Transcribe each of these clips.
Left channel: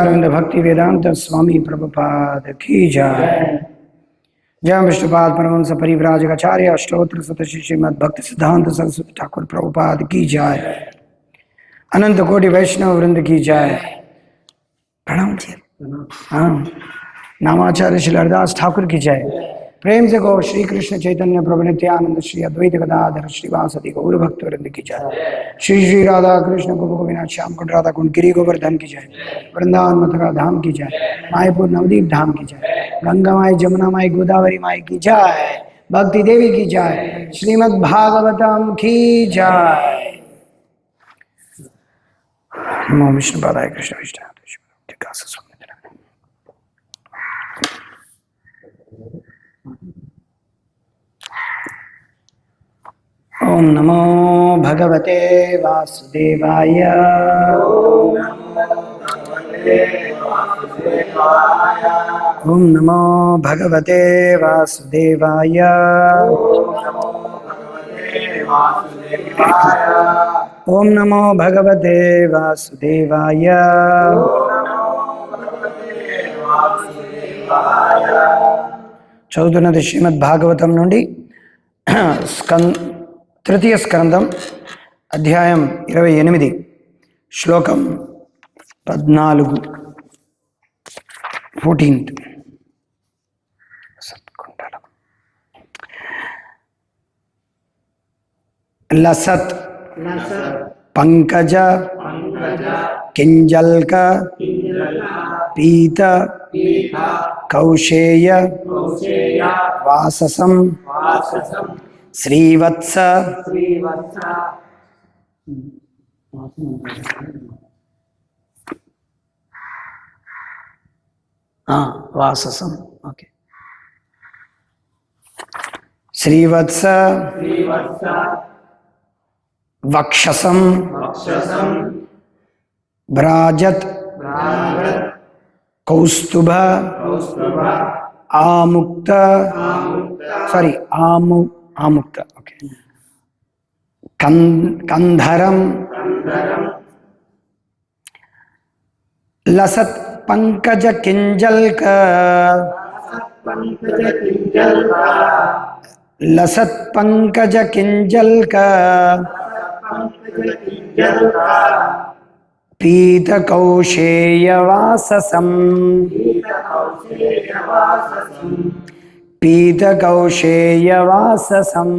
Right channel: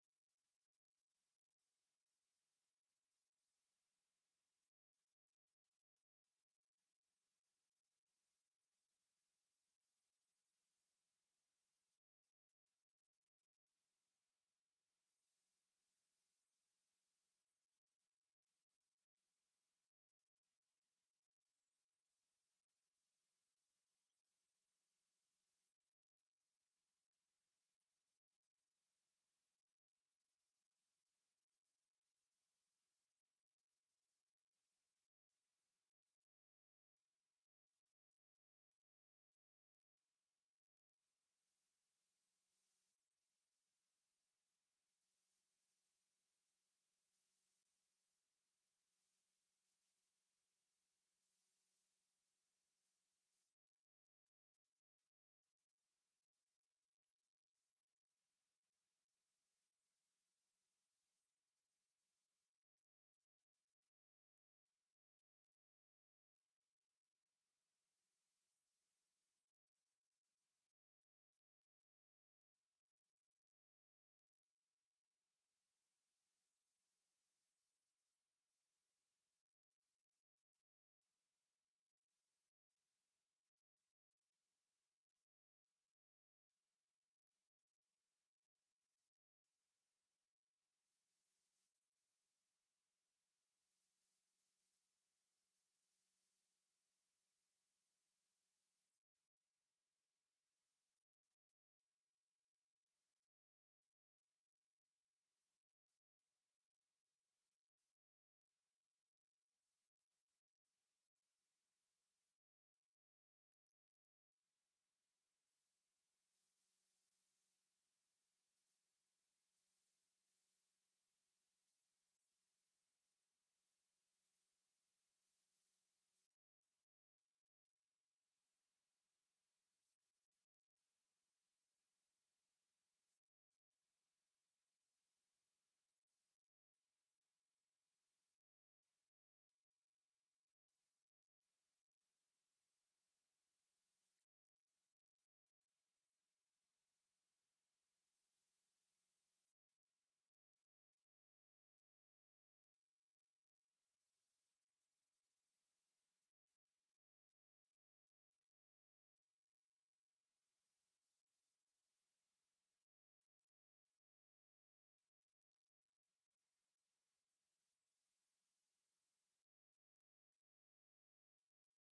अरविंद भक्ति वेदांत स्वामी प्रभुपाद की जय। जय विष्णुपाद परमहंस परिव्राजकाचार्य अष्टोत्तर शतश्री श्रीमद् भक्ति सिद्धांत सरस्वती ठाकुर प्रभुपाद की जय। अनंत कोटि वैष्णव वृंद की जय। प्रणाम जी। हाँ, नामाचार्य श्री हरदास ठाकुर की जय। प्रेम से गो श्री कृष्ण चैतन्य प्रभु नित्यानंद श्री अद्वैत गदाधर श्रीवासदि गौर भक्त वृंद की जय। श्री श्री राधा कृष्ण गोप गोविंद श्याम कुंड राधा कुंड गिरी गोवर्धन की जय। वृंदावन मथुरा धाम की जय। मायपुर नवदीप धाम की जय। गंगा माई जमुना माई गोदावरी माई की जय। भक्ति देवी की जय। श्रीमद् भागवतम की जय। नमो विष्णु पादाय कृष्ण विष्णु ओम नमो भगवते वासुदेवाय। ओम नमो भगवते वासुदेवाय। ओम नमो भगवते वासुदेवाय। చదువుతున్నది శ్రీమద్ భాగవతం నుండి తృతీయ స్కందం అధ్యాయం 28 శ్లోకం 14 14th. లసత్ పంకజ కింజల్క పీత కౌశేయ వాససం శ్రీవత్స వాససం ఓకే శ్రీవత్స వక్షసం భ్రాజత్ కౌస్తుభ ఆముక్త సారీ ఆముక్త ఓకే కంధరం లసత్ పంకజ కింజల్క లసత్ పంకజ కింజల్క పీత కౌశేయ వాససం పీత కౌశేయ వాససం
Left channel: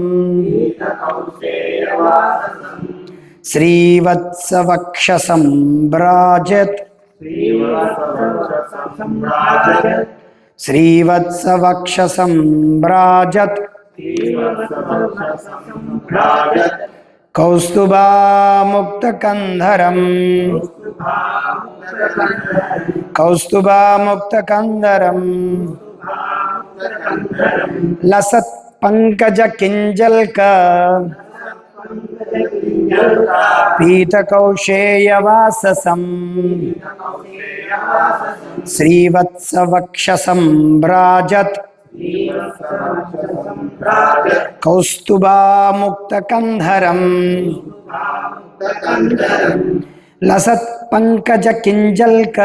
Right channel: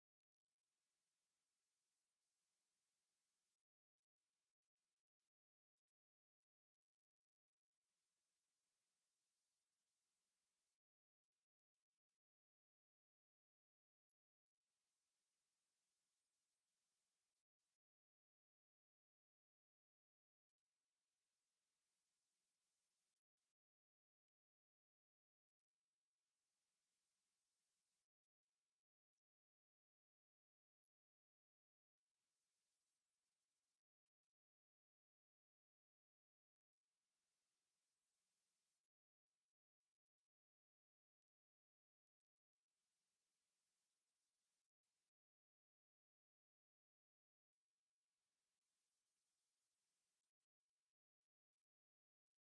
శ్రీవత్స వక్షసం భ్రాజత్ శ్రీవత్స వక్షసం భ్రాజత్ కౌస్తుభాముక్తకంధరం కౌస్తుభాముక్తకంధరం లసత్ పంకజ కింజల్క పీత కౌశేయ వాససం శ్రీవత్స వక్షసం భ్రాజత్ కౌస్తుభాముక్తకంధరం లసత్ పంకజ కింజల్క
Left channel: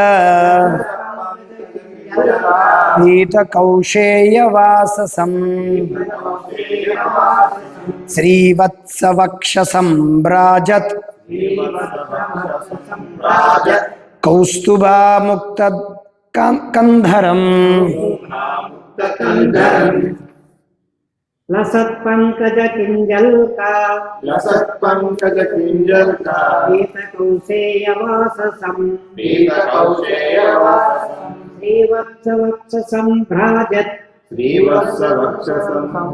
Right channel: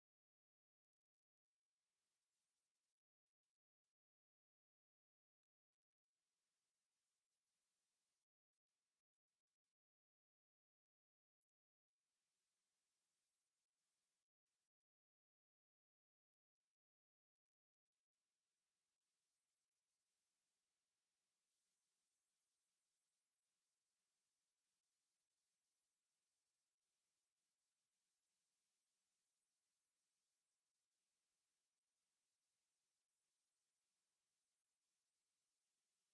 పీత కౌశేయ వాససం శ్రీవత్స వక్షసం భ్రాజత్ కౌస్తుభాముక్తకంధరం లసత్ పంకజ కింజల్కా పీత కౌశేయ వాససం శ్రీవత్స వక్షసం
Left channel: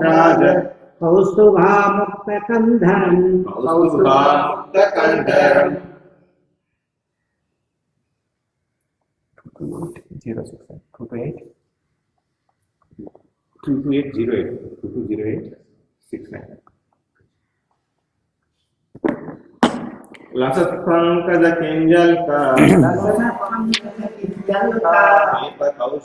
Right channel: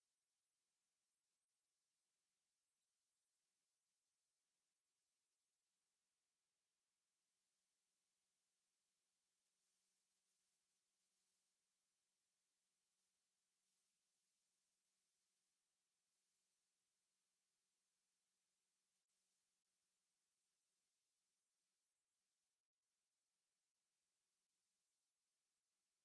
భ్రాజత్ కౌస్తుభాముక్తకంధరం 2208 लसत पंकज किंजल्का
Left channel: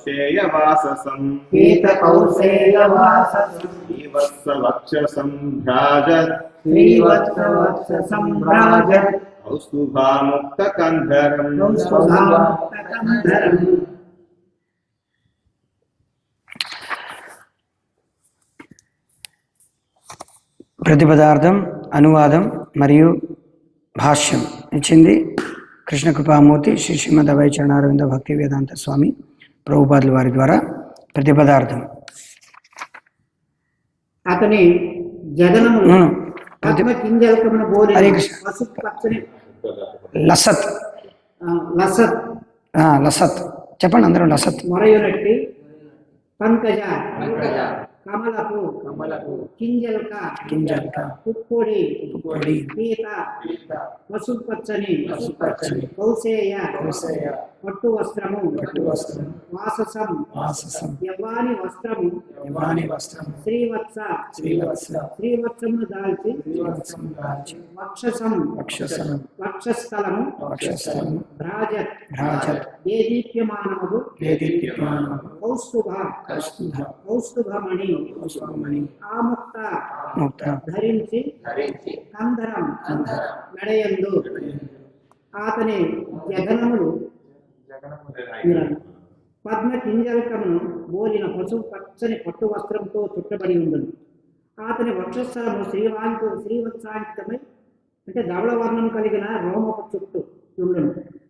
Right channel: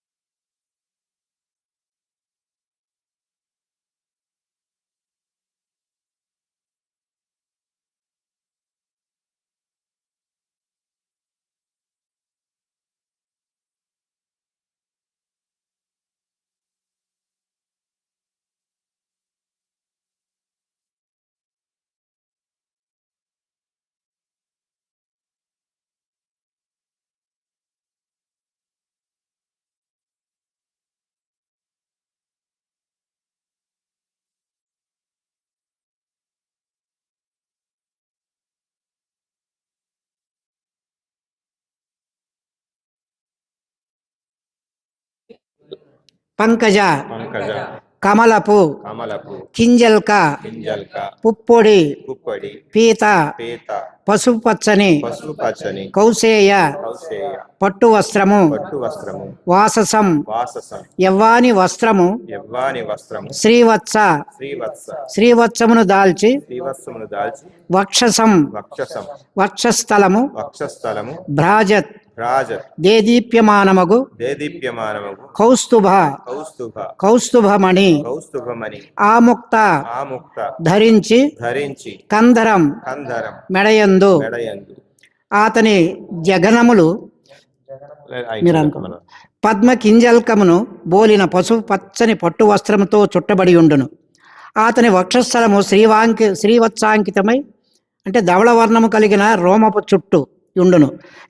कौसेयवाससं पीतकौसेयवाससं श्रीवत्सवक्षसं भ्राजत् श्रीवत्सवक्षसम्भ्राजत् कौस्तुभामुक्तकन्धरम् कौस्तुभामुक्तकन्धरम् ప్రతిపదార్థం, అనువాదం మరియు భాష్యం ఇచ్చింది కృష్ణ కృపామూర్తి శ్రీ శ్రీమద్ అభయ చరణారవింద భక్తి వేదాంత స్వామి ప్రభుపాదుల వారి ద్వారా. ప్రతిపదార్థం అతని జగనములు అవును. పద్మ కింజలకమున బోలిన హరే కృష్ణ. పసుపు పచ్చని లసత్ లసత్ లసత్ చెప్పండి అందరూ. లసత్ మొరయునట్టి పంకజ కమలపు కింజల్క పుప్పొడి పీత పసుపచ్చని కౌసేయ పట్టు వస్త్రము వాససం యవ్వాని వస్త్రము శ్రీవత్స శ్రీవత్సమును దాల్చి వక్షసం వక్షస్థలము భ్రాజత్ దేదీప్యమానమగు కౌస్తుభమణి ఆముక్త ధరించి కందరం మెడయందు అతని జగనములు పద్మ కింజల్కమును బోలిన పసుపు పచ్చని పట్టు వస్త్రముతో చుట్టబడి ఉండును. అతని వక్షస్థలము శ్రీవత్సాంకితమై అంటే ధవళ వర్ణము కలిగిన రోమపు చుట్టు ఉండును.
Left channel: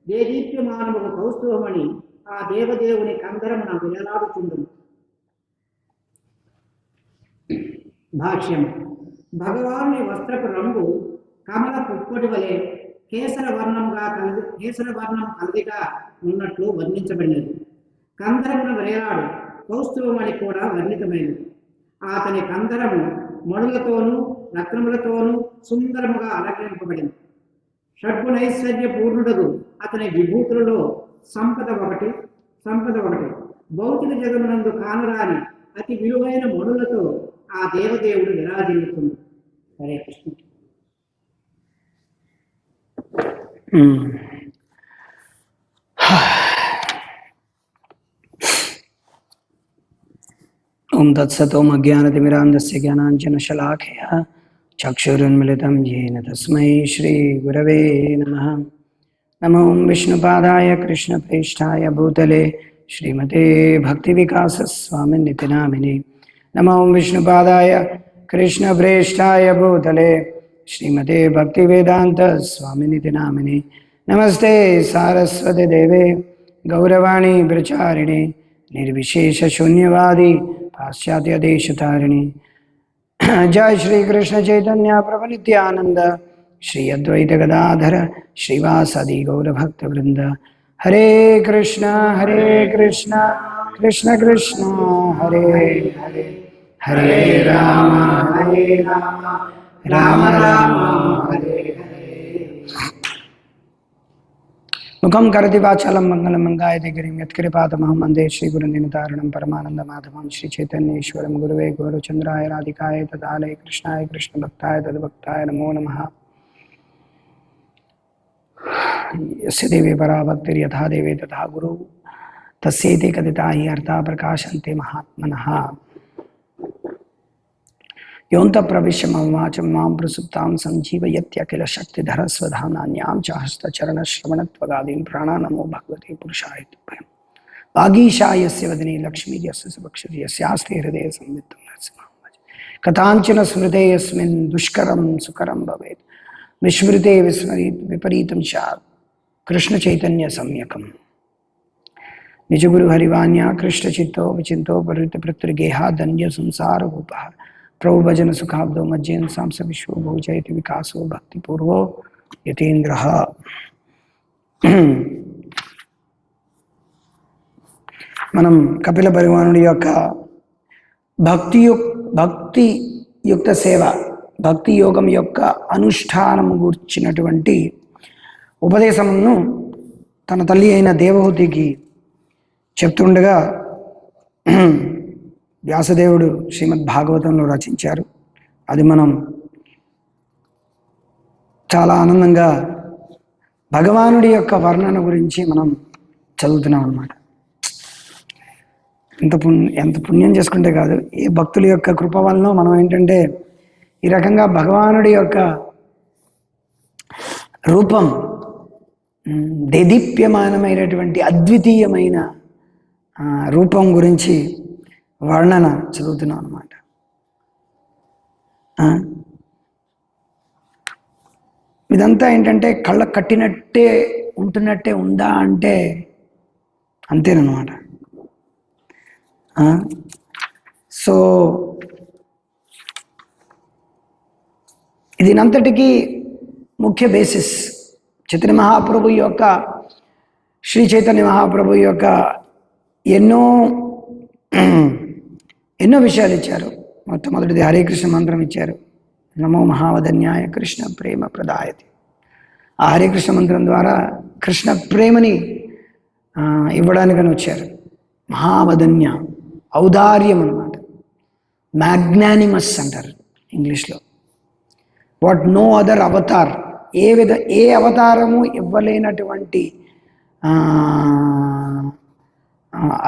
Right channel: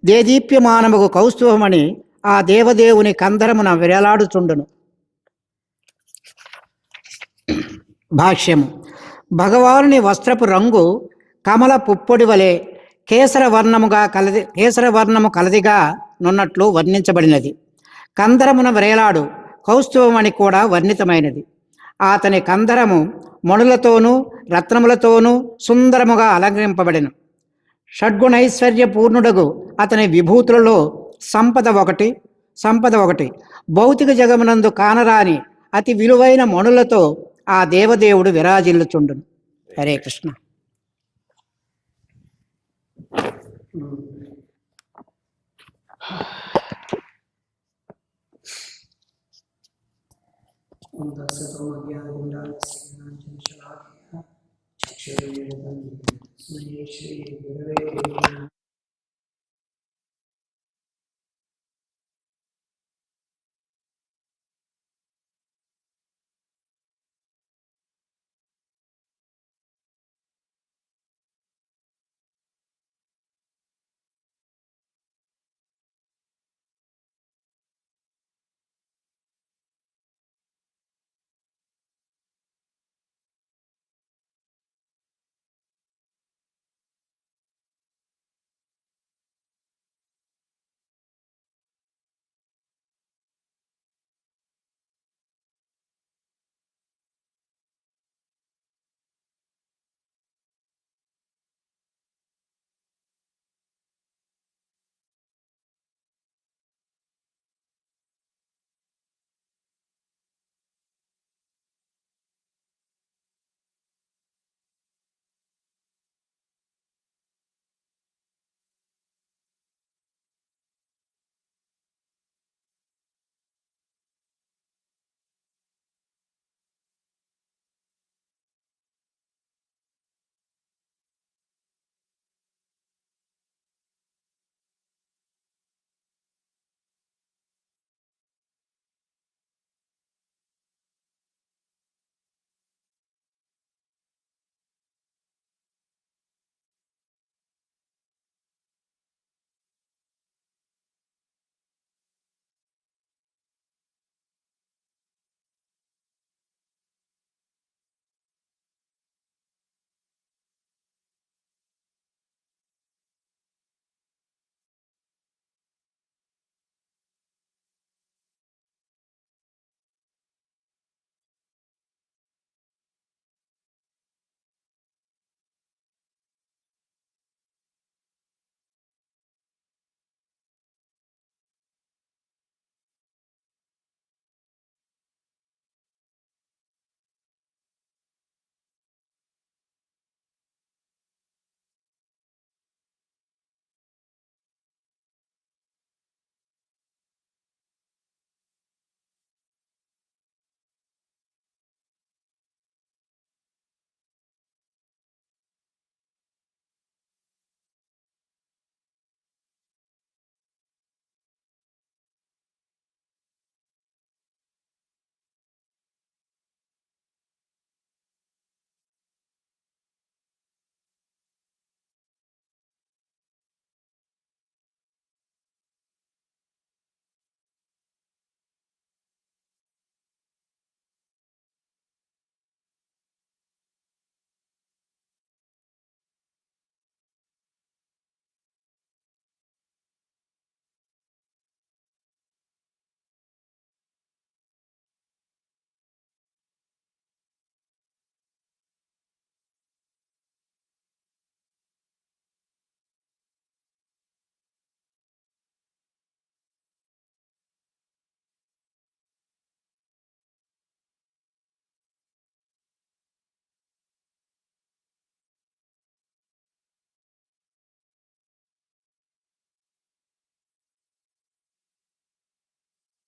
దేదీప్యమానముకు కౌస్తుభమని ఆ దేవదేవుని కందరమున వేలాడుచుండును. భాష్యము. భగవానుని వస్త్రపు రంగు కమల పుప్పొడి వలె కేసరవర్ణము కలదిగా నున్నట్లు వర్ణించబడినది. కందరమున వ్రేలాడు కౌస్తుభమణి కూడా వర్ణితమైనది. అతని కందరము మణులతోనూ రత్నములతోనూ సుందరముగా అలంకరింపబడిన షడ్గుణైశ్వర్య పూర్ణుడగు అతని విభూతులలో సంపద ఒకటి భౌతిక జగమునందు కానరాని అతి విలువైన మణులతో ఆ దేవదేవుడు విరాజిల్లుచుండును. హరే కృష్ణ. ఓం తత్సత్. ఓం అజ్ఞానతిమిరాంధస్య జ్ఞానాంజనశలాఖయా చక్షురున్మిళితం येन తస్మై శ్రీ గురవే నమః. నమో విష్ణుపాదాయ కృష్ణప్రేష్ఠాయ భూతలే శ్రీమతే భక్తివికాసస్వామినితి నామినే. నమో విష్ణుపాదాయ కృష్ణప్రేష్ఠాయ భూతలే శ్రీమతే భక్తివేదాంత స్వామినితి నామినే. నమస్తే సారస్వతి దేవే గౌరవాణి ప్రచారిణే నిర్విశేష శూన్యవాది పాశ్చాత్య దేశతారిణి. జయ శ్రీ కృష్ణ చైతన్య ప్రభు నిత్యానంద శ్రీ అద్వైత గదాధర శ్రీవాసది గౌరభక్త వృంద. హరే కృష్ణ కృష్ణ కృష్ణ హరే హరే హరే రామ రామ రామ హరే హరే. ముఖం కరతి వాచాలం మంగళం మంగాయతే గిరిం యత్కృపాతమహం వందే శ్రీగురునితారణం పరమానందమాధవం శ్రీ చైతన్యేశ్వరం గురువే గౌరచంద్రాయ రాధికాయ తదాలయ కృష్ణాయ కృష్ణభక్తాయ తద్భక్తాయ నమో నమః. యస్య దేవే పరాభక్తిర్యథా దేవే తథా గురు తస్యేతే కదితా హి అర్థా ప్రకాశంతే మహాత్మనః. యోంత ప్రవిశ్య మమ వాచం మాం ప్రసుప్తాం సంజీవయత్యఖిల శక్తిధరస్వధానాన్యాం చ హస్తచరణశ్రవణత్వగాదీన్ ప్రాణానమో భగవతే పురుషాయ తుభ్యం. వాగీశాయస్య వదనే లక్ష్మీ యస్య సుభక్షతి యస్యాస్తే హృదయ సంవిత్తం నరసింహం భజే. కథాంచన స్మృతే యస్మిన్ దుష్కరం సుకరం భవేత్ విస్మృతే విస్మరీత్ విపరీతం స్యాత్ కృష్ణ చైతన్య సమ్యకం. నిజగురు హరివాణ్య కృష్ణ చిత్తో విచింతో పరివృత పృథ్వీగేహ ధన్య సంసార రూప ప్రభు భజన సుఖాబ్దో మజ్జేన సాంస విశ్వ భోజయతి వికాసో భక్తిపూర్వో యతీంద్ర. మనం కపిల భగవానుడి యొక్క భక్తియుక్త సేవ, భక్తి యోగం యొక్క అనుష్ఠానము గూర్చినటువంటి ఉపదేశమును తన తల్లి అయిన దేవహూతికి చెప్తుండగా వ్యాసదేవుడు శ్రీమద్ భాగవతంలో రచించారు. అది మనం చాలా ఆనందంగా భగవానుడి యొక్క వర్ణన గురించి మనం చదువుతున్నాం అన్నమాట. ఎంత పుణ్యం చేసుకుంటే కాదు, ఏ భక్తుల యొక్క కృప వలన మనం ఏంటంటే ఈ రకంగా భగవానుడి యొక్క రూపం, దేదీప్యమానమైనటువంటి అద్వితీయమైన రూపం గురించి వర్ణన చదువుతున్నాం అన్నమాట. ఇదంతా ఏంటంటే కళ్ళ కట్టినట్టే ఉంటున్నట్టే ఉందా అంటే అంతేనమాట. సో ఇదినంతటికీ ముఖ్య బేసిస్ చైతన్య మహాప్రభు యొక్క, శ్రీ చైతన్య మహాప్రభు యొక్క ఎన్నో విషయాలు ఇచ్చారు. మొట్టమొదటిది హరే కృష్ణ మంత్రం ఇచ్చారు. నమో మహావదన్యాయ కృష్ణ ప్రేమ ప్రదాయతి. ఆ హరే కృష్ణ మంత్రం ద్వారా కృష్ణ ప్రేమని ఇవ్వడానికని వచ్చారు. మహావదన్య ఔదార్యం అన్నమాట, మ్యాగ్నానిమస్ అంటారు ఇంగ్లీష్లో. వాట్ నో అదర్ అవతార్, ఏ అవతారము ఇవ్వలేనటువంటి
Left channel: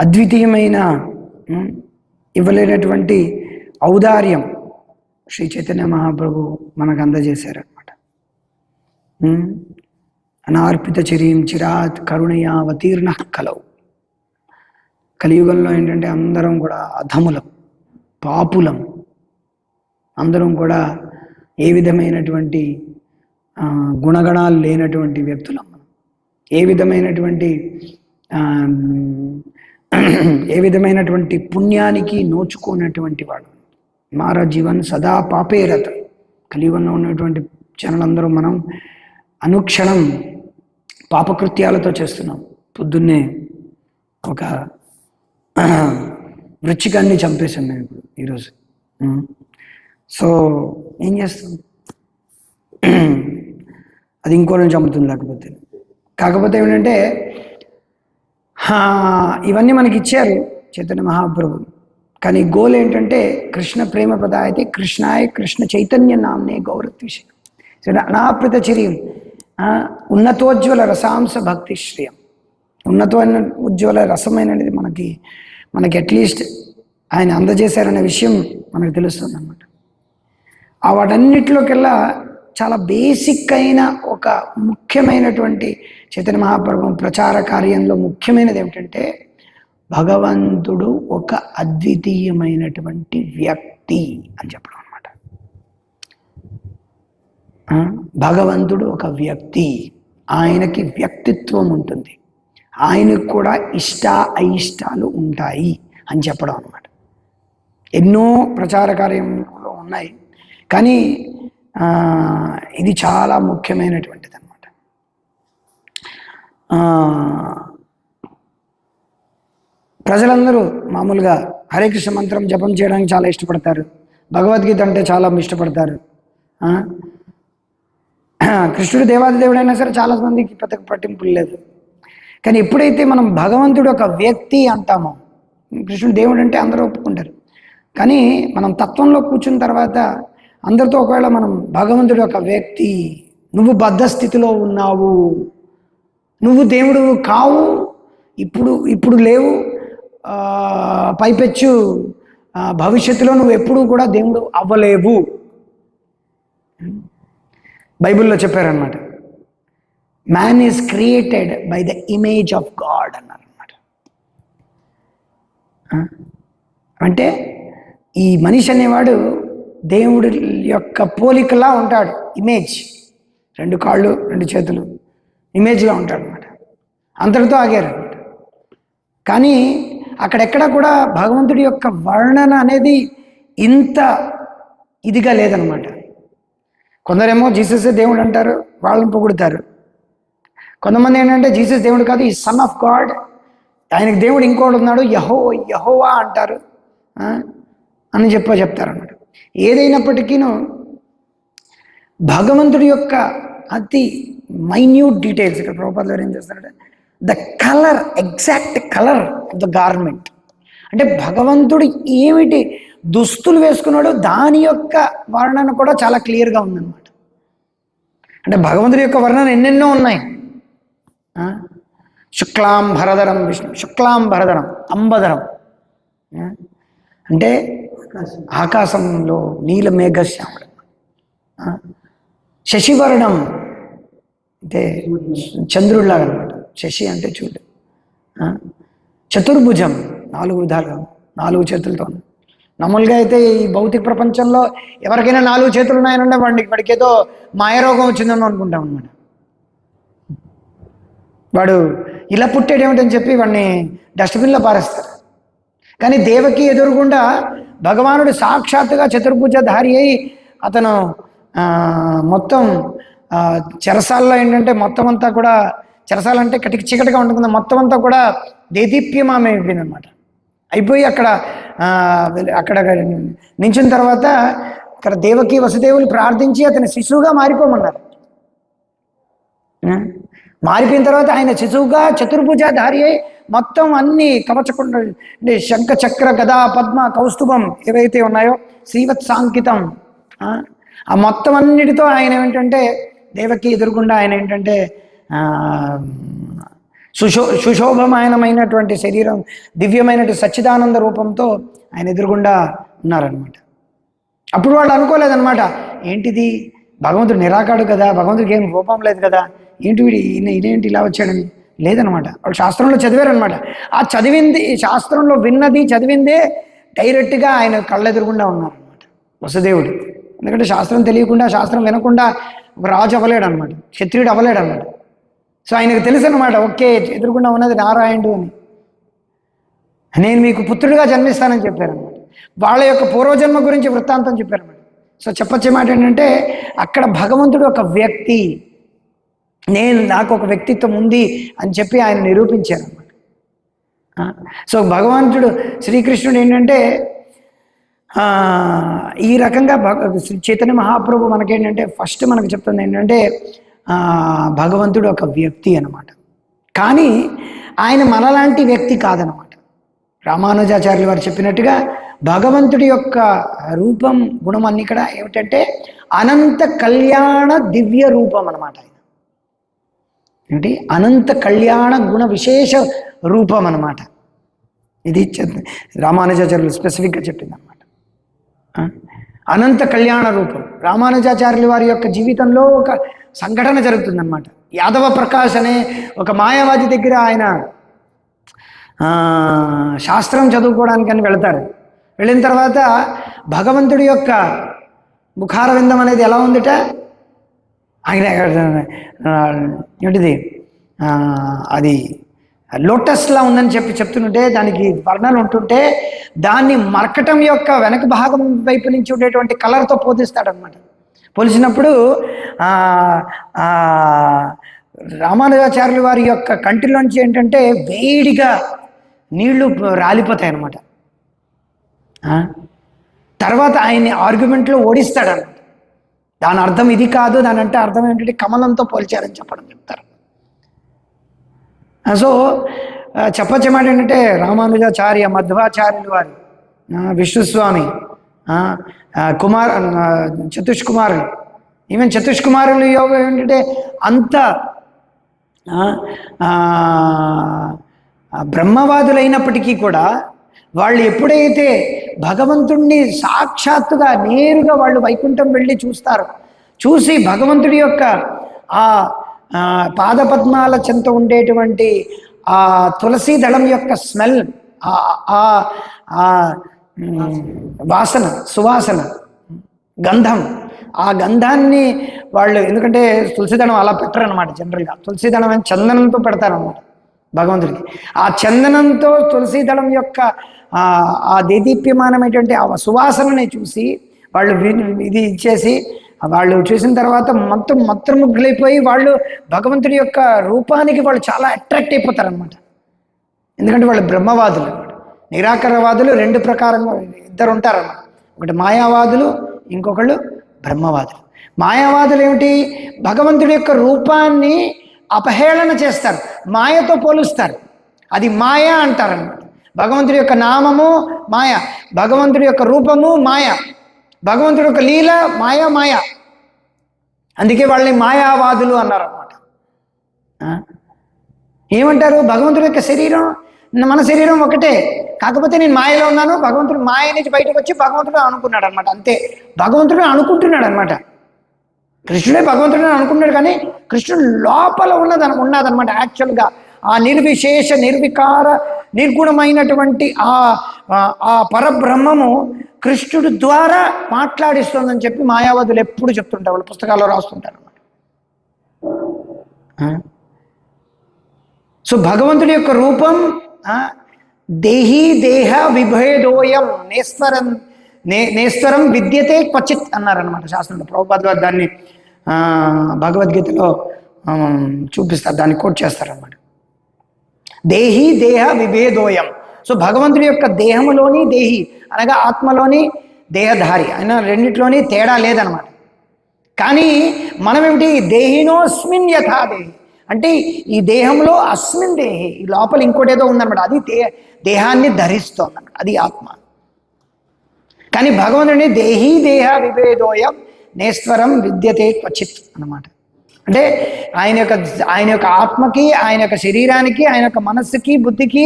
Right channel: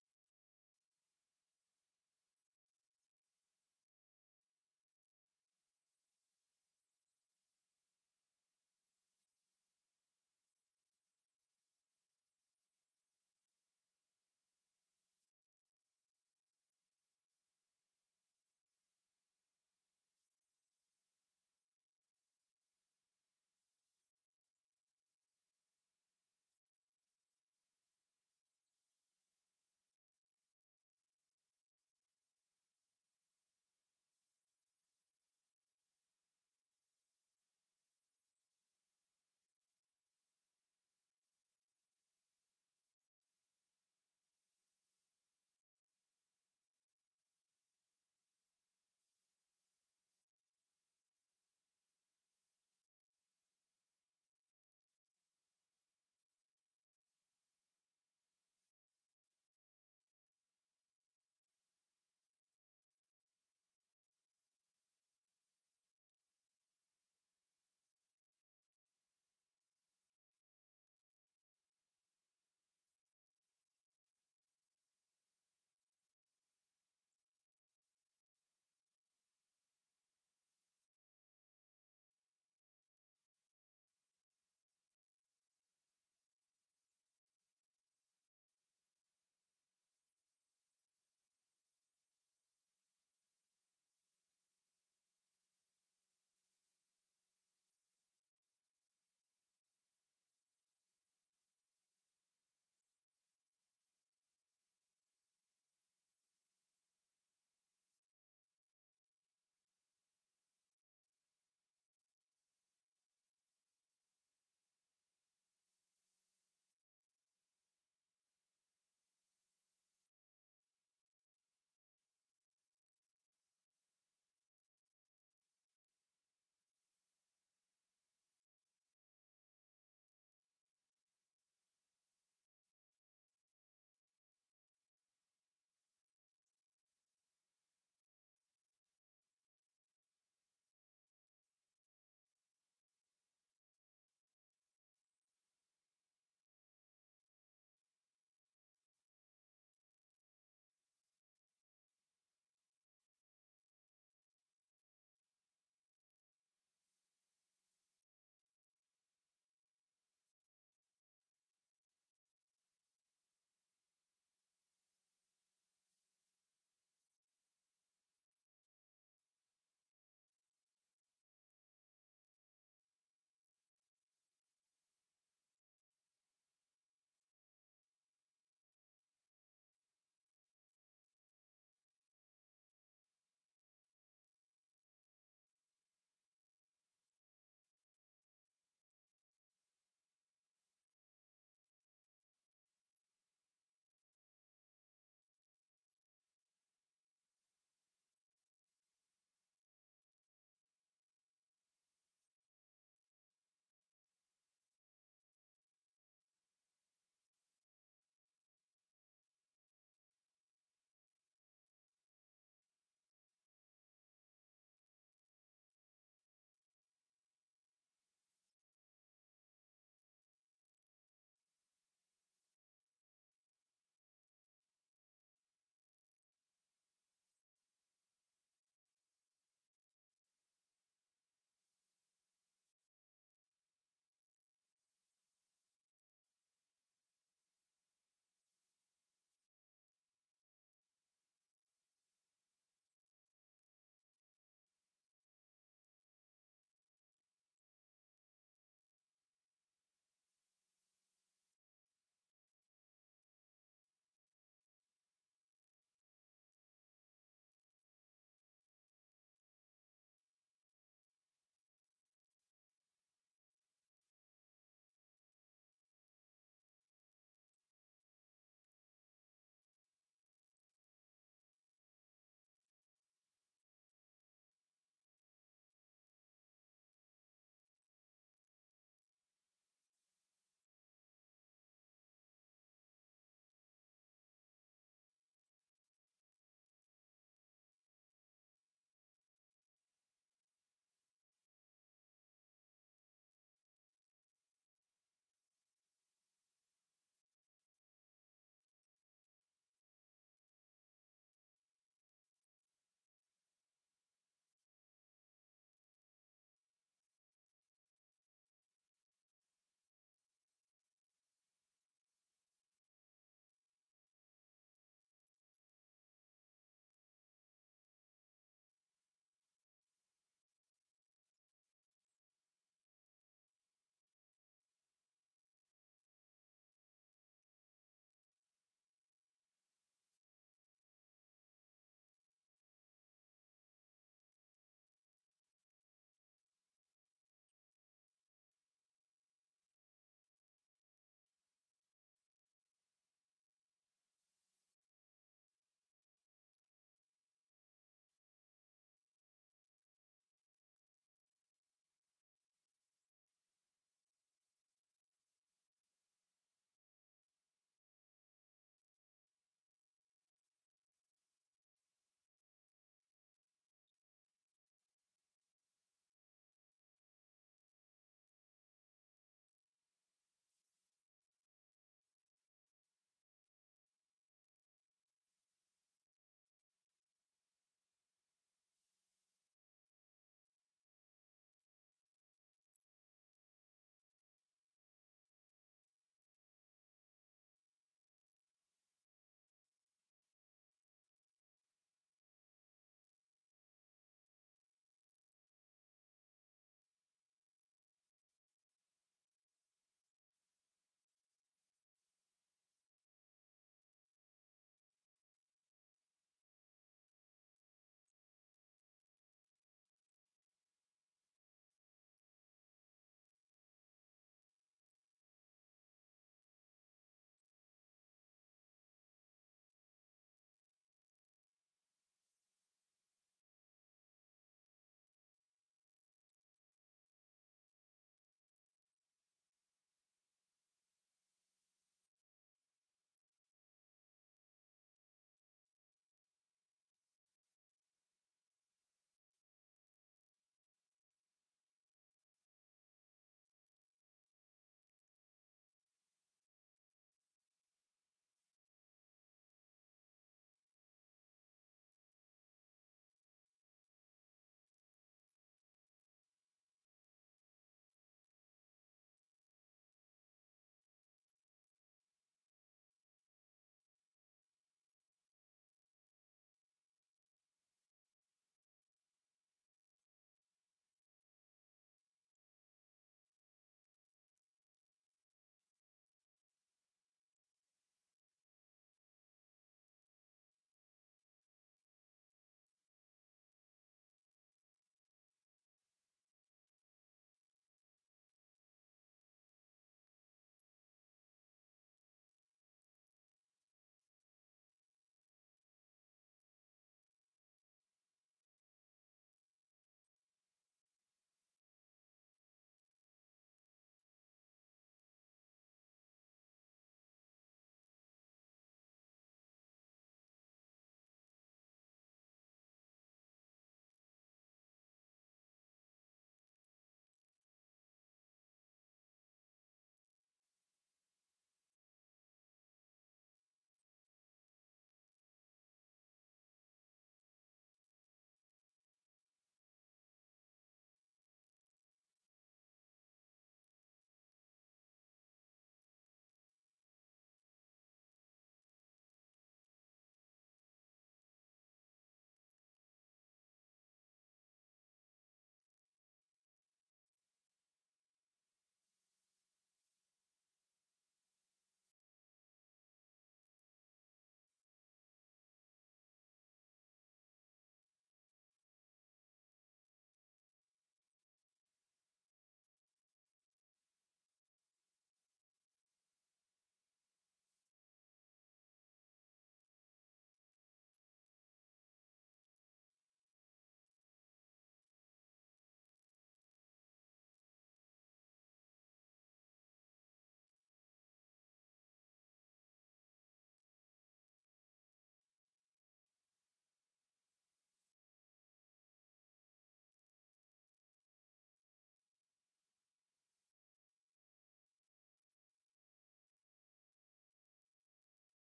అద్వితీయమైన ఇవ్వలేనటువంటి ఔదార్యం శ్రీ చైతన్య మహాప్రభు మనకు అందజేశారనమాట. అనార్పిత చరీం చిరాత్ కరుణయా అవతీర్ణ కలవు. కలియుగంలో ఏంటంటే అందరం కూడా అధములం, పాపులం, అందరం కూడా ఏ విధమైనటువంటి గుణగణాలు లేనటువంటి వ్యక్తులం. ఏ విధమైనటువంటి పుణ్యానికి నోచుకోనటువంటి వాడు. మారా జీవన్ సదా పాపేరత. కలియుగంలో ఉన్నటువంటి జనులందరూ మనం అనుక్షణం పాపకృత్యాలతో చేస్తున్నాం. పొద్దున్నే ఒక వృచ్చికాన్ని చంపేశాం మేము ఇప్పుడు ఈరోజు. సో ఏం చేస్తాం, అది ఇంకోళ్ళని చంపుతుంది. కాకపోతే ఏమిటంటే ఇవన్నీ మనకి ఇచ్చారు చైతన్య మహాప్రభు. కానీ గోల్ ఏంటంటే కృష్ణ ప్రేమ ప్రదాయతే కృష్ణాయ కృష్ణ చైతన్య నామ్నే గౌరత్విషయం అనాప్రిత చిరియం ఉన్నతోజ్వల రసాంశ భక్తి శ్రేయం. ఉజ్వల రసమైనది మనకి అట్లీస్ట్ ఆయన అందజేశారనే విషయం మనకు తెలుస్తుంది అన్నమాట. వాటన్నిటిలోకెల్లా చాలా బేసిక్ అయిన ఒక ముఖ్యమైనటువంటి చైతన్య మహాప్రభు ప్రచార కార్యంలో ముఖ్యమైనది ఏమిటంటే భగవంతుడు ఒక అద్వితీయమైనటువంటి వ్యక్తి అని చెప్పడం అన్నమాట. భగవంతుడు ఒక వ్యక్తి, ఆయనకి వ్యక్తిత్వం ఉంటుంది, ఆయనకు కూడా ఇష్ట అయిష్టాలు ఉంటాయి అని చెప్పడం అన్నమాట. ఎన్నో ప్రచార కార్యంలో ఉన్నాయి, కానీ ఇది చాలా ముఖ్యమైనటువంటిది అన్నమాట. ప్రజలందరూ మామూలుగా హరే కృష్ణ మంత్రం జపం చేయడానికి చాలా ఇష్టపడతారు, భగవద్గీత అంటే చాలా ఇష్టపడతారు. కృష్ణుడు దేవాది దేవుడైనా సరే చాలా మందికి పెద్ద పట్టింపులు లేదు. కానీ ఎప్పుడైతే మనం భగవంతుడు ఒక వ్యక్తి అంటామో, కృష్ణుడు దేవుడు అంటే అందరూ ఒప్పుకుంటారు, కానీ మనం తత్వంలో కూర్చున్న తర్వాత అందరితో ఒకవేళ మనం భగవంతుడు ఒక వ్యక్తి, నువ్వు బద్ధ స్థితిలో ఉన్నావు, నువ్వు దేవుడు కావు, ఇప్పుడు లేవు, పైపెచ్చు భవిష్యత్తులో నువ్వు ఎప్పుడూ కూడా దేవుడు అవ్వలేవు. బైబిల్లో చెప్పారనమాట. Man is created by the image of God అన్నారనమాట. అంటే ఈ మనిషి అనేవాడు దేవుడి యొక్క పోలికలా ఉంటాడు. ఇమేజ్, 2 కాళ్ళు 2 చేతులు ఇమేజ్లా ఉంటాడు అనమాట. అంతటితో ఆగారు అనమాట. కానీ అక్కడెక్కడ కూడా భగవంతుడి యొక్క వర్ణన అనేది ఇంత ఇదిగా లేదనమాట. కొందరేమో జీససే దేవుడు అంటారు, వాళ్ళని పొగుడుతారు. కొంతమంది ఏంటంటే జీసస్ దేవుడు కాదు, ఈ సన్ ఆఫ్ గాడ్, ఆయనకు దేవుడు ఇంకోటి ఉన్నాడు, యెహోవా అంటారు అని చెప్తారన్నమాట. ఏదైనప్పటికీ భగవంతుడి యొక్క అతి మైన్యూట్ డీటెయిల్స్ ఇక్కడ ప్రభుపాద గారు ఏం చేస్తారంటే the colour, exact colour of the garment. అంటే భగవంతుడు ఏమిటి దుస్తులు వేసుకున్నాడో దాని యొక్క వర్ణన కూడా చాలా క్లియర్గా ఉందన్నమాట. అంటే భగవంతుడి యొక్క వర్ణన ఎన్నెన్నో ఉన్నాయి. శుక్లాం భరధరం విష్ణు, శుక్లాం భరధరం అంబధరం, ఆ? అంటే ఆకాశంలో నీల మేఘశ్యాముడు. ఆ? శశివర్ణం అంటే చంద్రుడిలాగా అనమాట. శశి అంటే చూడు. ఆ? చతుర్భుజం, 4 విధాలుగా, 4 చేతులతో. మామూలుగా అయితే ఈ భౌతిక ప్రపంచంలో ఎవరికైనా 4 చేతులు ఉన్నాయనంటే వాడికి ఏదో మాయరోగం వచ్చిందని అనుకుంటాం అనమాట. వాడు ఇలా పుట్టాడేమిటని చెప్పి వాడిని డస్ట్బిన్లో పారేస్తారు. కానీ దేవకి ఎదురుగుండా భగవానుడు సాక్షాత్తుగా చతుర్భుజధారి అయి అతను మొత్తం చెరసాల్లో ఏంటంటే మొత్తం అంతా కూడా, చెరసాల అంటే కటికి చీకటిగా ఉంటుంది, మొత్తం అంతా కూడా దేదీప్యమామే అయిపోయింది అనమాట. అయిపోయి అక్కడ నించిన తర్వాత అక్కడ దేవకి వసుదేవులు ప్రార్థించి అతని శిశువుగా మారిపోమన్నారు. మారిపోయిన తర్వాత ఆయన శిశువుగా చతుర్భుజధారి అయి మొత్తం అన్ని కవచకుండా శంఖ చక్ర గదా పద్మ కౌస్తుభం ఏవైతే ఉన్నాయో శ్రీవత్సాంకితం, ఆ మొత్తం అన్నిటితో ఆయన ఏంటంటే దేవకి ఎదురుగుండా ఆయన ఏంటంటే సుశోభమాయనమైనటువంటి శరీరం, దివ్యమైనటువంటి సచ్చిదానంద రూపంతో ఆయన ఎదురుగుండా ఉన్నారనమాట. అప్పుడు వాళ్ళు అనుకోలేదన్నమాట, ఏంటిది భగవంతుడు నిరాకాడు కదా, భగవంతుడికి ఏం రూపం లేదు కదా, ఏంటి వీడి ఇదేంటి ఇలా వచ్చాడని. లేదనమాట, వాళ్ళు శాస్త్రంలో చదివారనమాట. ఆ చదివింది, శాస్త్రంలో విన్నది చదివిందే డైరెక్ట్గా ఆయన కళ్ళెదురుగుండా ఉన్నారనమాట వసుదేవుడు. ఎందుకంటే శాస్త్రం తెలియకుండా, శాస్త్రం వినకుండా ఒక రాజు అవ్వలేడు అనమాట, క్షత్రియుడు అవ్వలేడు అనమాట. సో ఆయనకు తెలుసు అనమాట, ఓకే ఎదురుగుండా ఉన్నది నారాయణుడు అని, నేను మీకు పుత్రుడిగా జన్మిస్తానని చెప్పారనమాట. వాళ్ళ యొక్క పూర్వజన్మ గురించి వృత్తాంతం చెప్పారన్నమాట. సో చెప్పొచ్చే మాట ఏంటంటే అక్కడ భగవంతుడు ఒక వ్యక్తి, నాకు ఒక వ్యక్తిత్వం ఉంది అని చెప్పి ఆయన నిరూపించారన్నమాట. సో భగవంతుడు శ్రీకృష్ణుడు ఏంటంటే ఈ రకంగా చైతన్య మహాప్రభు మనకేంటంటే ఫస్ట్ మనకు చెప్తుంది ఏంటంటే భగవంతుడు ఒక వ్యక్తి అన్నమాట. కానీ ఆయన మనలాంటి వ్యక్తి కాదనమాట. రామానుజాచార్యులు వారు చెప్పినట్టుగా భగవంతుడి యొక్క రూపం, గుణం అన్ని ఇక్కడ ఏమిటంటే అనంత కళ్యాణ దివ్య రూపం అనమాట. ఏంటి అనంత కళ్యాణ గుణ విశేష రూపం అన్నమాట. ఇది రామానుజాచార్యులు స్పెసిఫిక్గా చెప్పింది అనమాట. అనంత కళ్యాణ రూపం. రామానుజాచార్యుల వారి యొక్క జీవితంలో ఒక సంఘటన జరుగుతుందన్నమాట. యాదవ ప్రకాష్ అనే ఒక మాయావాది దగ్గర ఆయన శాస్త్రం చదువుకోవడానికని వెళతారు. వెళ్ళిన తర్వాత భగవంతుడి యొక్క ముఖారవిందం అనేది ఎలా ఉందిట, ఆయన ఏంటిది అది లోటస్లా ఉందని చెప్తుంటే దానికి వర్ణాలు ఉంటుంటే దాన్ని మరకటం యొక్క వెనక భాగం వైపు నుంచి ఉండేటువంటి కలర్తో పోలిస్తాడనమాట. పోల్చినప్పుడు రామానుజాచార్యుల వారి యొక్క కంటిలోంచి ఏంటంటే వేడిగా నీళ్లు రాలిపోతాయి అన్నమాట. తర్వాత ఆయన్ని ఆర్గ్యుమెంట్లో ఓడిస్తాడన్నమాట. దాని అర్థం ఇది కాదు, దాని అంటే అర్థం ఏంటంటే కమలంతో పోల్చారని చెప్తారు. సో చెప్పచ్చమాట ఏంటంటే రామానుజాచార్య, మధ్వాచార్యులు వారు, విష్ణుస్వామి, చతుష్కుమారులు, ఈవెన్ చతుష్కుమారులు యోగం ఏంటంటే అంత బ్రహ్మవాదులైనప్పటికీ కూడా వాళ్ళు ఎప్పుడైతే భగవంతుణ్ణి సాక్షాత్తుగా నేరుగా వాళ్ళు వైకుంఠం వెళ్ళి చూస్తారు, చూసి భగవంతుడి యొక్క ఆ పాదపద్మాల చెంత ఉండేటువంటి ఆ తులసి దళం యొక్క స్మెల్, వాసన, సువాసన, గంధం, ఆ గంధాన్ని వాళ్ళు, ఎందుకంటే తులసిదళం అలా పెట్టరనమాట జనరల్గా, తులసిదళం అని చందనంతో పెడతారనమాట భగవంతుడికి. ఆ చందనంతో తులసిదళం యొక్క ఆ దేదీప్యమానమైనటువంటి ఆ సువాసనని చూసి వాళ్ళు ఇది ఇచ్చేసి వాళ్ళు చూసిన తర్వాత మొత్తం మంత్రముగ్గులైపోయి వాళ్ళు భగవంతుడి యొక్క రూపానికి వాళ్ళు చాలా అట్రాక్ట్ అయిపోతారనమాట. ఎందుకంటే వాళ్ళు బ్రహ్మవాదులు అన్నమాట. నిరాకారవాదులు 2 ప్రకారంగా ఇద్దరు ఉంటారన్నమాట. ఒకటి మాయావాదులు, ఇంకొకళ్ళు బ్రహ్మవాదులు. మాయావాదులు ఏమిటి, భగవంతుడి యొక్క రూపాన్ని అపహేళన చేస్తారు, మాయతో పోలుస్తారు, అది మాయ అంటారన్నమాట. భగవంతుడి యొక్క నామము మాయ, భగవంతుడి యొక్క రూపము మాయ, భగవంతుడి యొక్క లీల మాయ. అందుకే వాళ్ళని మాయావాదులు అన్నారన్నమాట. ఏమంటారు, భగవంతుడి యొక్క శరీరం మన శరీరం ఒకటే, కాకపోతే నేను మాయలో ఉన్నాను, భగవంతుడు మాయ నుంచి బయటకు వచ్చి భగవంతుడు అనుకున్నాడు అనమాట. అంతే, భగవంతుడు అనుకుంటున్నాడు అనమాట. కృష్ణుడే భగవంతుడు అనుకున్నాడు, కానీ కృష్ణుడు లోపల ఉన్నదనమాట. యాక్చువల్గా ఆ నిర్విశేష నిర్వికార నిర్గుణమైనటువంటి ఆ పరబ్రహ్మము కృష్ణుడు ద్వారా మాట్లాడిస్తుందని చెప్పి మాయావాదులు ఎప్పుడు చెప్తుంటారు, వాళ్ళు పుస్తకాల్లో రాస్తుంటారు అనమాట. సో భగవంతుడి యొక్క రూపం దేహీ దేహ విభేదోయం నేస్వరం విద్యతే క్వచిత్ అన్నారనమాట శాస్త్రంలో. ప్రభుపాద వారు దాన్ని భగవద్గీతలో చూపిస్తారు, దాన్ని కోట్ చేస్తారనమాట. దేహీ దేహ విభేదోయం. సో భగవంతుడి యొక్క దేహములోని దేహి అనగా ఆత్మలోని దేహధారి అయినా రెండిట్లోని తేడా లేదనమాట. కానీ మనమేమిటి, దేహినోస్మిన్ యథా దేహి అంటే ఈ దేహంలో అస్మిన్ దేహి, ఈ లోపల ఇంకోటి ఏదో ఉందన్నమాట, అది దేహాన్ని ధరిస్తోందన్నమాట, అది ఆత్మ. కానీ భగవంతుడిని దేహీ దేహ విభేదోయం నేస్వరం విద్యతే క్వచిత్ అన్నమాట. అంటే ఆయన యొక్క ఆత్మకి, ఆయన యొక్క శరీరానికి, ఆయన యొక్క మనస్సుకి, బుద్ధికి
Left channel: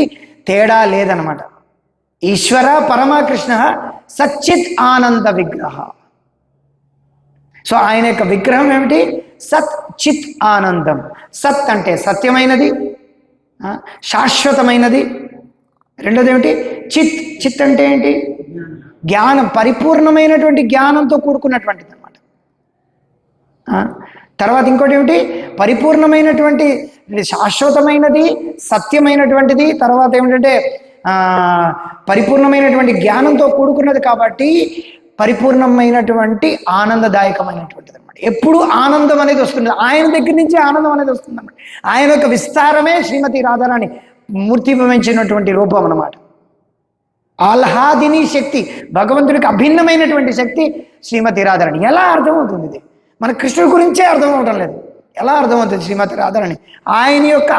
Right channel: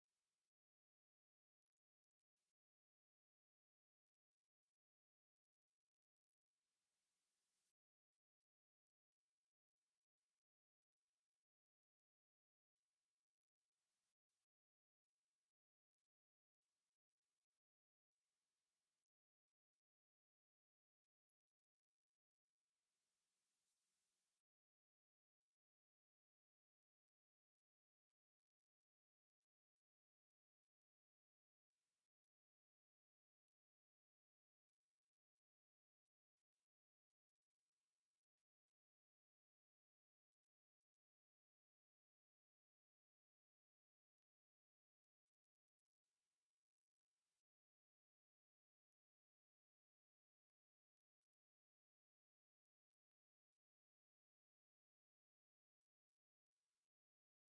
తేడా లేదనమాట. ఈశ్వర పరమకృష్ణ సచ్చిత్ ఆనంద విగ్రహ. సో ఆయన యొక్క విగ్రహం ఏమిటి, సత్ చిత్ ఆనందం. సత్ అంటే సత్యమైనది, శాశ్వతమైనది. రెండోది ఏమిటి, చిత్. చిత్ అంటే ఏంటి, జ్ఞానం, పరిపూర్ణమైనటువంటి జ్ఞానంతో కూడుకున్నటువంటిది అనమాట. తర్వాత ఇంకోటి ఏమిటి, పరిపూర్ణమైనటువంటి శాశ్వతమైనది, సత్యమైనటువంటిది. తర్వాత ఏమిటంటే పరిపూర్ణమైనటువంటి జ్ఞానంతో కూడుకున్నది, కాబట్టి పరిపూర్ణమైనటువంటి ఆనందదాయకమైనటువంటిది అనమాట. ఎప్పుడు ఆనందం అనేది వస్తుంది, ఆయన దగ్గర నుంచి ఆనందం అనేది వస్తుంది అనమాట. ఆయన యొక్క విస్తారమే శ్రీమతి రాధారాణి మూర్తిభవించినటువంటి రూపం అనమాట. ఆహ్లాదిని శక్తి, భగవంతుడికి అభిన్నమైనటువంటి శక్తి శ్రీమతి రాధారాణి. ఎలా అర్థమవుతుంది ఇది? మన కృష్ణుడి గురించే అర్థం అవడం లేదు. ఎలా అర్థమవుతుంది శ్రీమతి రాధారాణి? ఆయన యొక్క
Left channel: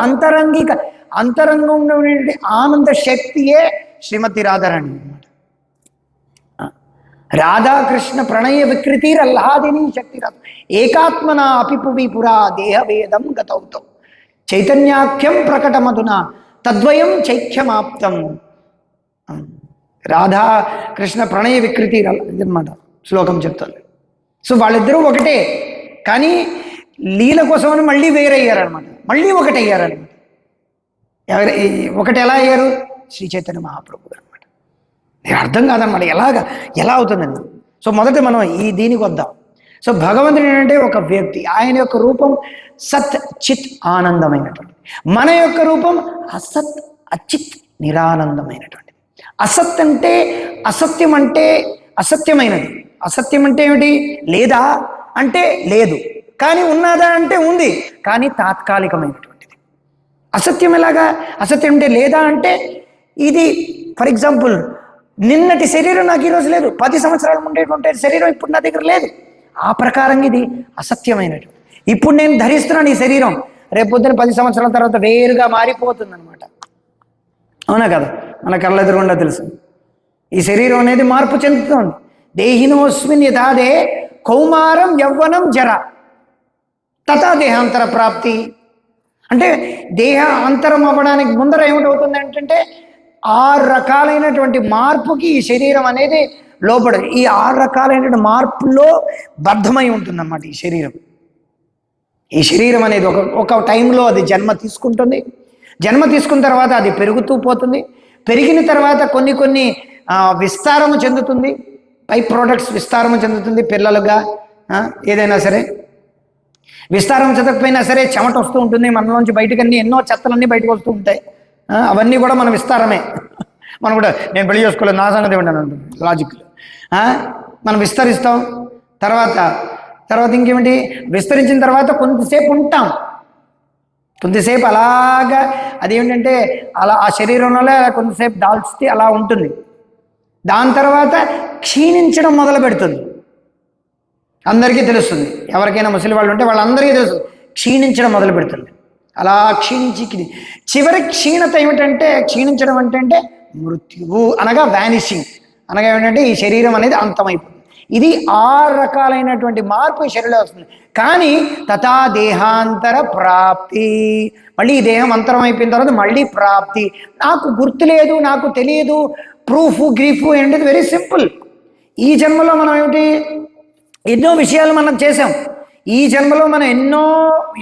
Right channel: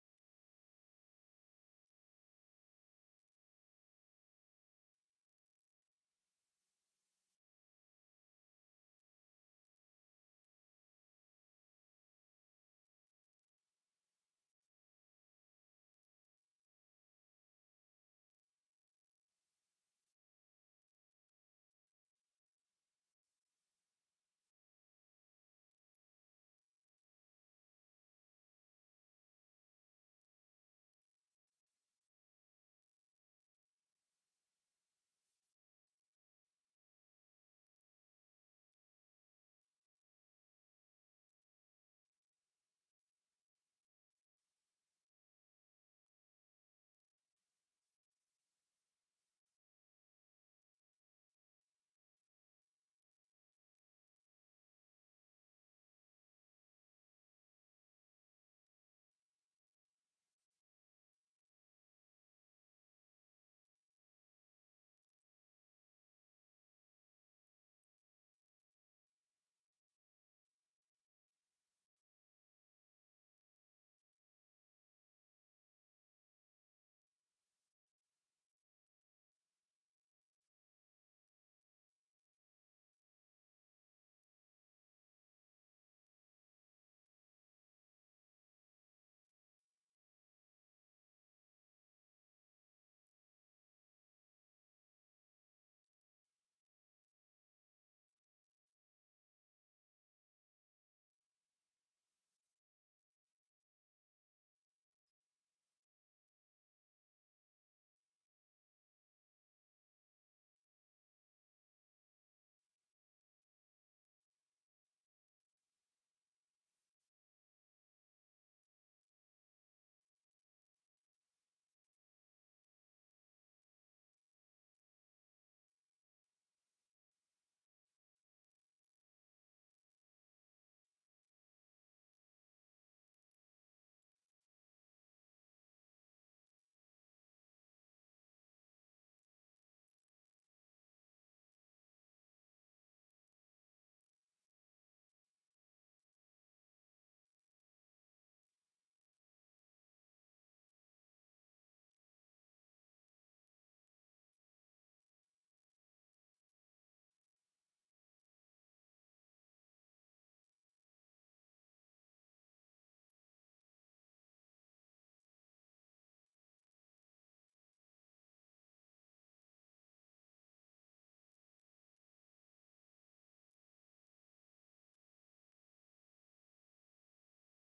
అంతరంగంలో ఉన్నటువంటి ఆనంద శక్తియే శ్రీమతి రాధారాణి అనమాట. రాధాకృష్ణ ప్రణయ వికృతిరల్లాదిని శక్తి రాధ ఏకాత్మన అపిపువి పురా దేహవేదం గతౌతో చైతన్యాఖ్యం ప్రకటమధునా తద్వయం చైఖ్యమాప్తం. రాధాకృష్ణ ప్రణయ వికృతి అన్నమాట శ్లోకం చెప్తాను. సో వాళ్ళిద్దరూ ఒకటే, కానీ లీల కోసమని మళ్ళీ వేరయ్యారనమాట, మళ్ళీ ఒకటయ్యారనమాట. ఒకటి ఎలా అయ్యారు? శ్రీ చైతన్య మహాప్రభు గారు అనమాట. నేను అర్థం కాదనమాట ఎలా అవుతుందండి. సో మొదట మనం దీనికి వద్దాం. సో భగవంతుడు ఏంటంటే ఒక వ్యక్తి, ఆయన యొక్క రూపం సత్ చిత్ ఆనందమైనటువంటి, మన యొక్క రూపం అసత్ అచిత్ నిరానందమైనటువంటి. అసత్ అంటే అసత్యం, అంటే అసత్యమైనది. అసత్యం అంటే ఏమిటి? లేదా అంటే లేదు, కానీ ఉన్నదా అంటే ఉంది, కానీ తాత్కాలికమైనటువంటిది. అసత్యం ఎలాగా? అసత్యం అంటే లేదా అంటే ఇది, ఫర్ ఎగ్జాంపుల్, నిన్నటి శరీరం నాకు ఈరోజు లేదు, 10 సంవత్సరాలు ఉండేటువంటి శరీరం ఇప్పుడు నా దగ్గర లేదు. ఆ ప్రకారంగా ఇది అసత్యమైనటువంటి. ఇప్పుడు నేను ధరిస్తున్నాను ఈ శరీరం, రేపు పొద్దున 10 సంవత్సరాల తర్వాత వేరుగా మారిపోతుంది అనమాట. అవునా కదా? మన కళ్ళ ఎదురుగుండా తెలుసు. ఈ శరీరం అనేది మార్పు చెందుతోంది. దేహినోస్మిన్ యథాదే కౌమారం యవ్వనం జర తథా దేహాంతర ప్రాప్తి. అంటే దేహ అంతరం అవ్వడానికి ముందర ఏమిటవుతుంది అంటే 6 రకాలైనటువంటి మార్పుకి ఈ శరీరం అనేది లోపడదు. ఈ 6 రకాలైనటువంటి మార్పుల్లో బద్ధమై ఉంటుందన్నమాట ఈ శరీరం. ఈ శరీరం అనేది ఒక టైంలో అది జన్మ తీసుకుంటుంది. జన్మ తీసుకున్న తర్వాత అది పెరుగుతూ పోతుంది. పెరిగిన తర్వాత కొన్ని విస్తారము చెందుతుంది, పై ప్రోడక్ట్స్ విస్తారము చెందుతుంది. పిల్లలుగా ఏదైనా సరే విస్తారం చెందకపోయినా సరే చెమట వస్తూ ఉంటుంది మనలోంచి, బయటకు ఎన్నో చెత్తలన్నీ బయటకు వస్తూ ఉంటాయి. అవన్నీ కూడా మన విస్తారమే. మనం కూడా నేను పెళ్లి చేసుకోలేదు, నా సంగతి ఏమిటని ఉంటుంది లాజిక్. మనం విస్తరిస్తాం. తర్వాత ఇంకేమిటి, విస్తరించిన తర్వాత కొంతసేపు ఉంటాం, కొంతసేపు అలాగా అదేమిటంటే అలా ఆ శరీరంలో కొంతసేపు దాల్చితే అలా ఉంటుంది. దాని తర్వాత క్షీణించడం మొదలు పెడుతుంది. అందరికీ తెలుస్తుంది, ఎవరికైనా ముసలి వాళ్ళు ఉంటే వాళ్ళందరికీ తెలుసు, క్షీణించడం మొదలు పెడుతుంది. అలా క్షీణించి చివరి క్షీణత ఏమిటంటే, క్షీణించడం అంటే మృత్యువు అనగా వ్యానిషింగ్ అనగా ఏమిటంటే ఈ శరీరం అనేది అంతమైపోతుంది. ఇది 6 రకాలైనటువంటి మార్పు ఈ శరీరంలో వస్తుంది. కానీ తథా దేహాంతర ప్రాప్తి, మళ్ళీ ఈ దేహం అంతరం అయిపోయిన తర్వాత మళ్ళీ ప్రాప్తి. నాకు గుర్తు లేదు, నాకు తెలియదు, ప్రూఫ్ గ్రీఫ్ ఏంటిది వెరీ సింపుల్. ఈ జన్మలో మనం ఏమిటి ఎన్నో విషయాలు మనం చేసాం. ఈ జన్మలో మనం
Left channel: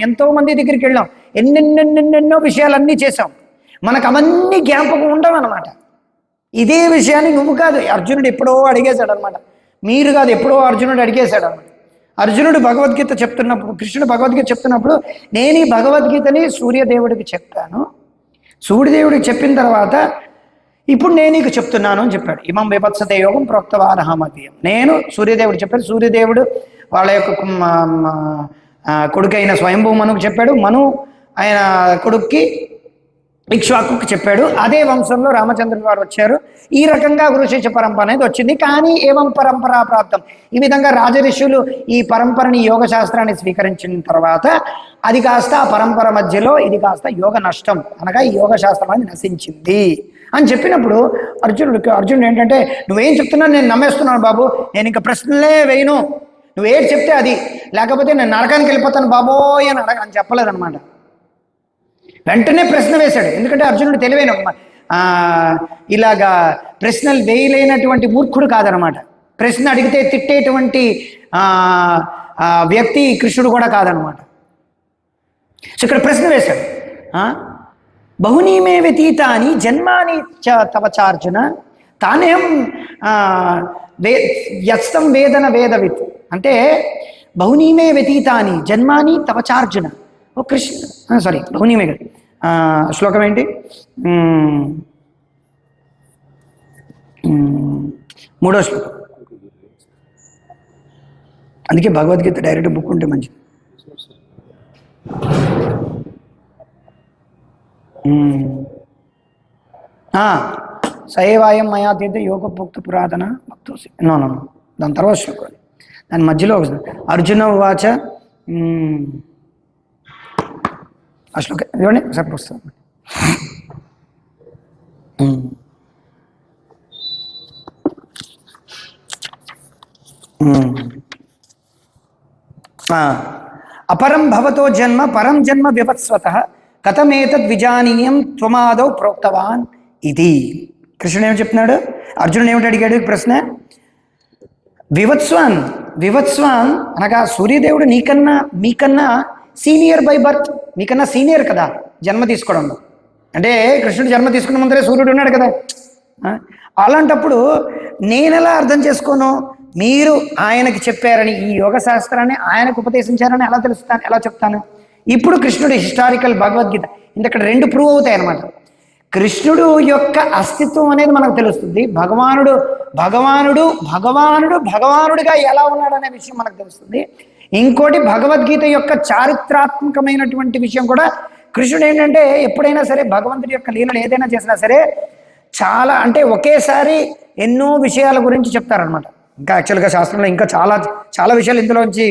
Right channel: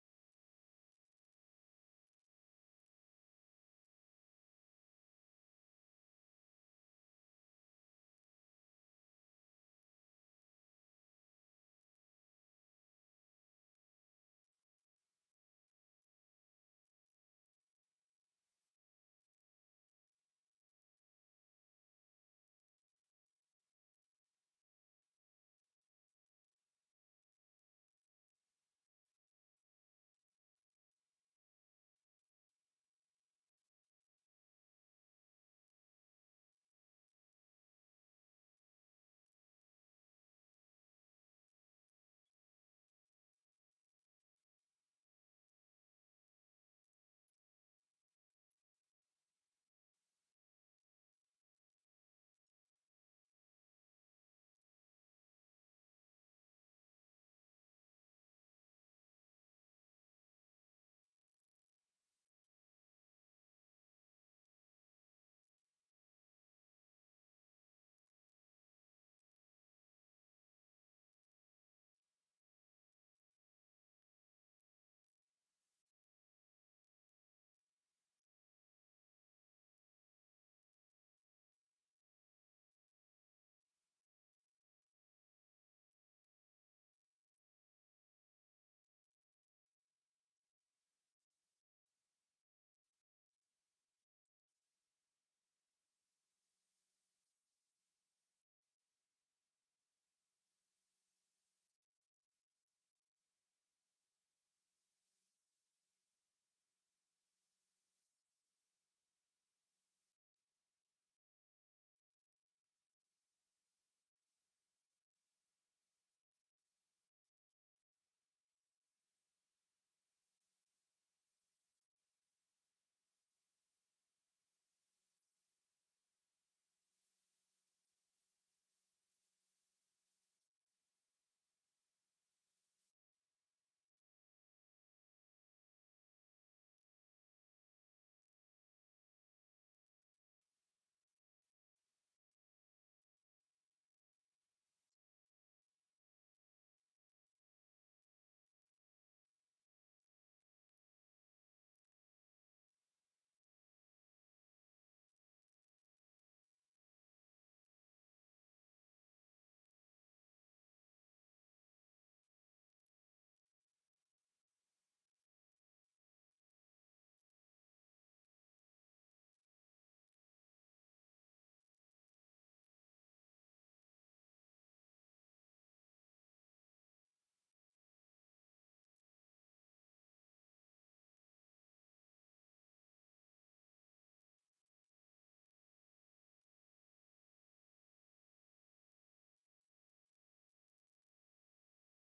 ఎంతో మంది దగ్గరికి వెళ్ళాం, ఎన్నెన్నెన్నెన్నెన్నో విషయాలన్నీ చేసాం. మనకు అవన్నీ జ్ఞాపకం ఉండవు అనమాట. ఇదే విషయాన్ని నువ్వు కాదు, అర్జునుడు ఎప్పుడో అడిగేశాడు అనమాట. మీరు కాదు, ఎప్పుడో అర్జునుడు అడిగేశాడు అనమాట. అర్జునుడు భగవద్గీత చెప్తున్నప్పుడు, కృష్ణుడు భగవద్గీత చెప్తున్నప్పుడు, నేను ఈ భగవద్గీతని సూర్యదేవుడికి చెప్పాను, సూర్యదేవుడికి చెప్పిన తర్వాత ఇప్పుడు నేను నీకు చెప్తున్నాను అని చెప్పాడు. ఇమం విభత్సతే యోగం ప్రోక్తవానహమతీయం. నేను సూర్యదేవుడు చెప్పాడు, సూర్యదేవుడు వాళ్ళ యొక్క కొడుకైన స్వయంభూ మనుకు చెప్పాడు, మను ఆయన కొడుక్కి ఇక్ష్వాకుకి చెప్పాడు. అదే వంశంలో రామచంద్రుడు వారు వచ్చారు. ఈ రకంగా గురుశిష్య పరంపర అనేది వచ్చింది. కానీ ఏవం పరంపరా ప్రాప్తం, ఈ విధంగా రాజఋషులు ఈ పరంపరని యోగ శాస్త్రాన్ని స్వీకరించిన తర్వాత అది కాస్త ఆ పరంపర మధ్యలో ఇది కాస్త యోగ నష్టం, అనగా ఈ యోగ శాస్త్రం అనేది నశించింది అని చెప్పినప్పుడు అర్జునుడు ఏంటంటే, నువ్వేం చెప్తున్నావు నేను నమ్మేస్తున్నాను బాబు, నేను ఇంకా ప్రశ్నలే వేయను, నువ్వేం చెప్తే అది, లేకపోతే నేను నరకానికి వెళ్ళిపోతాను బాబోయ్ అని చెప్పలేదన్నమాట. వెంటనే ప్రశ్న వేశాడు. ఎందుకంటే అర్జునుడు తెలివైన ఇలాగా ప్రశ్నలు వేయలేనటువంటి మూర్ఖుడు కాదనమాట. ప్రశ్న అడిగితే తిట్టేటువంటి వ్యక్తి కృష్ణుడు కూడా కాదనమాట. సో ఇక్కడ ప్రశ్న వేశాడు, బహునీమే వ్యతీతాని జన్మాని తవ చార్జున తానేం వ్యస్తం వేదన వేదవిత్. అంటే బహునీమే వ్యతీతాని జన్మాని తవ చార్జున. ఓ కృష్ణ సారీ బహునీమే కదా, శ్లోకం ఏంటి, 3వ శ్లోకం. అందుకే భగవద్గీత డైరెక్ట్ బుక్ ఉంటే మంచిది. సయేవాయం మయా తీర్థ యోగపోక్త పురాతన భక్తోసి. నో దాని తర్వాత శ్లోకం, దాని మధ్యలో అర్జున వాచ ఆ శ్లోకం ఇవ్వండి సార్ పుస్తకం. అపరం భవతో జన్మ పరం జన్మ వివత్స్వతః కథమేతద్ విజానీయం త్వమాదౌ ప్రోక్తవాన్ ఇది. కృష్ణుడు ఏమి చెప్తున్నాడు, అర్జునుడు ఏమిటి అడిగాడు ప్రశ్న, వివత్స్వాన్ అనగా సూర్యదేవుడు మీకన్నా సీనియర్ బై బర్త్, మీకన్నా సీనియర్ కదా జన్మ తీసుకోవడంలో. అంటే కృష్ణుడు జన్మ తీసుకున్న ముందరే సూర్యుడు ఉన్నాడు కదా. అలాంటప్పుడు నేను ఎలా అర్థం చేసుకోను, మీరు ఆయనకి చెప్పారని, ఈ యోగ శాస్త్రాన్ని ఆయనకు ఉపదేశించారని ఎలా చెప్తాను. ఇప్పుడు కృష్ణుడు హిస్టారికల్ భగవద్గీత ఇంతక్కడ 2 ప్రూవ్ అవుతాయి అన్నమాట. కృష్ణుడు యొక్క అస్తిత్వం అనేది మనకు తెలుస్తుంది, భగవానుడుగా ఎలా ఉన్నాడు అనే విషయం మనకు తెలుస్తుంది. ఇంకోటి భగవద్గీత యొక్క చారిత్రాత్మకమైనటువంటి విషయం కూడా, కృష్ణుడు ఏంటంటే ఎప్పుడైనా సరే భగవంతుడి యొక్క లీలలు ఏదైనా చేసినా సరే చాలా అంటే ఒకేసారి ఎన్నో విషయాల గురించి చెప్తారనమాట. ఇంకా యాక్చువల్గా శాస్త్రంలో ఇంకా చాలా చాలా విషయాలు ఇందులోంచి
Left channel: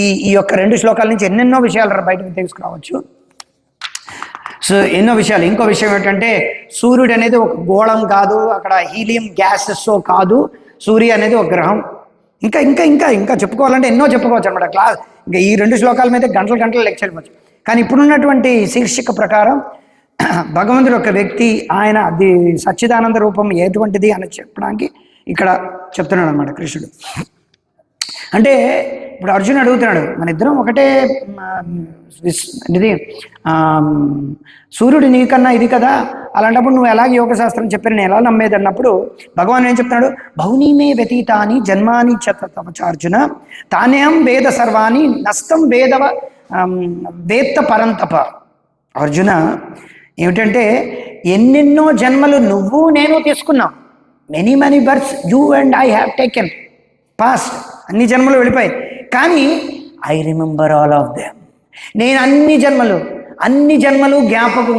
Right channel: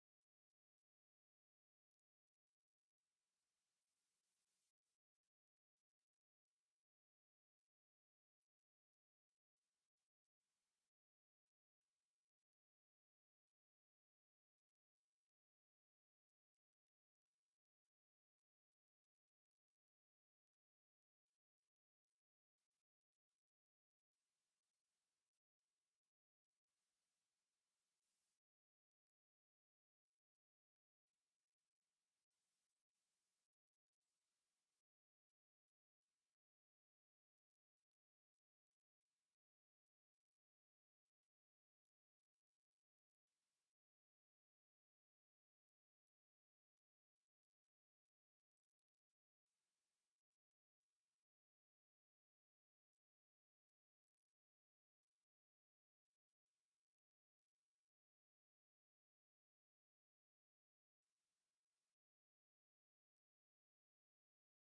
ఈ యొక్క 2 శ్లోకాల నుంచి ఎన్నెన్నో విషయాలు బయటకు తీసుకురావచ్చు. సో ఎన్నో విషయాలు. ఇంకో విషయం ఏంటంటే సూర్యుడు అనేది ఒక గోళం కాదు, అక్కడ హీలియం గ్యాసెస్ కాదు, సూర్య అనేది ఒక గ్రహం. ఇంకా ఇంకా ఇంకా ఇంకా చెప్పుకోవాలంటే ఎన్నో చెప్పుకోవచ్చు అనమాట. ఇంకా ఈ 2 శ్లోకాల మీద గంటలు లెక్చర్ ఇవ్వచ్చు. కానీ ఇప్పుడున్నటువంటి శీర్షిక ప్రకారం భగవంతుడు ఒక వ్యక్తి, ఆయన అది సచ్చిదానంద రూపం ఎటువంటిది అని చెప్పడానికి ఇక్కడ చెప్తున్నాడు అనమాట కృష్ణుడు. అంటే ఇప్పుడు అర్జునుడు అడుగుతున్నాడు, మన ఇద్దరం ఒకటే ఇది సూర్యుడు నీకన్నా ఇది కదా, అలాంటప్పుడు నువ్వు ఎలాగ యోగ శాస్త్రం చెప్పారు నేను ఎలా నమ్మేది అన్నప్పుడు భగవాన్ ఏం చెప్తున్నాడు, బహునీమే వ్యతీతాని జన్మాని చతవచార్జున తానేం వేద సర్వాణి నష్టం వేత్త పరంతప. అర్జున ఏమిటంటే ఎన్నెన్నో జన్మలు నువ్వు నేను తీసుకున్నాం, many births you and I have taken past, అన్ని జన్మలు వెళ్ళిపోయాయి. కానీ I remember all of them, నేను అన్ని జన్మలు జ్ఞాపకం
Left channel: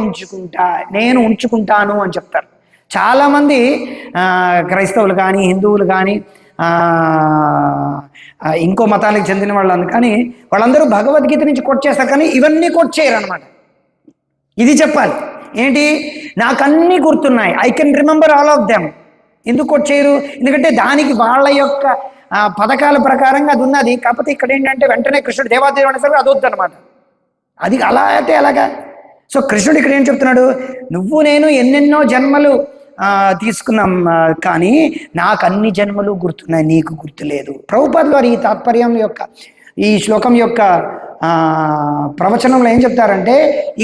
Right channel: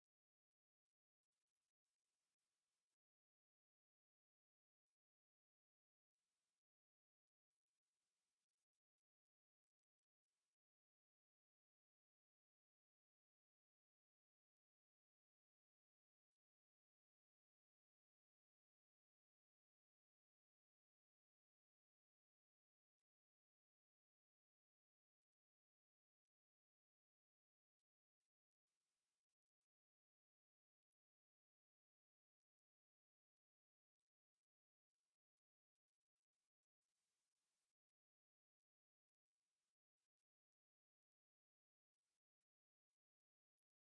నేను ఉంచుకుంటాను అని చెప్తారు. చాలామంది క్రైస్తవులు కానీ హిందువులు కానీ ఇంకో మతానికి చెందిన వాళ్ళు కానీ వాళ్ళందరూ భగవద్గీత నుంచి కోట్ చేస్తారు, కానీ ఇవన్నీ కోట్ చేయరు అనమాట. ఇది చెప్పాలి ఏంటి, నాకు అన్నీ గుర్తున్నాయి, I can remember all of them. ఎందుకు కోట్ చేయరు, ఎందుకంటే దానికి వాళ్ళ యొక్క పథకాల ప్రకారంగా అది ఉన్నది. కాకపోతే ఇక్కడ ఏంటంటే వెంటనే కృష్ణుడు దేవాదేవుడు అనేసరికి అది వద్దు అనమాట. అది అలా అయితే ఎలాగా. సో కృష్ణుడు ఇక్కడ ఏం చెప్తున్నాడు, నువ్వు నేను ఎన్నెన్నో జన్మలు తీసుకున్నాం, కానీ నాకు అన్ని జన్మలు గుర్తున్నాయి, నీకు గుర్తులేదు. ప్రభుపాదులు వారు ఈ తాత్పర్యం యొక్క ఈ శ్లోకం యొక్క ప్రవచనంలో ఏం చెప్తారంటే,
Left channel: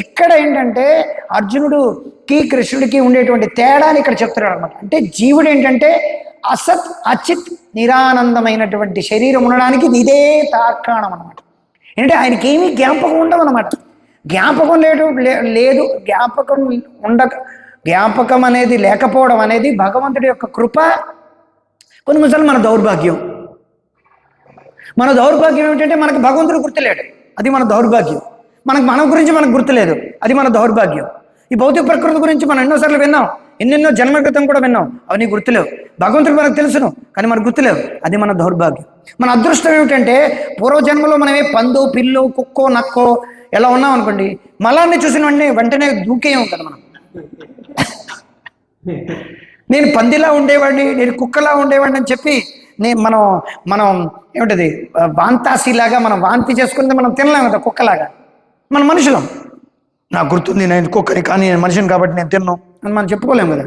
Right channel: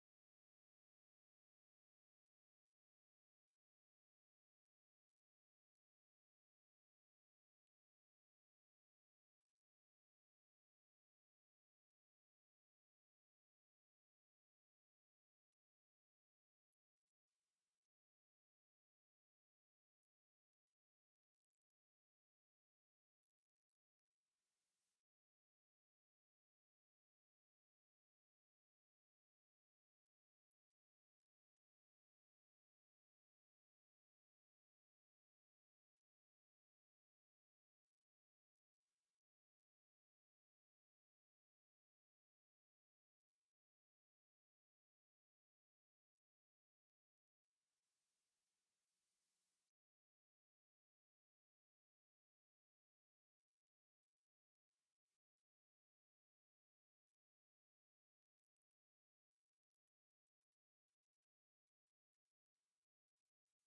ఇక్కడ ఏంటంటే అర్జునుడికి కృష్ణుడికి ఉండేటువంటి తేడాని ఇక్కడ చెప్తున్నాడు అనమాట. అంటే జీవుడు ఏంటంటే అసత్ అచిత్ నిరానందమైనటువంటి శరీరం ఉండడానికి ఇదే తార్కాణం అనమాట. ఏంటంటే ఆయనకి ఏమీ జ్ఞాపకం ఉండవు అనమాట. జ్ఞాపకం లేదు జ్ఞాపకం అనేది లేకపోవడం అనేది భగవంతుడి యొక్క కృప. కొన్నిసార్లు మన దౌర్భాగ్యం ఏమిటంటే మనకు భగవంతుడు గుర్తులేడు, అది మన దౌర్భాగ్యం. మన గురించి మనకు గుర్తులేదు, అది మన దౌర్భాగ్యం. ఈ భౌతిక ప్రకృతి గురించి మనం ఎన్నోసార్లు విన్నాం, ఎన్నెన్నో జన్మ క్రితం కూడా విన్నాం, అవి నీకు గుర్తులేవు. భగవంతుడు మనకు తెలుసును, కానీ మనకు గుర్తులేవు, అది మన దౌర్భాగ్యం. మన అదృష్టం ఏమిటంటే పూర్వజన్మలో మనమే పందో పిల్లో కుక్కో నక్కో ఎలా ఉన్నాం అనుకోండి, మలాన్ని చూసిన వెంటనే దూకే ఉంటుంది మనం. నేను పందిలా ఉండేవాడిని, నేను కుక్కలా ఉండేవాడిని అని చెప్పి మనం ఏమిటది వాంతాసిలాగా మనం వాంతి చేసుకుంటే మనం తినలేం కదా కుక్కలాగా. మన మనుషులం, నాకు గుర్తుంది నేను కుక్కని, కానీ నేను మనిషిని కాబట్టి నేను తిన్నాను అని మనం చెప్పుకోలేము కదా.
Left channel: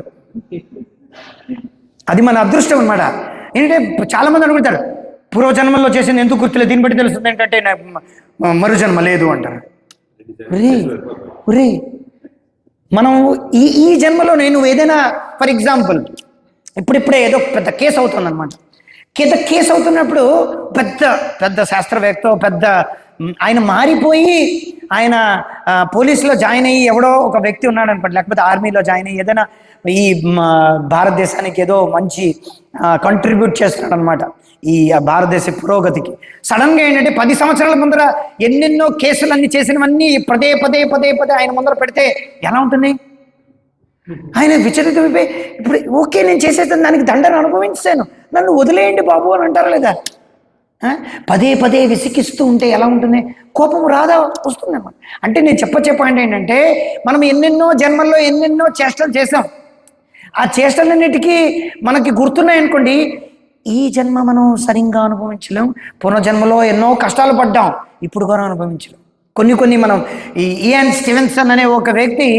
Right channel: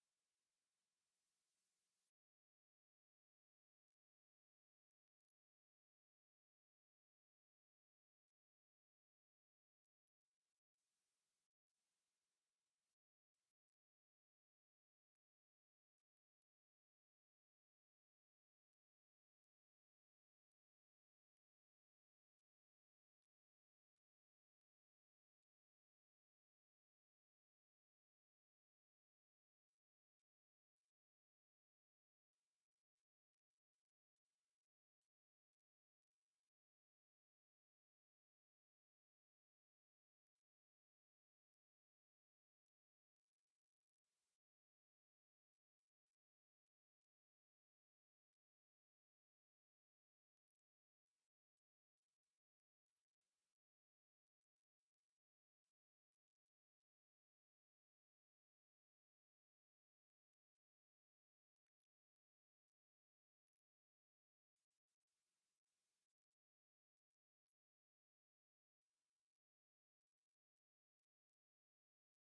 అది మన అదృష్టం అనమాట. ఏంటంటే చాలా మంది అనుకుంటారు పూర్వజన్మల్లో చేసింది ఎందుకు గుర్తులేదు, దీన్ని బట్టి తెలుస్తుంది ఏంటంటే మరుజన్మ లేదు అంటారు. ఒరే మనం ఈ జన్మలో నేను ఏదైనా ఫర్ ఎగ్జాంపుల్ ఇప్పుడిప్పుడే ఏదో పెద్ద కేసు అవుతుంది అనమాట. కేసు అవుతున్నప్పుడు పెద్ద శాస్త్రవేత్త పెద్ద ఆయన మారిపోయి ఆయన పోలీసులో జాయిన్ అయ్యి ఎవడో ఒక వ్యక్తి ఉన్నాడు అనుకోండి, లేకపోతే ఆర్మీలో జాయిన్ అయ్యి ఏదైనా ఈ భారతదేశానికి ఏదో మంచి కంట్రిబ్యూట్ చేస్తున్నాడు అనమాట ఈ భారతదేశ పురోగతికి. సడన్గా ఏంటంటే 10 సంవత్సరాల ముందర ఎన్నెన్నో కేసులన్నీ చేసినవన్నీ పదే ఆయన ముందర పెడితే ఎలా ఉంటుంది? ఆయన విచలితమైపోయి ఇప్పుడు ఓకే నేను చేసేస్తాను, దానికి దండను అనుభవించాను, నన్ను వదిలేయండి బాబు అని అంటారా లేదా? పదే విసికిస్తూ ఉంటే ఎలా ఉంటుంది? కోపం రాదా? వస్తుందన్నమాట. అంటే నేను చెప్పే పాయింట్ ఏంటంటే మనం ఎన్నెన్నో జన్మల్లో ఎన్నెన్నో చేష్టలు చేసాం, ఆ చేష్టలన్నిటికీ మనకి గుర్తున్నాయనుకోండి, ఈ జన్మ మనం సరిగ్గా అనుభవించలేం, పూర్వజన్మలో ఎన్నో కష్టాలు పడ్డాం, ఇప్పుడు కూడా అనుభవించలేం. కొన్ని మనం ఈ ఇయాన్ స్టీవెన్సన్ అనే ఒక వ్యక్తి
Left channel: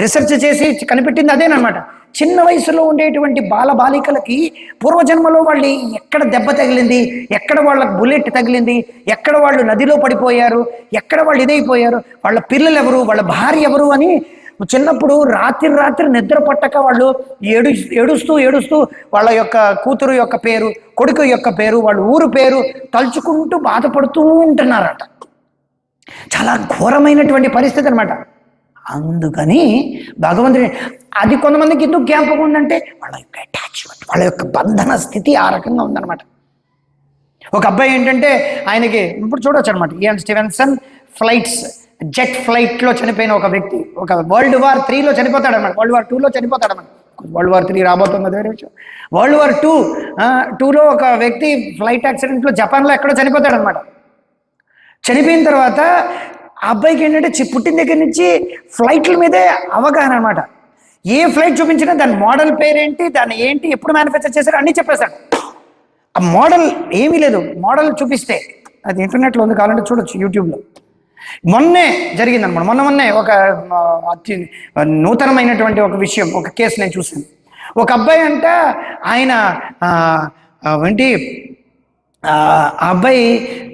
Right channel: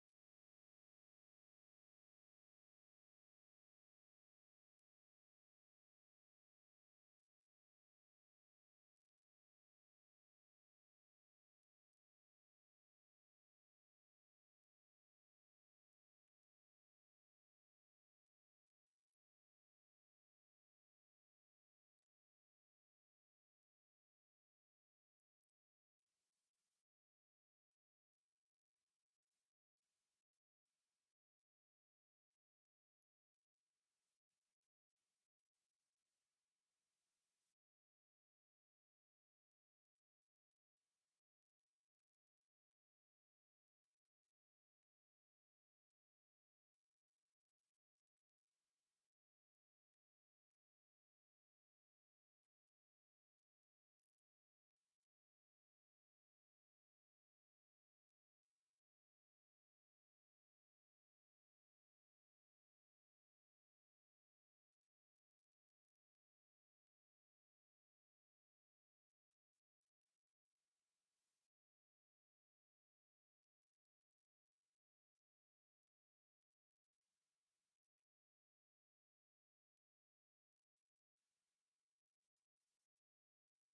రీసెర్చ్ చేసి కనిపెట్టింది అదేనమాట. చిన్న వయసులో ఉండేటువంటి బాలికలకి పూర్వజన్మలో వాళ్ళు ఎక్కడ దెబ్బ తగిలింది, ఎక్కడ వాళ్ళకి బుల్లెట్ తగిలింది, ఎక్కడ వాళ్ళు నదిలో పడిపోయారు, ఎక్కడ వాళ్ళు ఇదైపోయారు, వాళ్ళ పిల్లలు ఎవరు, వాళ్ళ భార్య ఎవరు అని చిన్నప్పుడు రాత్రి నిద్ర పట్టక వాళ్ళు ఏడుస్తూ వాళ్ళ యొక్క కూతురు యొక్క పేరు, కొడుకు యొక్క పేరు, వాళ్ళ ఊరు పేరు తలుచుకుంటూ బాధపడుతూ ఉంటున్నారట. చాలా ఘోరమైనటువంటి పరిస్థితి అనమాట. అందుకని భగవంతుడి అది కొంతమందికి ఎందుకు జ్ఞాపకం ఉందంటే వాళ్ళ యొక్క అటాచ్మెంట్, వాళ్ళ యొక్క బంధన స్థితి ఆ రకంగా ఉందన్నమాట. ఒక అబ్బాయి ఏంటంటే ఆయనకి ఇప్పుడు చూడొచ్చు అనమాట, ఇయాన్ స్టీవెన్సన్ జెట్ ఫ్లైట్లో చనిపోయిన ఒక వ్యక్తి, ఒక World War III చనిపోతాడు అనమాట, World War II చనిపోతాడు అనమాట. World War III రాబోతుంది వేరే విషయం. World War II ఒక వ్యక్తి ఫ్లైట్ యాక్సిడెంట్లో జపాన్లో ఎక్కడో చనిపోతాడు అనమాట. చనిపోయిన తర్వాత ఆ అబ్బాయికి ఏంటంటే పుట్టిన దగ్గర నుంచి ఫ్లైట్ల మీదే అవగాహన అనమాట. ఏ ఫ్లైట్ చూపించినా దాని మోడల్ పేరేంటి, దాన్ని ఏంటి, ఎప్పుడు మ్యానుఫ్యాక్చర్ చేశారు అన్నీ చెప్పేశాడు. ఆ మోడల్ ఏమీ లేదు, మోడల్ చూపిస్తే అది ఇంటర్నెట్లో ఉంది, కావాలంటే చూడొచ్చు యూట్యూబ్లో. మొన్నే జరిగిందనమాట, మొన్నే ఒక అతి నూతనమైనటువంటి ఒక విషయం, ఒక కేసు నేను చూశాను. ఒక అబ్బాయి అంట ఆయన ఏంటి ఆ అబ్బాయి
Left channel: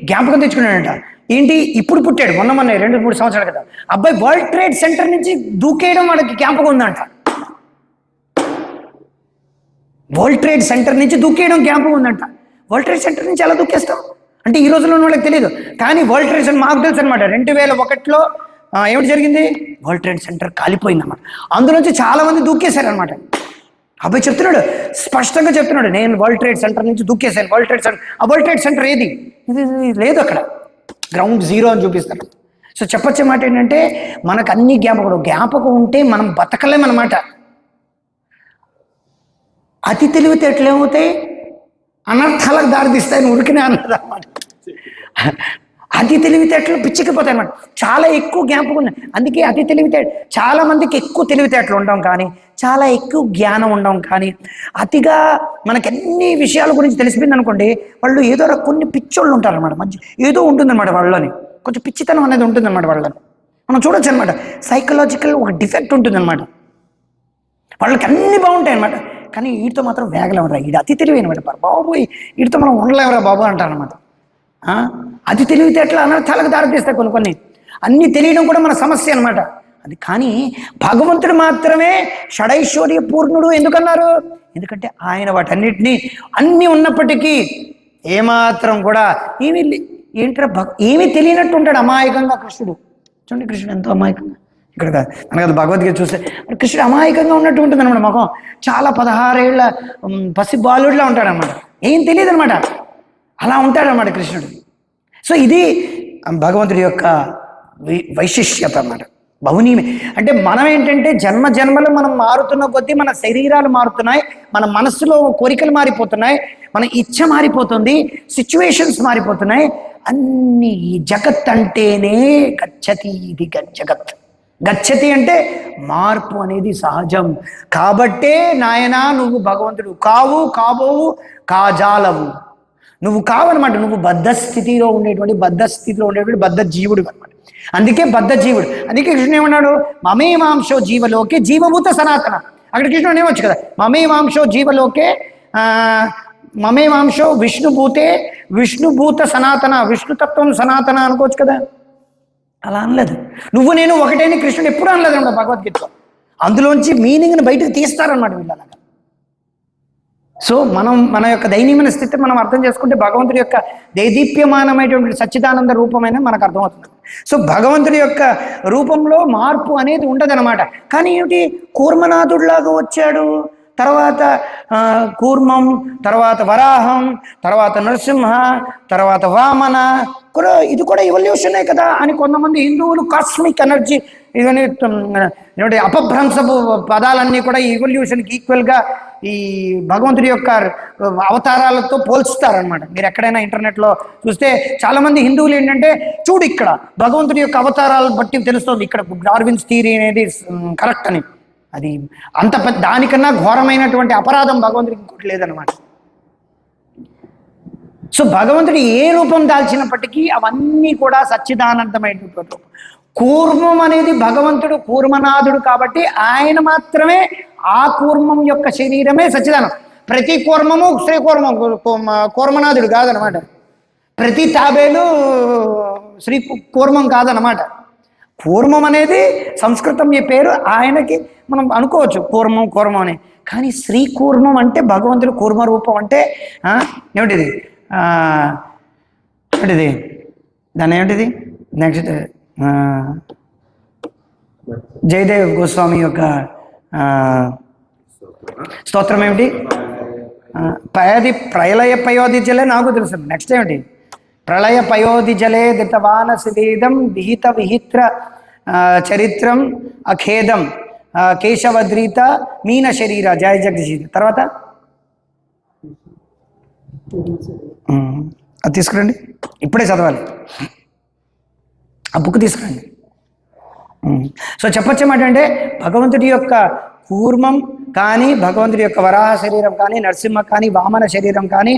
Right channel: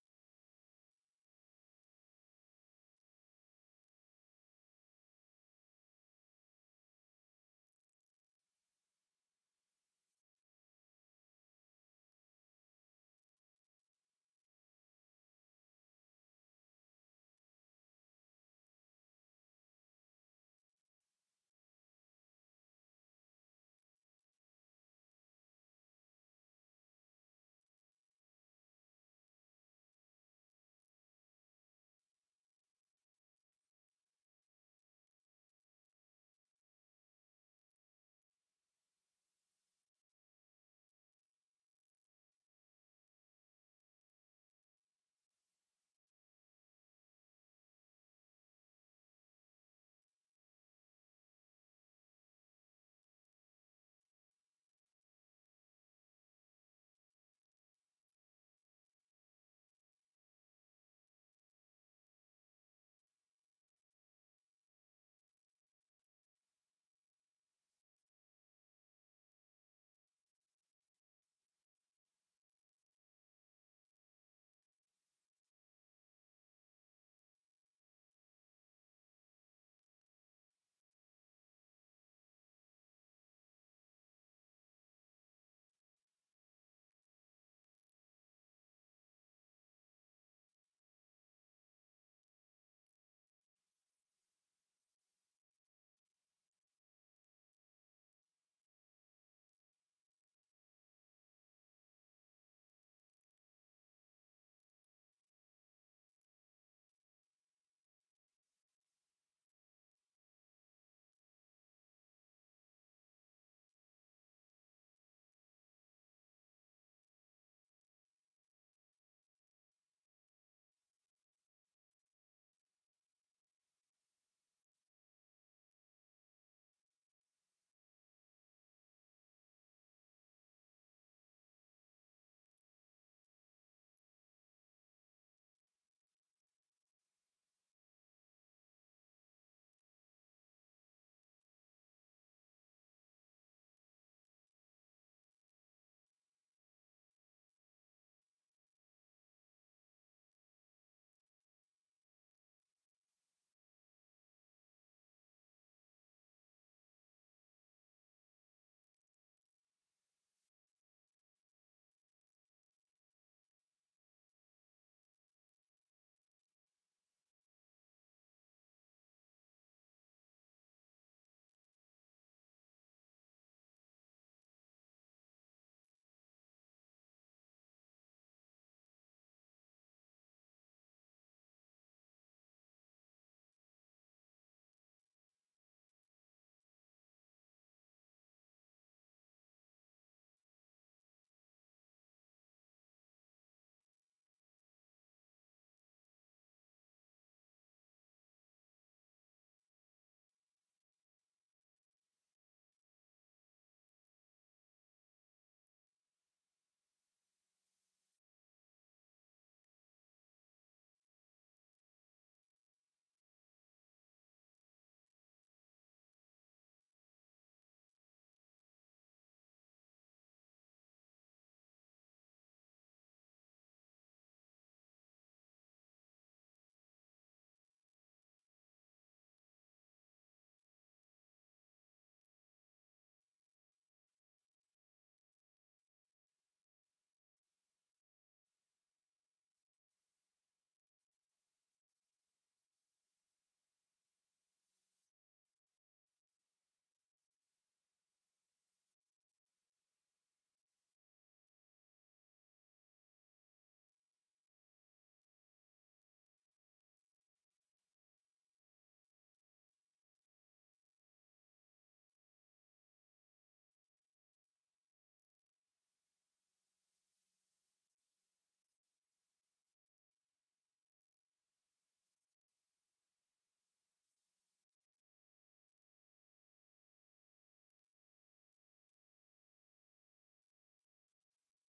జ్ఞాపకం తెచ్చుకున్నాడంట. ఏంటి ఇప్పుడు పుట్టాడు, మొన్న 2-3 సంవత్సరాల కదా. అబ్బాయి వరల్డ్ ట్రేడ్ సెంటర్ నుంచి దూకేయడం వాడికి జ్ఞాపకం ఉందంట. వరల్డ్ ట్రేడ్ సెంటర్ నుంచి దూకేయడం జ్ఞాపకం ఉందంట. వరల్డ్ ట్రేడ్ సెంటర్ నుంచి ఎలా దూకేస్తాం అంటే ఈ రోజుల్లో వాళ్ళకి తెలియదు, కానీ వరల్డ్ ట్రేడ్ సెంటర్ మాకు తెలుసు అనమాట. 2001లో ఏమిటి జరిగింది, వరల్డ్ ట్రేడ్ సెంటర్ కాలిపోయిందన్నమాట. అందులోంచి చాలా మంది దూకేశారనమాట. అబ్బాయి చెప్తున్నాడు, స్పష్టంగా చెప్తున్నాడు, నేను వరల్డ్ ట్రేడ్ సెంటర్ నుంచి దూకేశాను. వరల్డ్ ట్రేడ్ సెంటర్ ఏది, ఇది లేదు, అక్కడ గ్రౌండ్ జీరో అని చూపిస్తారు. సో చెప్పొచ్చే మాట ఏంటంటే మనకు అన్ని జ్ఞాపకం ఉంటే మనం బతకలేమన్నమాట. అతి తెలివితేటలు ఏమవుతాయి, అనర్థాలకు దారితీస్తాయని ఉరికినే అన్నది అన్నమాట. అతి తెలివితేటలు పిచ్చికిపోతాయి అన్నమాట. చాలా ఎక్కువ జ్ఞాపకం ఉంది. అందుకే అతి తెలివితేట, చాలా మందికి ఎక్కువ తెలివితేటలు ఉండడం కానీ, చాలా ఎక్కువ జ్ఞానం ఉండడం కానీ, అతిగా మనకి అన్ని విషయాల గురించి తెలిసిపోయింది అనుకోండి, వాళ్ళు ఏదో కొన్ని పిచ్చోళ్ళు ఉంటారన్నమాట. మంచి ఏదో ఉంటుందన్నమాట వాళ్ళని, కొంచెం పిచ్చితనం అనేది ఉంటుందన్నమాట వాళ్ళని. మనం చూడొచ్చు అనమాట. సైకలాజికల్ ఒక డిఫెక్ట్ ఉంటుందన్నమాట. వాళ్ళకి అన్నీ బాగుంటాయి అనమాట, కానీ వీటితో మాత్రం వేగలేమరా, వీడు అతి తెలివైనమాట బాబు, వీటితో మనం ఉండలేమరా బాబు అంటారనమాట. అది తెలివితేటలు అనర్థాలకు దారితీస్తాయి కొన్ని కొన్ని. అన్నీ తెలియడం కూడా మన సమస్య అనమాట అది. కానీ భగవంతుడు మాత్రమే షడైశ్వర్య పూర్ణుడు ఎందుకన్నారు? ఎందుకంటే ఆయన వాటన్నిటినీ అన్నీ ఉన్నప్పటికీ ఏమాత్రం కూడా ఏమీ తెలియనట్టు ఉంటాడు అమాయకంగా కృష్ణుడు. చూడండి కృష్ణుడు ఎంతో అమాయకంగా, ఇక్కడ కాదు మనకు అది భగవద్గీత చూస్తే కృష్ణుడు అమాయకంగా ఉన్నట్టు ఉంటుంది అనమాట. ముఖం చాలా 16 ఏళ్ల పసి బాలుడిలా ఉంటాడనమాట, ఏం తెలియదు అనమాట, అలా ఉంటాడనమాట కృష్ణుడు. సో ఇది భగవంతుడి యొక్క వైశిష్యత అన్నమాట. బహునీమే అంటే మనం ఏంటంటే జన్మ జన్మలు మనం మారుతున్న కొద్దీ మన శరీరాలు మారుతున్నాయి, మన మనస్సులో కోరికలు మారిపోతున్నాయి, మన ఇచ్ఛ మారిపోతుంది, సిచ్యువేషన్స్ మారిపోతున్నాయి అన్ని. ఈ జగత్ అంటేనే గచ్చతి, ఇది జగత్. గచ్చతి అంటే మార్పు అనేది సహజం. కాబట్టే నాయనా నువ్వు భగవంతుడు కావు, కాబోవు, కాజాలవు, నువ్వు కావనమాట. నువ్వు బద్ధ స్థితిలో ఉండేటువంటి బద్ధ జీవుడు అనమాట. అందుకే బద్ధ జీవుడు. అందుకే కృష్ణుడు ఏమన్నాడు? మమే మాంసో జీవలోకే జీవభూత సనాతన. అక్కడ కృష్ణుడు ఏమొచ్చు కదా, మమే మాంసో జీవలోకే మమే మాంసో విష్ణుభూతే విష్ణుభూత సనాతన, విష్ణుతత్వం సనాతన అనుకోవచ్చు కదా. అలా అనలేదు. నువ్వు నేను ఒకటేని కృష్ణుడు ఎప్పుడు అనలేదు అన్నమాట భగవద్గీతలో. అందులోంచి మీనింగ్ని బయటకు తీస్తారనమాట వీళ్ళు అలాగా. సో మన యొక్క దైనీమైన స్థితి మనం అర్థం చేసుకుంటే భగవంతుడి యొక్క దేదీప్యమానమైనటువంటి సచ్చిదానంద రూపమైన మనకు అర్థమవుతుంది. సో భగవంతుడి యొక్క రూపంలో మార్పు అనేది ఉండదన్నమాట. కానీ ఏమిటి, కూర్మనాథుడిలాగా వచ్చాడు, తర్వాత కూర్మం, తర్వాత వరాహం, తర్వాత నరసింహ, తర్వాత వామన కూడా, ఇది కూడా ఎవల్యూషనే కదా అని కొంతమంది హిందువులు కాస్మిక్ ఎనర్జీ ఇవన్నీ అపభ్రంశపు పదాలన్నీ కూడా ఈ ఎవల్యూషన్కి ఈక్వల్గా ఈ భగవంతుడి యొక్క అవతారాలతో పోల్చుతారనమాట. మీరు ఎక్కడైనా ఇంటర్నెట్లో చూస్తే చాలామంది హిందువులు ఏంటంటే, చూడు ఇక్కడ భగవంతుడి యొక్క అవతారాలను బట్టి తెలుస్తుంది ఇక్కడ డార్విన్స్ థియరీ అనేది కరెక్ట్ అని. అది అంత దానికన్నా ఘోరమైనటువంటి అపరాధం భగవంతుడికి ఇంకోటి లేదనమాట. సో భగవంతుడు ఏ రూపం దాల్చినప్పటికీ అవన్నీ కూడా సచ్చిదానందమైనటువంటి రూపం. కూర్మం అనేది భగవంతుడు కూర్మనాథుడు కాబట్టి ఆయన మాత్రమే ఆ కూర్మం యొక్క శరీరమే సచ్చిదానం. ప్రతి కూర్మము శ్రీ కూర్మనాథుడు కాదనమాట. ప్రతి తాబేలు శ్రీ కూర్మం కాదనమాట. కూర్మం అనేది సంస్కృతం ఈ పేరు, ఆయనకి మనం అనుకోవచ్చు కూర్మం అని. కానీ శ్రీ కూర్మం అంటే భగవంతుడు కూర్మ రూపం అంటే ఏమిటిది ఏమిటిది దాన్ని ఏమిటిది నెక్స్ట్ జయదేవ్ గోస్వామి యొక్క స్తోత్రం ఏమిటి? ప్రళయ పయోధి జలే నాకు తెలుసు. నెక్స్ట్ ఏమిటి? ప్రళయ పయోధి జలే దితవాన సిదీదం విహిత విహిత్ర చరిత్రం అఖేదం కేశవద్రీత మీన శరీర జయ జగదీశ. తర్వాత అది తీసుకురండి, ఇప్పుడే చదవాలి, ఆ బుక్ తీసుకురండి. సో చెప్పొచ్చేమాట అంటే భగవంతుడి యొక్క కూర్మం కానీ, భగవంతుడి యొక్క వరాహ శరీరం కానీ, నరసింహ కానీ, వామన శరీరం కానీ,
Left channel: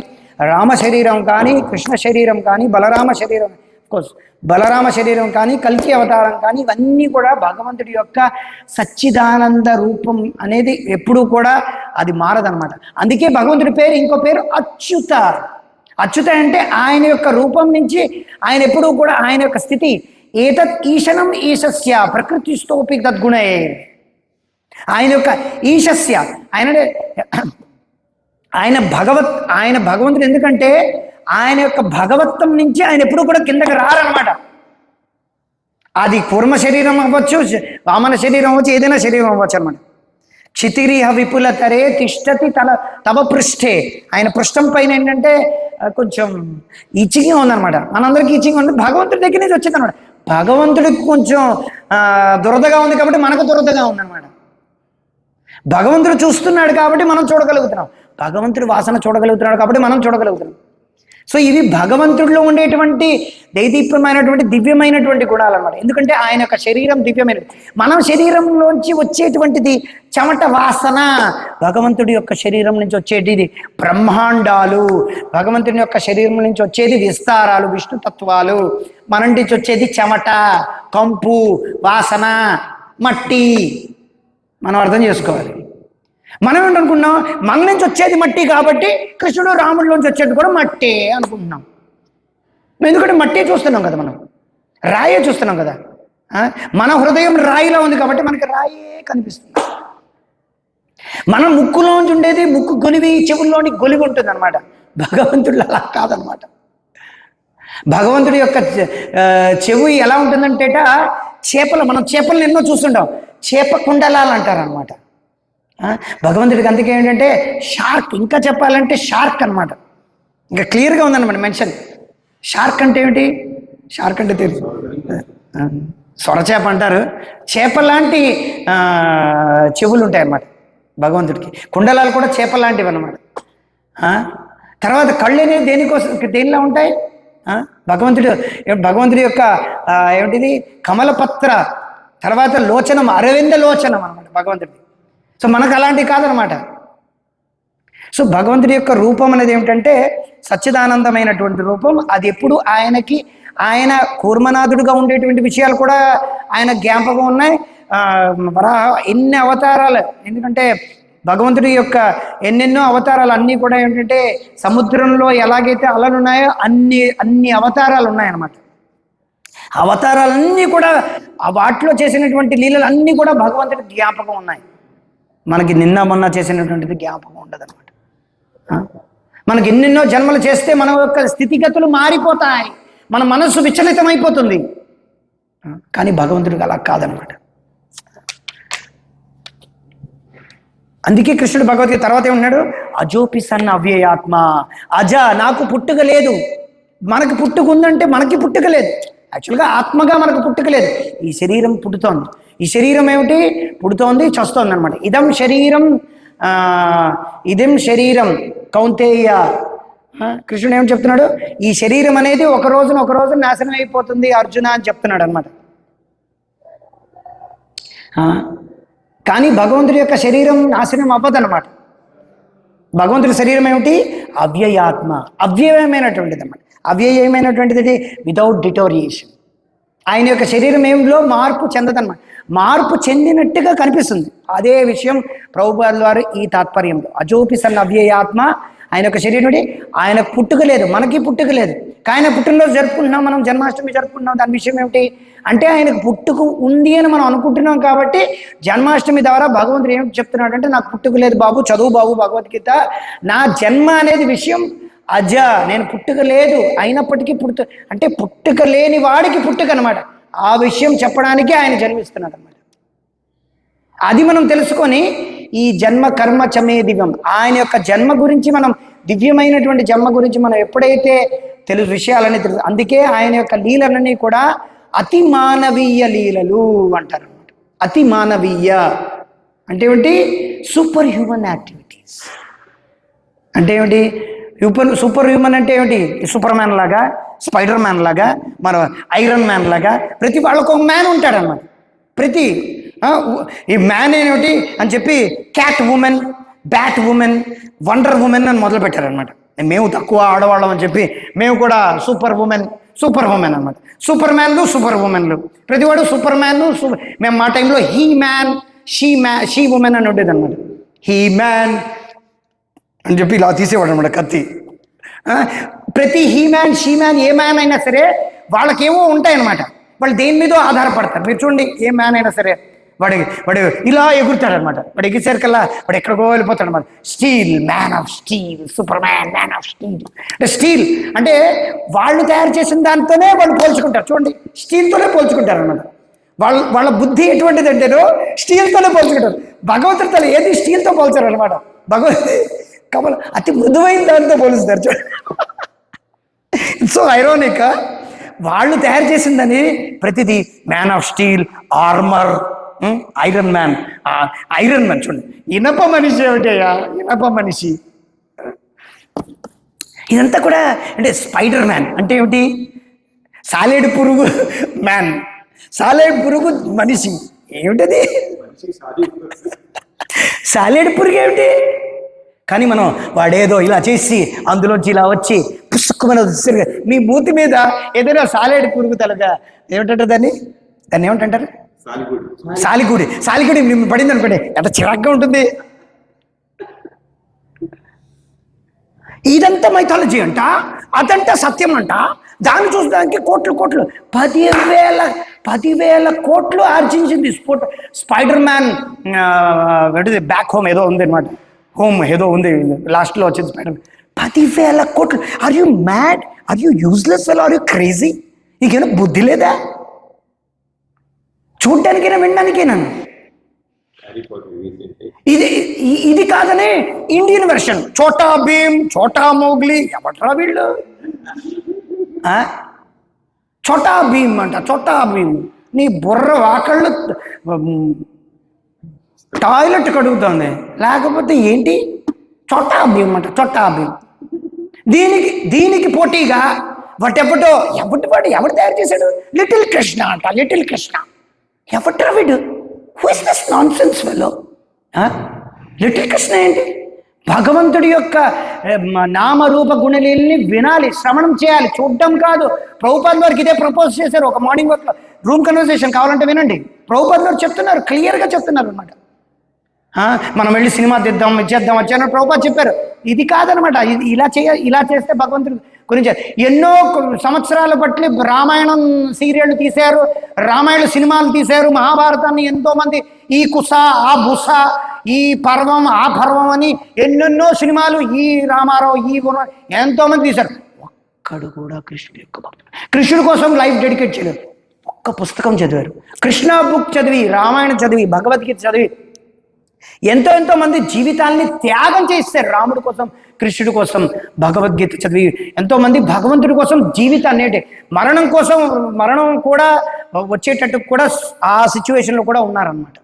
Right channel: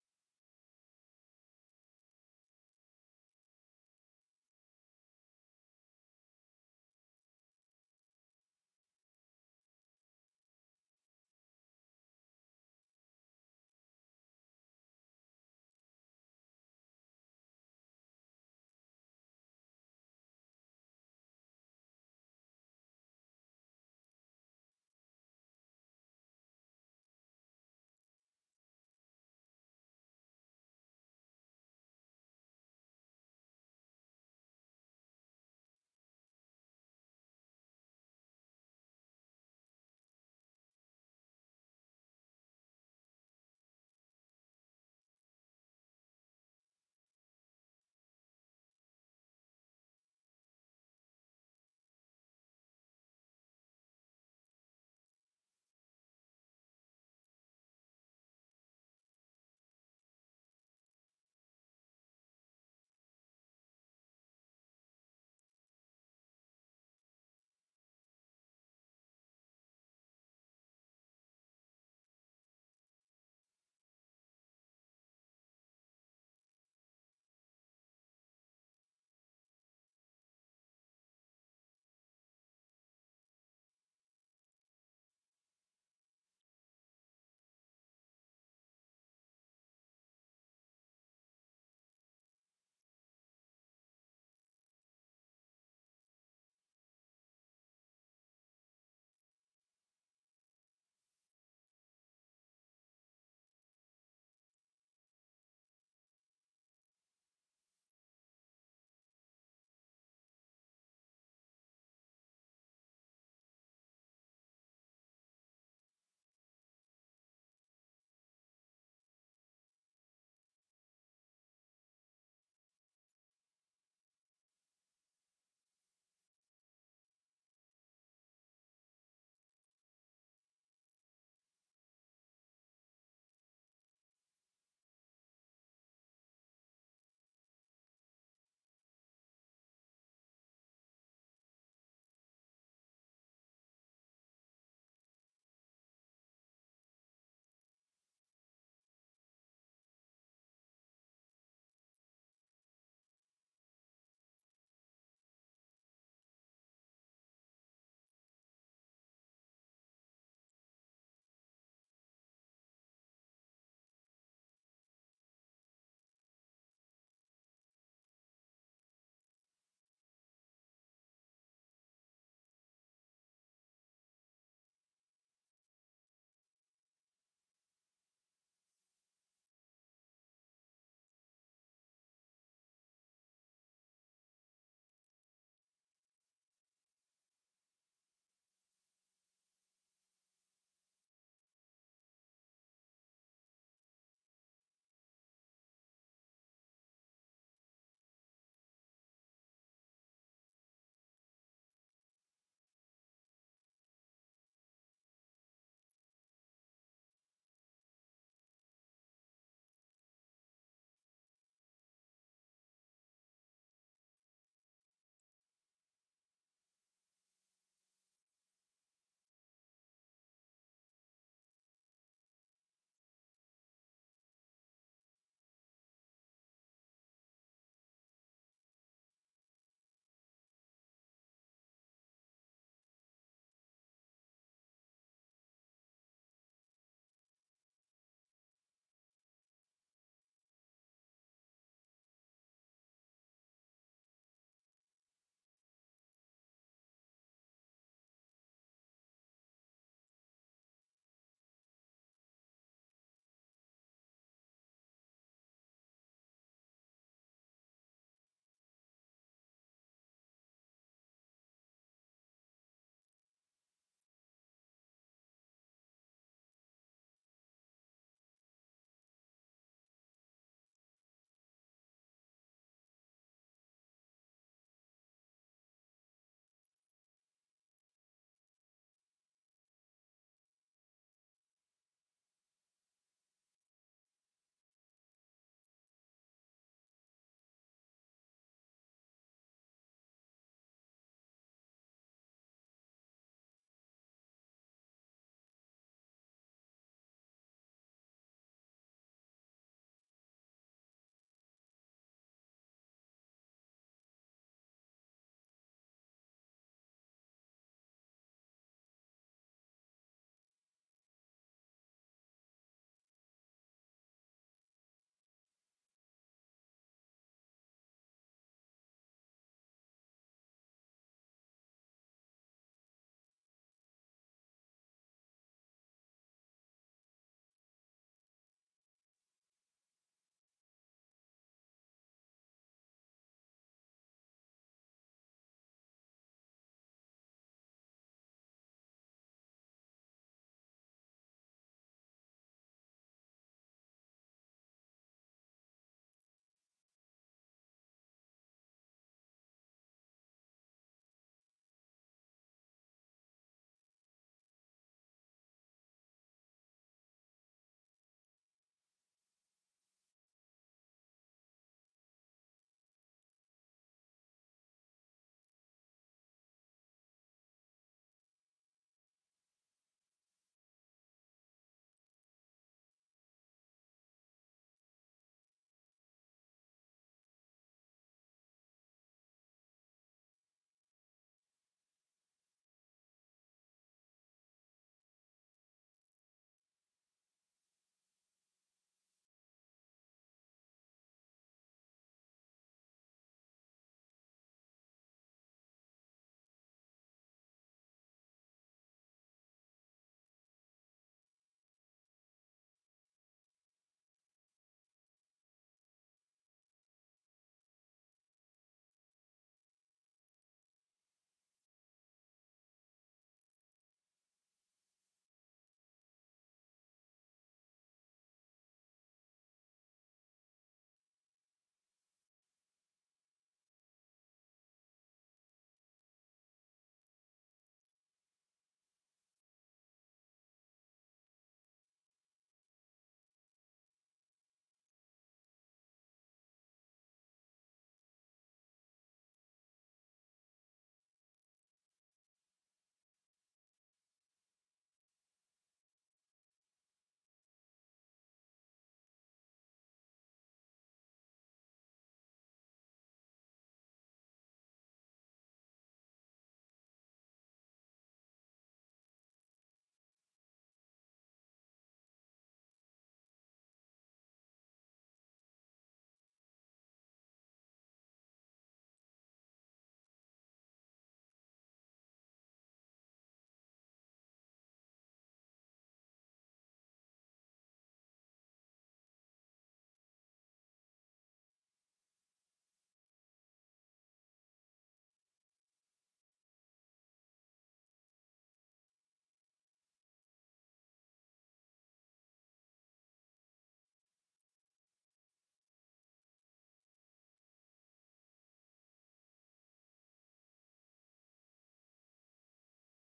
రామ శరీరం కానీ, కృష్ణ శరీరం కానీ, బలరామ శరీరం, కోర్స్ బలరామ శరీరం కానీ, కల్కి అవతారం కానీ, ఇవన్నీ కూడా భగవంతుడి యొక్క సచ్చిదానంద రూపం అనేది ఎప్పుడూ కూడా అది మారదనమాట. అందుకే భగవంతుడి పేరు ఇంకో పేరు అచ్యుత. అచ్యుత అంటే ఆయన యొక్క రూపం నుంచి ఆయన ఎప్పుడూ కూడా ఆయన యొక్క స్థితి ఏతత్ ఈశనం ఈశస్య ప్రకృతిస్తోపి తద్గుణే. ఆయన యొక్క ఈశస్య ఆయన భగవంతుడు. ఎందుకంటే ఆయన యొక్క భగవత్వం నుంచి ఆయన ఎప్పుడూ కూడా కిందకి రారనమాట. అది కూర్మ శరీరం అవ్వచ్చు, వామన శరీరం అవ్వచ్చు, ఏదైనా శరీరం అవ్వచ్చు అనమాట. క్షితిరిహ విపులతరే తిష్టతి తవ పృష్ఠే. ఆయన పృష్ఠం పైన ఏంటంటే కొంచెం ఈచింగ్గా ఉందన్నమాట. మనందరికీ ఈచింగ్ ఉంది, భగవంతుడి దగ్గర నుంచి వచ్చింది అనమాట. భగవంతుడికి కొంచెం దురదగా ఉంది కాబట్టి మనకు దురదగా ఉందన్నమాట. భగవంతుడు చూస్తున్నాడు కాబట్టి మనం చూడగలుగుతున్నాం, భగవంతుడి వాసన చూడగలుగుతున్నాడు కాబట్టి మనం చూడగలుగుతున్నాం. సో ఇవి భగవంతుడిలో ఉండేటువంటి దైదీప్యమైనటువంటి దివ్యమైనటువంటి గుణాలు అనమాట. ఎందుకంటే ఆయన యొక్క శరీరం దివ్యమైనది. మన శరీరంలోంచి వచ్చేటువంటిది చెమట వాసన, భగవంతుడి యొక్క శరీరం నుంచి వచ్చేటిది బ్రహ్మాండాలు, భగవంతుని యొక్క శరీరం నుంచి వచ్చేది విస్తారాలు, విష్ణుతత్వాలు. మన నుంచి వచ్చేది చెమట, కంపు, వాసన, మట్టి. మనం అర్థం చేసుకోవాలి. మనం ఏంటనుకున్నాం, మన నుంచి వచ్చేది మట్టి కాబట్టి కృష్ణుడు రాముడిలోంచి వచ్చేది కూడా మట్టే అనుకుంటున్నాం. ఎందుకంటే మట్టే చూస్తున్నాం కదా, మనం రాయే చూస్తున్నాం కదా. మన హృదయం రాయిలో ఉంది కాబట్టి మనకి రాయే కనిపిస్తుంది. మన ముక్కులోంచి ఉండేది ముక్కు గొలివి, చెవుల్లోని గొలివి ఉంటుంది అనమాట. భగవంతుడు అలా కాదనమాట. భగవంతుడి యొక్క చెవు ఎలా ఉంటుందంటేట చేపలు, మనం చేపలను ఎన్నో చూస్తుంటాం, చేప కుండలాలు అంటారు అనమాట. భగవంతుడికి అందుకే ఏంటంటే షార్క్, ఇంకా చెప్పాలంటే షార్క్ అనమాట. ఇంకా క్లియర్గా ఉందన్నమాట మెన్షన్. షార్క్ అంటే ఏమిటి? షార్క్ అంటే తెలుసు, సొరచేప అంటారు. చేప లాంటి చెవులు ఉంటాయి అన్నమాట భగవంతుడికి. కుండలాలు కూడా చేప లాంటివి అన్నమాట. తర్వాత కళ్ళు అనేవి దేనికోసం, దేనిలా ఉంటాయి? భగవంతుడి యొక్క ఏమిటిది కమలపత్ర, తర్వాత లోచనం, అరవింద లోచనం అనమాట భగవంతుడి. సో మనకు అలాంటివి కాదనమాట. సో భగవంతుడి యొక్క రూపం అనేది ఏమిటంటే సచ్చిదానందమైనటువంటి రూపం. అది ఎప్పుడు ఆయనకి, ఆయన కూర్మనాథుడిగా ఉండేటువంటి విషయాలు కూడా ఆయన జ్ఞాపకం ఉన్నాయి. ఎన్ని అవతారాలు, ఎందుకంటే భగవంతుడి యొక్క ఎన్నెన్నో అవతారాలు అన్నీ కూడా ఏంటంటే సముద్రంలో ఎలాగైతే అలలు ఉన్నాయో అన్ని అవతారాలు ఉన్నాయన్నమాట. అవతారాలన్నీ కూడా వాటిలో చేసినటువంటి లీలలు అన్నీ కూడా భగవంతుడి జ్ఞాపకం ఉన్నాయి. మనకి నిన్న మొన్న చేసినటువంటిది జ్ఞాపకం ఉండదు అనమాట. మనకి ఎన్నెన్నో జన్మలు చేస్తే మన యొక్క స్థితిగతులు మారిపోతాయి, మన మనస్సు విచలితమైపోతుంది. కానీ భగవంతుడికి అలా కాదనమాట. అందుకే కృష్ణుడు భగవద్గీత తర్వాత ఏమన్నాడు? అజోపి సన్న అవ్యయాత్మ. అజ, నాకు పుట్టుక లేదు. మనకి పుట్టుక ఉందంటే మనకి పుట్టుక లేదు. యాక్చువల్గా ఆత్మగా మనకు పుట్టుక లేదు. ఈ శరీరం పుట్టుతోంది. ఈ శరీరం ఏమిటి? పుడుతోంది, చస్తోంది అనమాట. ఇదం శరీరం కౌంతేయ. కృష్ణుడు ఏం చెప్తున్నాడు? ఈ శరీరం అనేది ఒక రోజు నాశనం అయిపోతుంది అర్జున అని చెప్తున్నాడు అనమాట. కానీ భగవంతుడి యొక్క శరీరం నాశనం అవ్వదన్నమాట. భగవంతుడి శరీరం ఏమిటి? అవ్యయాత్మ, అవ్యయమైనటువంటిది అన్నమాట. అవ్యయమైనటువంటిది వితౌట్ డిటోరియేషన్. ఆయన యొక్క శరీరం ఏమిలో మార్పు చెందదన్నమాట. మార్పు చెందినట్టుగా కనిపిస్తుంది. అదే విషయం ప్రభుపాదుల వారు ఈ తాత్పర్యంలో అజోపి సన్న అవ్యయాత్మ. ఆయన యొక్క శరీరం, ఆయన పుట్టుక లేదు, మనకి పుట్టుక లేదు. ఆయన పుట్టినరోజు జరుపుకుంటున్నాం, మనం జన్మాష్టమి జరుపుకుంటున్నాం. దాని విషయం ఏమిటి అంటే ఆయనకు పుట్టుక ఉంది అని మనం అనుకుంటున్నాం. కాబట్టి జన్మాష్టమి ద్వారా భగవంతుడు ఏమిటి చెప్తున్నాడు అంటే, నాకు పుట్టుక లేదు బాబు, చదువు బాబు భగవద్గీత. నా జన్మ అనేది విషయం అజ, నేను పుట్టుక లేదు, అయినప్పటికీ అంటే పుట్టుక లేని వాడికి పుట్టుక అనమాట. ఆ విషయం చెప్పడానికి ఆయన జన్మిస్తున్నాడు అనమాట. అది మనం తెలుసుకొని ఈ జన్మ కర్మ చమే దివ్యం, ఆయన యొక్క జన్మ గురించి, మనం దివ్యమైనటువంటి జన్మ గురించి మనం ఎప్పుడైతే విషయాలని తెలుసు, అందుకే ఆయన యొక్క లీలలన్నీ కూడా అతి మానవీయ లీలలు అంటారు అనమాట. అతి మానవీయ అంటే ఏమిటి? సూపర్ హ్యూమన్ యాక్టివిటీస్ అంటే ఏమిటి? సూపర్ హ్యూమన్ అంటే ఏమిటి? సూపర్ మ్యాన్ లాగా, స్పైడర్ మ్యాన్ లాగా, మన ఐరన్ మ్యాన్ లాగా ప్రతి వాళ్ళకు ఒక మ్యాన్ ఉంటాడనమాట. ప్రతి ఈ మ్యాన్ ఏమిటి అని చెప్పి cat women, bat women, wonder women అని మొదలు పెట్టారనమాట. మేము తక్కువ ఆడవాళ్ళం అని చెప్పి మేము కూడా సూపర్ ఉమెన్ అనమాట. సూపర్ మ్యాన్లు, సూపర్ ఉమెన్లు, ప్రతివాడు సూపర్ మ్యాన్. మేము మా టైంలో హీ మ్యాన్, షీ ఉమెన్ అని ఉండేది అనమాట. హీ మ్యాన్ అని చెప్పి ఇలా తీసేవాడు అనమాట కత్తి. ప్రతి he man, she man, A man అయినా సరే వాళ్ళకేమో ఉంటాయన్నమాట. వాళ్ళు దేని మీదో ఆధారపడతారు. మీరు చూడండి, ఏ మ్యాన్ అయినా సరే వాడు ఇలా ఎగురుతాడు అనమాట. వాడు ఎగిరిసరికల్లా వాడు ఎక్కడికో వెళ్ళిపోతాడు అనమాట. Steel, man of steel, super man, man of steel. అంటే స్టీల్ అంటే వాళ్ళు తయారు చేసిన దాంతోనే వాళ్ళు పోల్చుకుంటారు. చూడండి, స్టీల్తోనే పోల్చుకుంటారు అనమాట. వాళ్ళ బుద్ధి ఎటువంటిది అంటేనో స్టీల్తోనే పోల్చుకుంటారు. భగవంతుడితో ఏది స్టీల్తో పోల్చారు అనమాట. భగవంతుడి కమల అతి మృదువైన దానితో పోలుస్తారు. చూడండి, సో ఐరోనిక్. వాళ్ళు తయారు చేసిందని ప్రతిదీ man of steel, armour, iron man. Iron man చూడండి, ఇనప మనిషి ఏమిటయ్యా? ఇనప మనిషి. ఇదంతా కూడా అంటే స్పైడర్ మ్యాన్ అంటే ఏమిటి? సాలేడు పురుగు మ్యాన్, సాలేడు పురుగు మనిషి. ఏమిటది? సాలేడు పురుగు ఏమిటి? కానీ మనం వాడేదో ఇలా చేసి అందులోంచి ఇలా వచ్చి పుస్తకమైన మీ మూతి మీద ఏదైనా సాలేడు పురుగు తలగా ఏమిటంటారు దాన్ని ఏమిటంటారు? సాలిగుడి మేము పడింది అనుకోండి, ఎంత చిరాగ్గా ఉంటుంది. ఇదంతా మైథాలజీ అంట, అదంతా సత్యం అంట. దాన్ని చూసడానికి కోట్లు 10,000 కోట్లు ఆర్జించింది స్పైడర్ మ్యాన్. బ్యాక్ హోమ్ ఏదో ఉంది అనమాట, హోమ్ ఏదో ఉంది, లాస్ట్లో వచ్చింది స్పైడర్ మ్యాన్. 10,000 కోట్లు. Are you mad? Are you useless fellow? Are you crazy? నీకేనా బుద్ధి లేదా? చూడ్డానికైనా వినడానికైనా? ఇది కాదని ఇండియన్ వెర్షన్ చోటా భీమ్, చోటా మోగ్లీ. ఎవట్రా వీళ్ళు? చోటా భీమ్ అంట, చోటా భీమ్. నీ బుర్ర వాకళ్ళు టాయిలెట్ కడుగుతుంది, లేకపోతే ఏంటి? చోటా భీమ్ అంట, చోటా భీమ్. దీనికి పోటీగా ఎవడు తయారు చేశాడు? లిటిల్ కృష్ణ అంట, లిటిల్ కృష్ణ. ఎవట్రా వీడు? Who is this non sense fellow? Little Krishna ఏంటి? భగవంతుడి యొక్క నామరూప గుణలీలని వినాలి, శ్రవణం చేయాలి, చూడడం కాదు. ప్రభుపాద్ వారికి ఇదే ప్రపోజ్ చేశారు ఒక మార్నింగ్ వర్క్లో. రూమ్ కన్వర్సేషన్ కావాలంటే వినండి. ప్రభుపాద్ వారు చెప్తున్నారు, క్లియర్గా చెప్తున్నారు అనమాట. మనం వెళ్ళి సినిమా తీద్దాం, ఇచ్చేద్దాం వచ్చాను ప్రభుపాద్ చెప్పారు. ఇది కాదనమాట. ఇలా చేస్తే భగవంతుడి గురించి ఎన్నో సంవత్సరాల పట్ల రామాయణం సీరియళ్ళు తీశారు, రామాయణ సినిమాలు తీశారు, మహాభారతాన్ని ఎంతోమంది ఈ కుస ఆ బుస, ఈ పర్వం ఆ పర్వం అని ఎన్నెన్నో సినిమాలు, ఈ రామారావు ఈ ఎంతోమంది తీశారు. ఒక్కడు కూడా కృష్ణుడి యొక్క భక్తుడు, కృష్ణుడి కోసం లైఫ్ డెడికేట్ చేయలేదు. ఒక్క పుస్తకం చదివారు, కృష్ణ బుక్ చదివి, రామాయణం చదివి, భగవద్గీత చదివి ఎంతో మంది జీవితాల్ని త్యాగం చేస్తారు రాముడి కోసం, కృష్ణుడి కోసం. భగవద్గీత చదివి ఎంతోమంది భగవంతుడి కోసం జీవితాన్ని, అంటే మరణం కూడా వచ్చేటట్టు కూడా ఆ సిచ్యువేషన్లో కూడా ఉన్నారన్నమాట.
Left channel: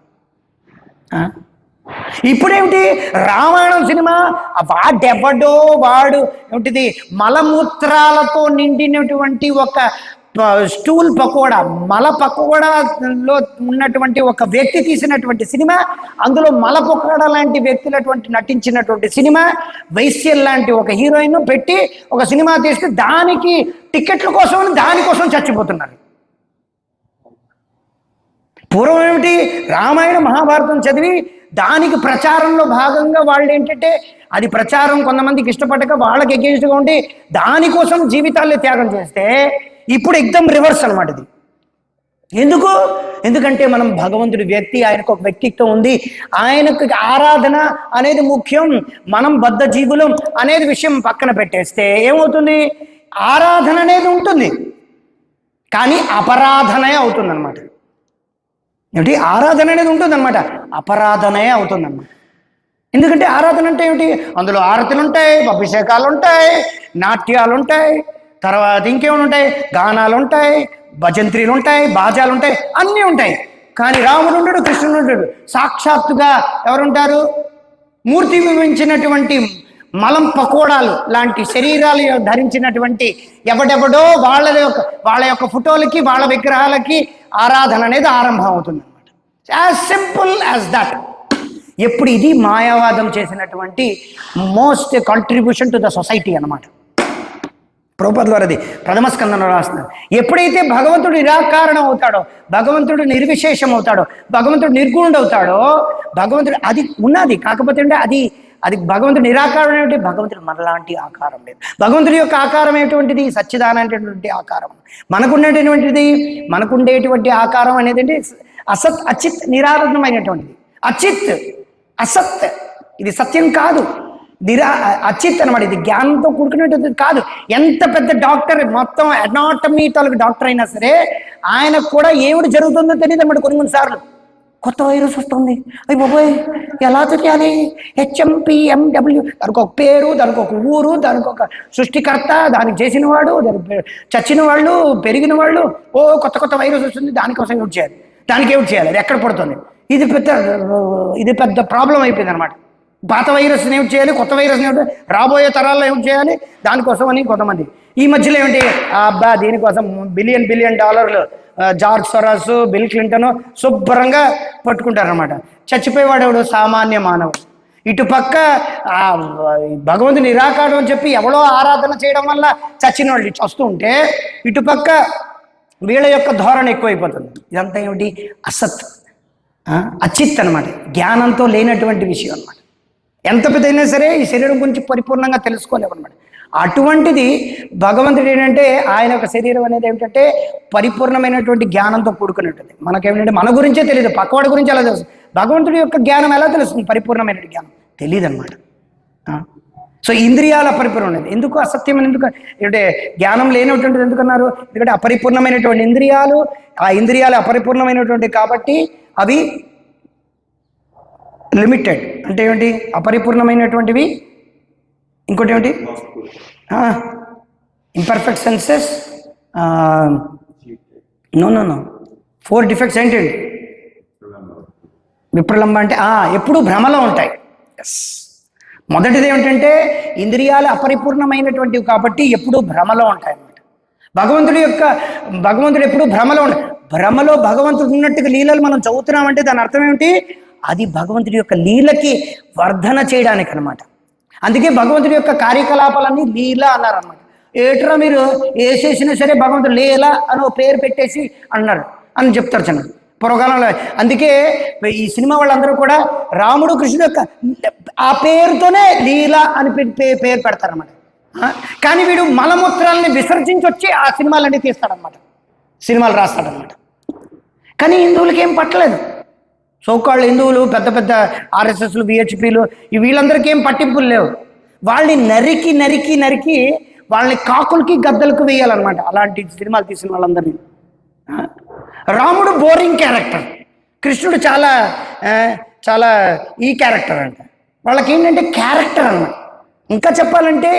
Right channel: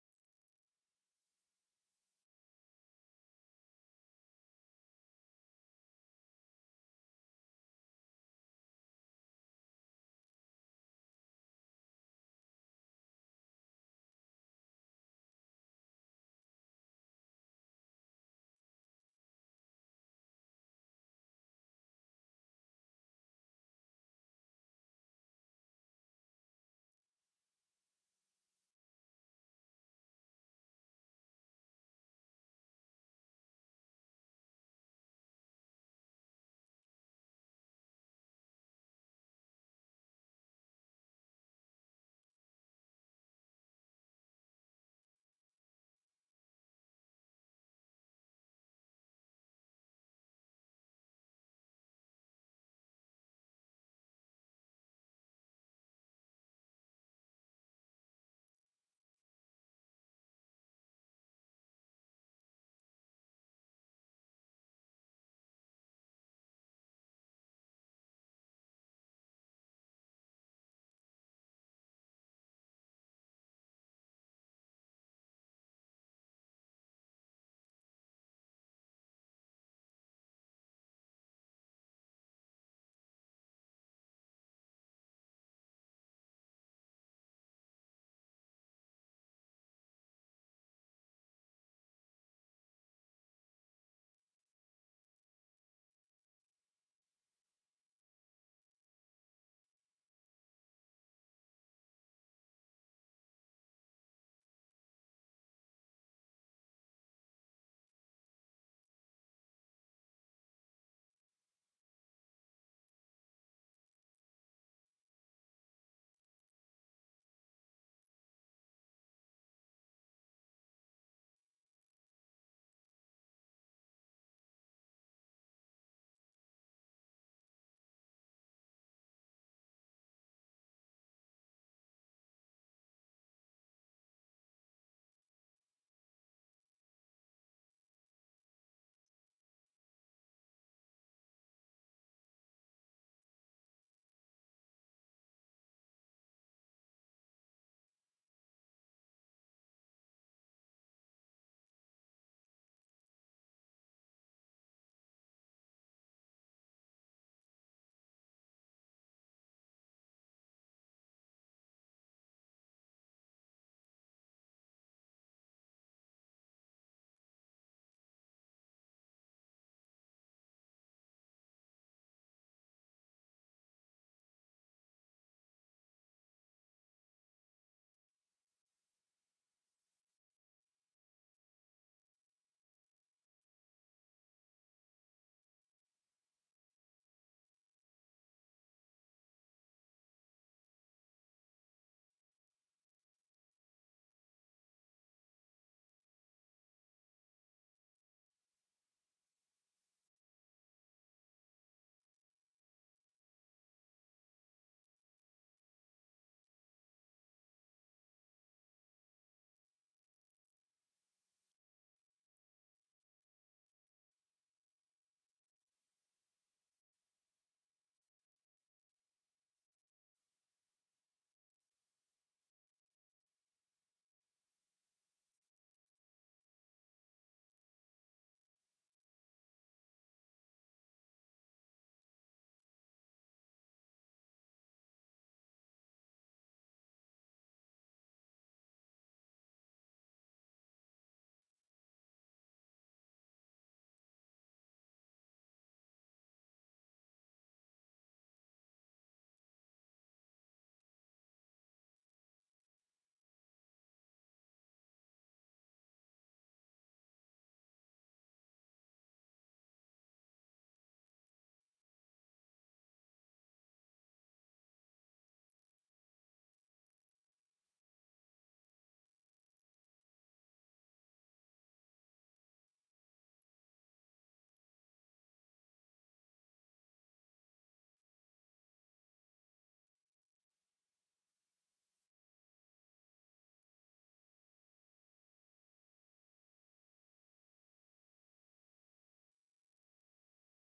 ఇప్పుడేమిటి? రామాయణం సినిమా వాడు ఏమిటిది మలమూత్రాలతో నిండినటువంటి ఒక స్టూల్ పకోడా, మల పకోడాలో ఉన్నటువంటి ఒక వ్యక్తి తీసినటువంటి సినిమా, అందులో మల పకోడా లాంటి వ్యక్తులటువంటి నటించినటువంటి సినిమా, వైశ్యల్ లాంటి ఒక హీరోయిన్ పెట్టి ఒక సినిమా తీస్తే దానికి టికెట్ల కోసం దానికోసం చచ్చిపోతున్నారు. పూర్వం ఏమిటి? రామాయణ మహాభారతం చదివి దానికి ప్రచారంలో భాగంగా వాళ్ళు ఏంటంటే అది ప్రచారం కొంతమందికి ఇష్టపడక వాళ్ళకి ఎగెయిన్స్ట్గా ఉండి దానికోసం జీవితాల్లో త్యాగం చేస్తే ఇప్పుడు ఎగ్దమ్ రివర్స్ అనమాట ఇది. ఎందుకంటే మనం భగవంతుడి వ్యక్తి, ఆయనకు ఒక వ్యక్తిత్వం ఉంది, ఆయనకు ఆరాధన అనేది ముఖ్యం, మనం బద్ధ జీవులం అనేది విషయం పక్కన పెట్టేస్తే ఏమవుతుంది? ఆరాధన అనేది ఉంటుంది కానీ అపరాధనే అవుతుంది అనమాట. ఏమిటి? ఆరాధన అనేది ఉంటుందన్నమాట, అపరాధనే అవుతుందన్నమాట. ఎందుకంటే ఆరాధన అంటే ఏమిటి? అందులో ఆరతులు ఉంటాయి, అభిషేకాలు ఉంటాయి, నాట్యాలు ఉంటాయి, తర్వాత ఇంకేమైనా ఉంటాయి, గానాలు ఉంటాయి, భజంత్రీలు ఉంటాయి, బాజాలు ఉంటాయి, అన్నీ ఉంటాయి. కానీ రాముడు ఉంటాడు, కృష్ణుడు ఉంటాడు. సాక్షాత్తుగా ఎవరుంటారు? మూర్తి వివరించినటువంటి మలం పకోడాలు లాంటి శరీరాలు ధరించినటువంటి ఎవడెవడో వాళ్ళ యొక్క ఫోటోలకి, వాళ్ళ విగ్రహాలకి ఆరాధన అనేది ఆరంభం అవుతుంది అనమాట. As simple as that. ఎప్పుడు ఇది మాయావాదం చేసినటువంటి most contribution to the society అన్నమాట. ప్రభుపాద వారు అది ప్రథమ స్కందంలో రాస్తున్నారు. ఎప్పుడైతే భగవంతుడు నిరాకారణం అవుతాడో, భగవంతుడు నిర్విశేషం అవుతాడో, భగవంతుడు నిర్గుణుడు అవుతాడో, భగవంతుడు అది ఉన్నది. కాకపోతే అంటే అది భగవంతుడు నిరాకారం ఏమిటి? భగవంతుడు మనలాంటి ఆకారం లేదు. భగవంతుడి యొక్క ఆకారం ఏటువంటిది? సచ్చిదానటువంటి ఆకారం. మనకుండేటువంటి ఆకారం అనేది అంటే అసత్, అచిత్, నిరారంభమైనటువంటిది. అసత్ ఇది సత్యం కాదు, అచిత్ అనమాట. ఇది జ్ఞానంతో కూడుకునేటువంటిది కాదు. ఎంత పెద్ద డాక్టర్, మొత్తం అనాటమీ తాలూకు డాక్టర్ అయినా సరే ఆయనకు కూడా ఏమిటి జరుగుతుందో తెలియదు అన్నమాట. కొన్నిసార్లు కొత్త వైరస్ వస్తుంది, అయ్యి బాబోయ్ ఎలా తెలియాలి? HMPMW, దానికి ఒక పేరు, దానికి ఒక ఊరు, దానికి ఒక సృష్టికర్త, దానికి చేసిన వాడు, దానికి చచ్చిన వాళ్ళు, పెరిగిన వాళ్ళు. కొత్త వైరస్ వస్తుంది, దానికోసం ఏమిటి చేయాలి, దానికి ఏమిటి చేయాలి, అది ఎక్కడ పడుతుంది? ఇది పెద్ద ప్రాబ్లం అయిపోయింది అనమాట. పాత వైరస్ని ఏమిటి చేయాలి, కొత్త వైరస్ని ఏమిటి, రాబోయే తరాల్లో ఏమిటి చేయాలి, దానికోసం అని కొంతమంది. ఈ మధ్యలో ఏమిటి, అబ్బా దీనికోసం బిలియన్ డాలర్లు జార్జ్ సొరాస్, బిల్ క్లింటన్ శుభ్రంగా పట్టుకుంటారనమాట. చచ్చిపోయేవాడెవడు, సామాన్య మానవుడు. ఇటుపక్క భగవంతుని నిరాకారం అని చెప్పి ఎవడో ఆరాధన చేయడం వల్ల చచ్చిన వాళ్ళు వస్తూ ఉంటే, ఇటుపక్క వీళ్ళ యొక్క ధోరణి ఎక్కువైపోతుంది. ఇదంతా ఏమిటి, అసత్, అచిత్ అనమాట, జ్ఞానంతో లేనటువంటి విషయం అనమాట. ఎంత పెద్దయినా సరే ఈ శరీరం గురించి పరిపూర్ణంగా తెలుసుకోలేము అనమాట. అటువంటిది భగవంతుడు ఏంటంటే ఆయన యొక్క శరీరం అనేది ఏమిటంటే పరిపూర్ణమైనటువంటి జ్ఞానంతో కూడుకున్నట్టుంది. మనకేమిటంటే మన గురించే తెలియదు, పక్కవాడి గురించి ఎలా తెలుస్తుంది. భగవంతుడి యొక్క జ్ఞానం ఎలా తెలుస్తుంది, పరిపూర్ణమైన జ్ఞానం తెలియదు అనమాట. సో ఇంద్రియాల పరిపూర్ణం అనేది ఎందుకు, అసత్యం ఎందుకు అంటే జ్ఞానం లేనటువంటిది ఎందుకన్నారు, ఎందుకంటే అపరిపూర్ణమైనటువంటి ఇంద్రియాలు, ఆ ఇంద్రియాలు అపరిపూర్ణమైనటువంటి కాబట్టి అవి లిమిటెడ్. అంటే ఏమిటి, అపరిపూర్ణమైనటువంటివి. ఇంకోటి ఏమిటి, ఇంపర్ఫెక్ట్ సెన్సెస్, నో 4 డిఫెక్ట్స్ ఏంటండి, విప్రలంబ అంటే ఎప్పుడు భ్రమలో ఉంటాయి. ఎస్, మొదటిది ఏమిటంటే ఇంద్రియాలు అపరిపూర్ణమైనటువంటివి కాబట్టి ఎప్పుడూ భ్రమలో ఉంటాయి అన్నమాట. భగవంతుడు ఎప్పుడు భ్రమలో భగవంతుడు ఉన్నట్టుగా లీలలు మనం చదువుతున్నామంటే దాని అర్థం ఏమిటి, అది భగవంతుడి యొక్క లీలకి వర్ధన చేయడానికి అనమాట. అందుకే భగవంతుడి యొక్క కార్యకలాపాలన్నీ లీల అన్నారనమాట. ఏట్రా మీరు ఏ చేసినా సరే భగవంతుడు లీల అని పేరు పెట్టేసి అన్నారు అని చెప్తారు చిన్న పూర్వకాలంలో. అందుకే ఈ సినిమా వాళ్ళందరూ కూడా రాముడు కృష్ణుడు యొక్క ఆ పేరుతోనే లీల అని పేరు పెడతారనమాట. కానీ వీడు మలమూత్రాలని విసర్జించి వచ్చి ఆ సినిమాలన్నీ తీస్తాడనమాట, సినిమాలు రాస్తాడనమాట. కానీ హిందువులకి ఏం పట్టలేదు. సోకాళ్ళు హిందువులు, పెద్ద పెద్ద ఆర్ఎస్ఎస్లు, విహెచ్పీలు, వీళ్ళందరికీ ఏం పట్టింపులు లేవు. వాళ్ళని నరికి నరికి నరికి వాళ్ళని కాకులకి గద్దలకు వేయాలన్నమాట, అలాంటి సినిమాలు తీసిన వాళ్ళందరినీ. రాముడు బోరింగ్ క్యారెక్టర్, కృష్ణుడు చాలా చాలా ఈ క్యారెక్టర్ అంట. వాళ్ళకి ఏంటంటే క్యారెక్టర్ అన్నమాట. ఇంకా చెప్పాలంటే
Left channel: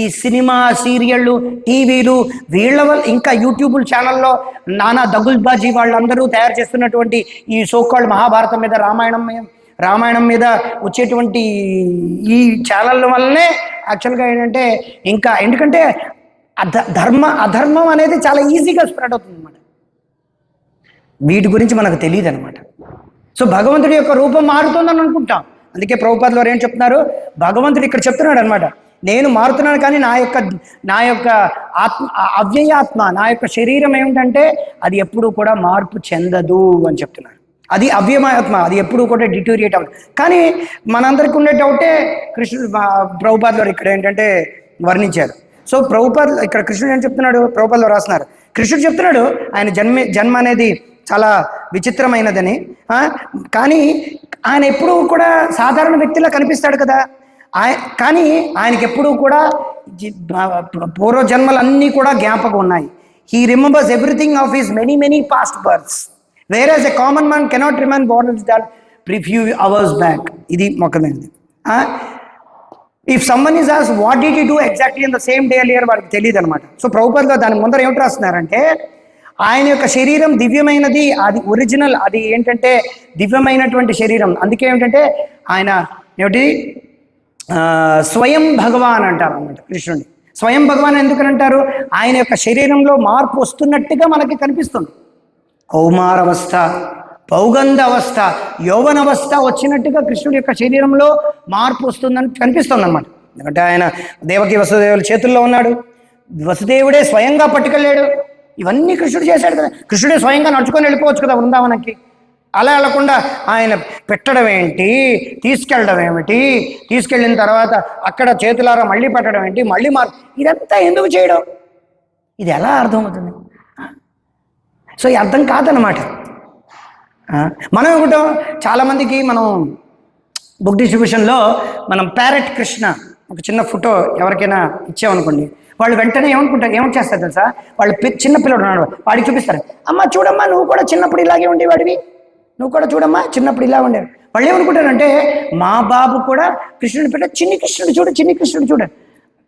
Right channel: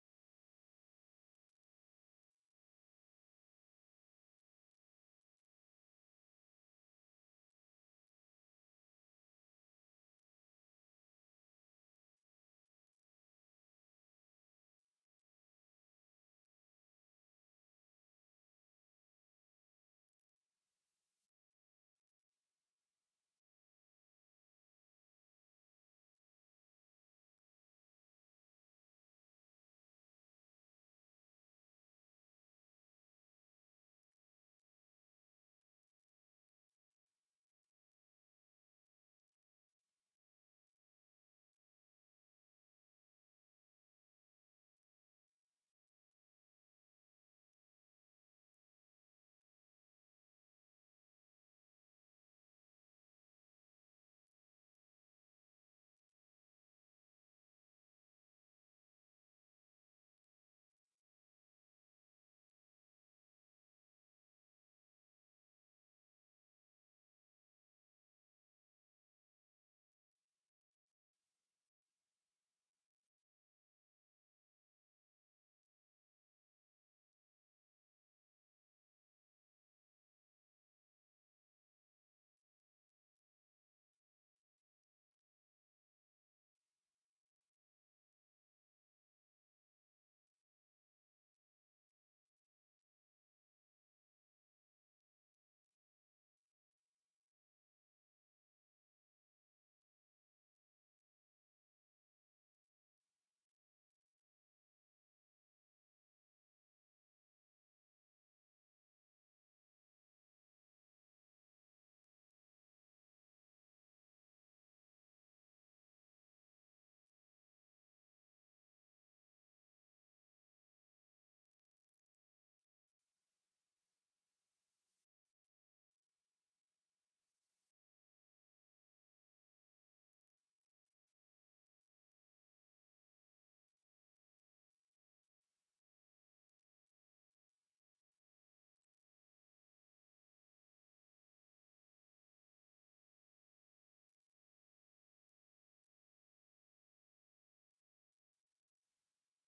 ఈ సినిమా, సీరియళ్ళు, టీవీలు, వీళ్ళ వల్ల ఇంకా యూట్యూబ్ ఛానల్లో నానా దగుల్బాజీ వాళ్ళందరూ తయారు చేస్తున్నటువంటి ఈ సోకాల్డ్ మహాభారతం మీద, రామాయణం మీద వచ్చేటువంటి ఈ ఛానళ్ళ వల్లనే యాక్చువల్గా ఏంటంటే ఇంకా ఎందుకంటే అధర్మం అనేది చాలా ఈజీగా స్ప్రెడ్ అవుతుంది అన్నమాట. వీటి గురించి మనకు తెలియదు అనమాట. సో భగవంతుడి యొక్క రూపం మారుతుందని అనుకుంటాం. అందుకే ప్రభుపాదులు వారు ఏం చెప్తున్నారు, భగవంతుడు ఇక్కడ చెప్తున్నాడు అనమాట, నేను మారుతున్నాను కానీ నా యొక్క ఆత్మ, అవ్యయాత్మ, నా యొక్క శరీరం ఏమిటంటే అది ఎప్పుడూ కూడా మార్పు చెందదు అని చెప్తున్నాడు. అది అవ్యయాత్మ, అది ఎప్పుడూ కూడా డిటోరియేట్ అవ్వదు. కానీ మనందరికీ ఉండే డౌటే కృష్ణుడు, ప్రభుపాదులు వారు ఇక్కడ ఏంటంటే వర్ణించారు. సో ప్రభుపాదులు ఇక్కడ కృష్ణుడు ఏం చెప్తున్నాడు, ప్రభుపాదులు రాస్తున్నారు, కృష్ణుడు చెప్తున్నాడు ఆయన జన్మ అనేది చాలా విచిత్రమైనదని. కానీ ఆయన ఎప్పుడూ కూడా సాధారణ వ్యక్తిలా కనిపిస్తాడు కదా, కానీ ఆయనకి ఎప్పుడూ కూడా పూర్వజన్మలన్నీ కూడా జ్ఞాపకం ఉన్నాయి. He remembers everything of his many past births, where a common man cannot remain born that few hours back. ఇది మొక్కమైనది. ఇఫ్ సమ్మన్ ఈజ్ ఆస్ what did you do exactly in the same day earlier, వాడికి తెలియదు అనమాట. So ప్రభుపాదులు దాని ముందర ఏమిటి రాస్తున్నారంటే, ఆయన యొక్క శరీరం దివ్యమైనది, అది ఒరిజినల్, అది ఏంటంటే దివ్యమైనటువంటి శరీరం. అందుకే ఏమిటంటే ఆయన ఏమిటి స్వయం భగవాన్ అంటారు అన్నమాట కృష్ణుడిని. స్వయం భగవాన్ ఎందుకని అంటారు, ఆయన యొక్క శరీరంలో మార్పు వస్తున్నట్టుగా మనకి కనిపిస్తుంది. కౌమారవస్థ, పౌగంధ అవస్థ, యౌవనవస్థ వచ్చినట్టుగా కృష్ణుడి యొక్క శరీరంలో మార్పు వస్తుందని కనిపిస్తుంది అన్నమాట. ఎందుకంటే ఆయన దేవకి వసుదేవుల చేతుల్లో ఉన్నాడు, వసుదేవుడే స్వయంగా పట్టుకెళ్ళాడు. ఇవన్నీ కృష్ణుడు చేశాడు కదా, కృష్ణుడే స్వయంగా నడుచుకొని వెళ్ళిపోవచ్చు కదా వృందావనకి. అలా వెళ్ళకుండా ఆయన పెట్టడం ఏంటి, తీసుకెళ్ళడం ఏమిటి, తీసుకెళ్ళిన తర్వాత అక్కడ చేతులారా మళ్ళీ పెట్టడం ఏంటి, మళ్ళీ ఇదంతా ఎందుకు చేయడం, ఇది ఎలా అర్థమవుతుంది? సో ఈ అర్థం కాదనమాట. మనం ఏమిటో చాలామందికి మనం బుక్ డిస్ట్రిబ్యూషన్లో మనం ప్యారెట్ కృష్ణ ఒక చిన్న ఫోటో ఎవరికైనా ఇచ్చామనుకోండి, వాళ్ళు వెంటనే ఏమని చేస్తారు తెలుసా, వాళ్ళు చిన్న పిల్లడు ఉన్నాడు, వాడికి చూపిస్తారు, అమ్మ చూడమ్మా నువ్వు కూడా చిన్నప్పుడు ఇలాగే ఉండేవాడివి, నువ్వు కూడా చూడమ్మా చిన్నప్పుడు ఇలా ఉండేవాడు. వాళ్ళు ఏమనుకుంటారంటే మా బాబు కూడా కృష్ణుడు పెట్ట చిన్ని కృష్ణుడు చూడ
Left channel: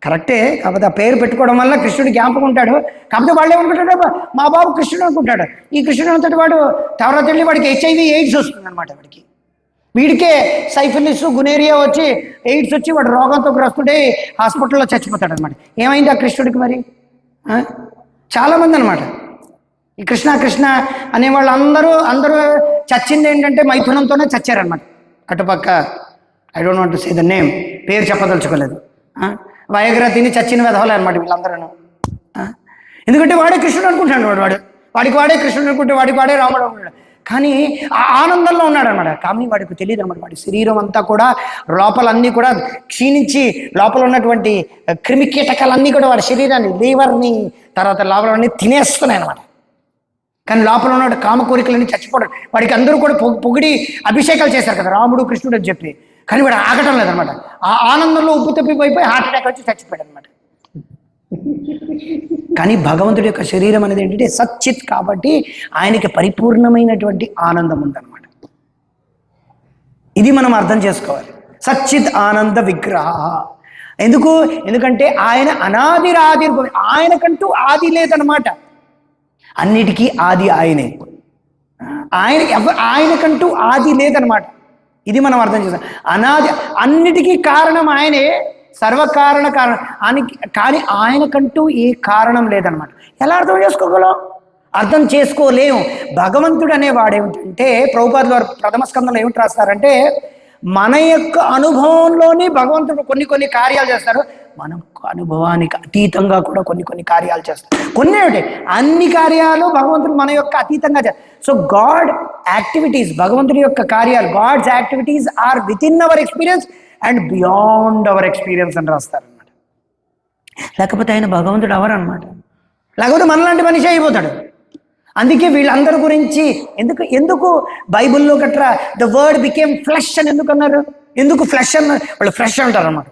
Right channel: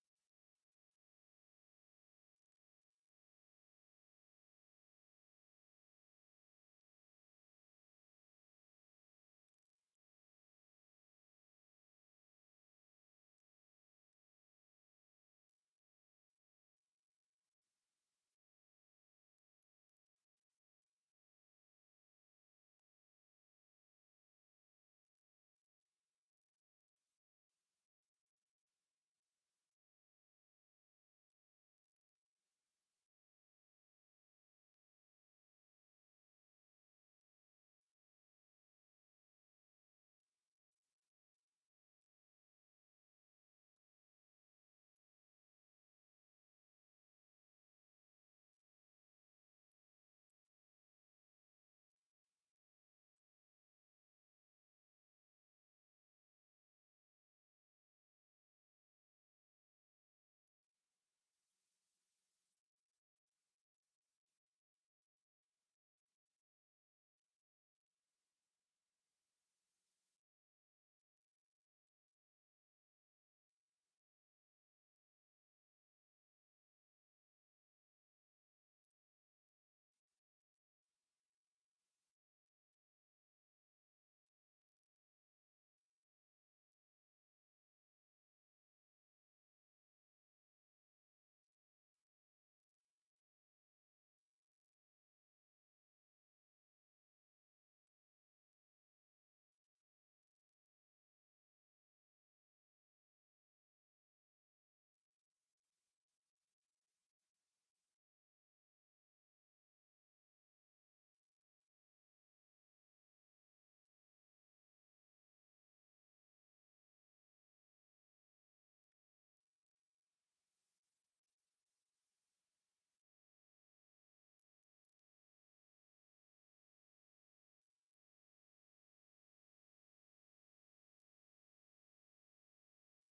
కరెక్టే, కాకపోతే ఆ పేరు పెట్టుకోవడం వల్ల కృష్ణుడు జ్ఞాపకం ఉంటాడు. కాకపోతే వాళ్ళు ఏమనుకుంటాడు, మా బాబు కృష్ణుడు అనుకుంటాడు. ఈ కృష్ణుడు అంతటి వాడు తర్వాత వెళ్ళి వాడికి HIV AIDS వస్తుంది అనమాట. వీడికే సైఫిలిస్ గునేరియా వచ్చి ఎయిడ్స్ వచ్చి వాడు రోగంతో గ్రస్తుడే హాస్పిటల్లో చచ్చిపోతాడు అనమాట. ఏమైంది ఆ కృష్ణుడికి మరి? చాలామంది అనమాట ఈ కృష్ణ కృష్ణ అనే వాళ్ళు అందరూ చచ్చింది ఏంటంటే మైథునంతోనే చచ్చారనమాట. అటుపక్క I don't want to say the name, పేరు చెప్పదలుచుకోలేదు. వయగ్రా తిని చచ్చిన వెధవలే అనమాట వీళ్ళందరూ. ఎందుకంటే వాడే కృష్ణుడు అనుకుంటాడు, వాడికి వాడే కృష్ణుడు అనుకుంటే వాడికి వాడే రాముడు అనుకుంటాడు. కానీ ఆ ఆనందంలో ఉన్నాడు అనమాట. కానీ వాడికి తెలియదు అనమాట, వాడి శరీరం అంతా కూడా లోపలన్నీ కూడా క్షీణించి లోపల ఉన్నటువంటి క్రిమి కీటకాలన్నీ కూడా వాడి శరీరాన్ని, లీవర్ని, తర్వాత లోపలన్నీ తినేస్తున్నాయి అనమాట. కానీ లోపల ఉన్న కామ కోరికలన్నీ చచ్చిపోవడం. వాడికి అందరూ కూడా పొగిడి అభిషేకాలు చేశారు కదా రాముడు కృష్ణుడు అని చెప్పి. కానీ వాడు ఆగటం లేదనమాట. ఆ ఆనందంలో ఉప్పు తప్పిపోయిపోయి హార్ట్ అటాక్ వచ్చి చచ్చిపోయాడు అనమాట. కానీ భగవంతుడి యొక్క శరీరం అనేది ఏంటంటే సచ్చిత్ కాబట్టి ఆయనకి పరిపూర్ణమైనటువంటి ఆనందం ఉందన్నమాట. ఇది మనం అర్థం చేసుకోవాలి. సచ్చిత్ ఆనంద విగ్రహ. ఎందుకంటే ఆయన అనాదిరాది, ఆయనకంటూ ఆది లేదనమాట. అన్నిటికీ ఆది ఆయనే. ఆయనకంటూ ఆది లేదనమాట. ఇది మనం అర్థం చేస్తాం. అనాది, అన్నిటికీ కారణం ఆయనే, సర్వకారణ కారణం కానీ ఆయనకంటూ ఏ కారణం లేదనమాట. ఎలా అర్థం చేసుకోగలం? అర్థం చేసుకోలేము. భగవంతుడు అనేవాడేమిటంటే ప్రభుపాదుల వారు ప్రథమ స్కందంలో ఏమిటి రాస్తారంటే, మన యొక్క అనుభవంలోనే భగవంతుడు కొన్ని కార్యాలు చేస్తారు. మన అనుభవానికి అతీతంగా కూడా కొన్ని కార్యాలు చేస్తారు. కొన్ని ఏమిటి, అన్ని కార్యాలు భగవంతుడు మన యొక్క అతీతంగా చేస్తారు. సో గాడ్ యాక్టివిటీస్, భగవంతుడి యొక్క కార్యాలు, God's activities are within our experience and beyond our experience అని రాస్తారనమాట. లేకపోతే ఆయన భగవంతుడు అవరు అనమాట. లేకపోతే మనలాంటి మనిషి అయిపోతాడు. అందుకే వీళ్ళందరి గురించి ఎందుకు బైబిల్లో గట్రా ద వర్డ్ బికేమ్ ఫ్లెష్ అని ఎందుకు అన్నారు? ఎందుకు ఫ్లెష్ అన్నారు? వాళ్ళు ఫ్లెష్ అంటారు అనమాట.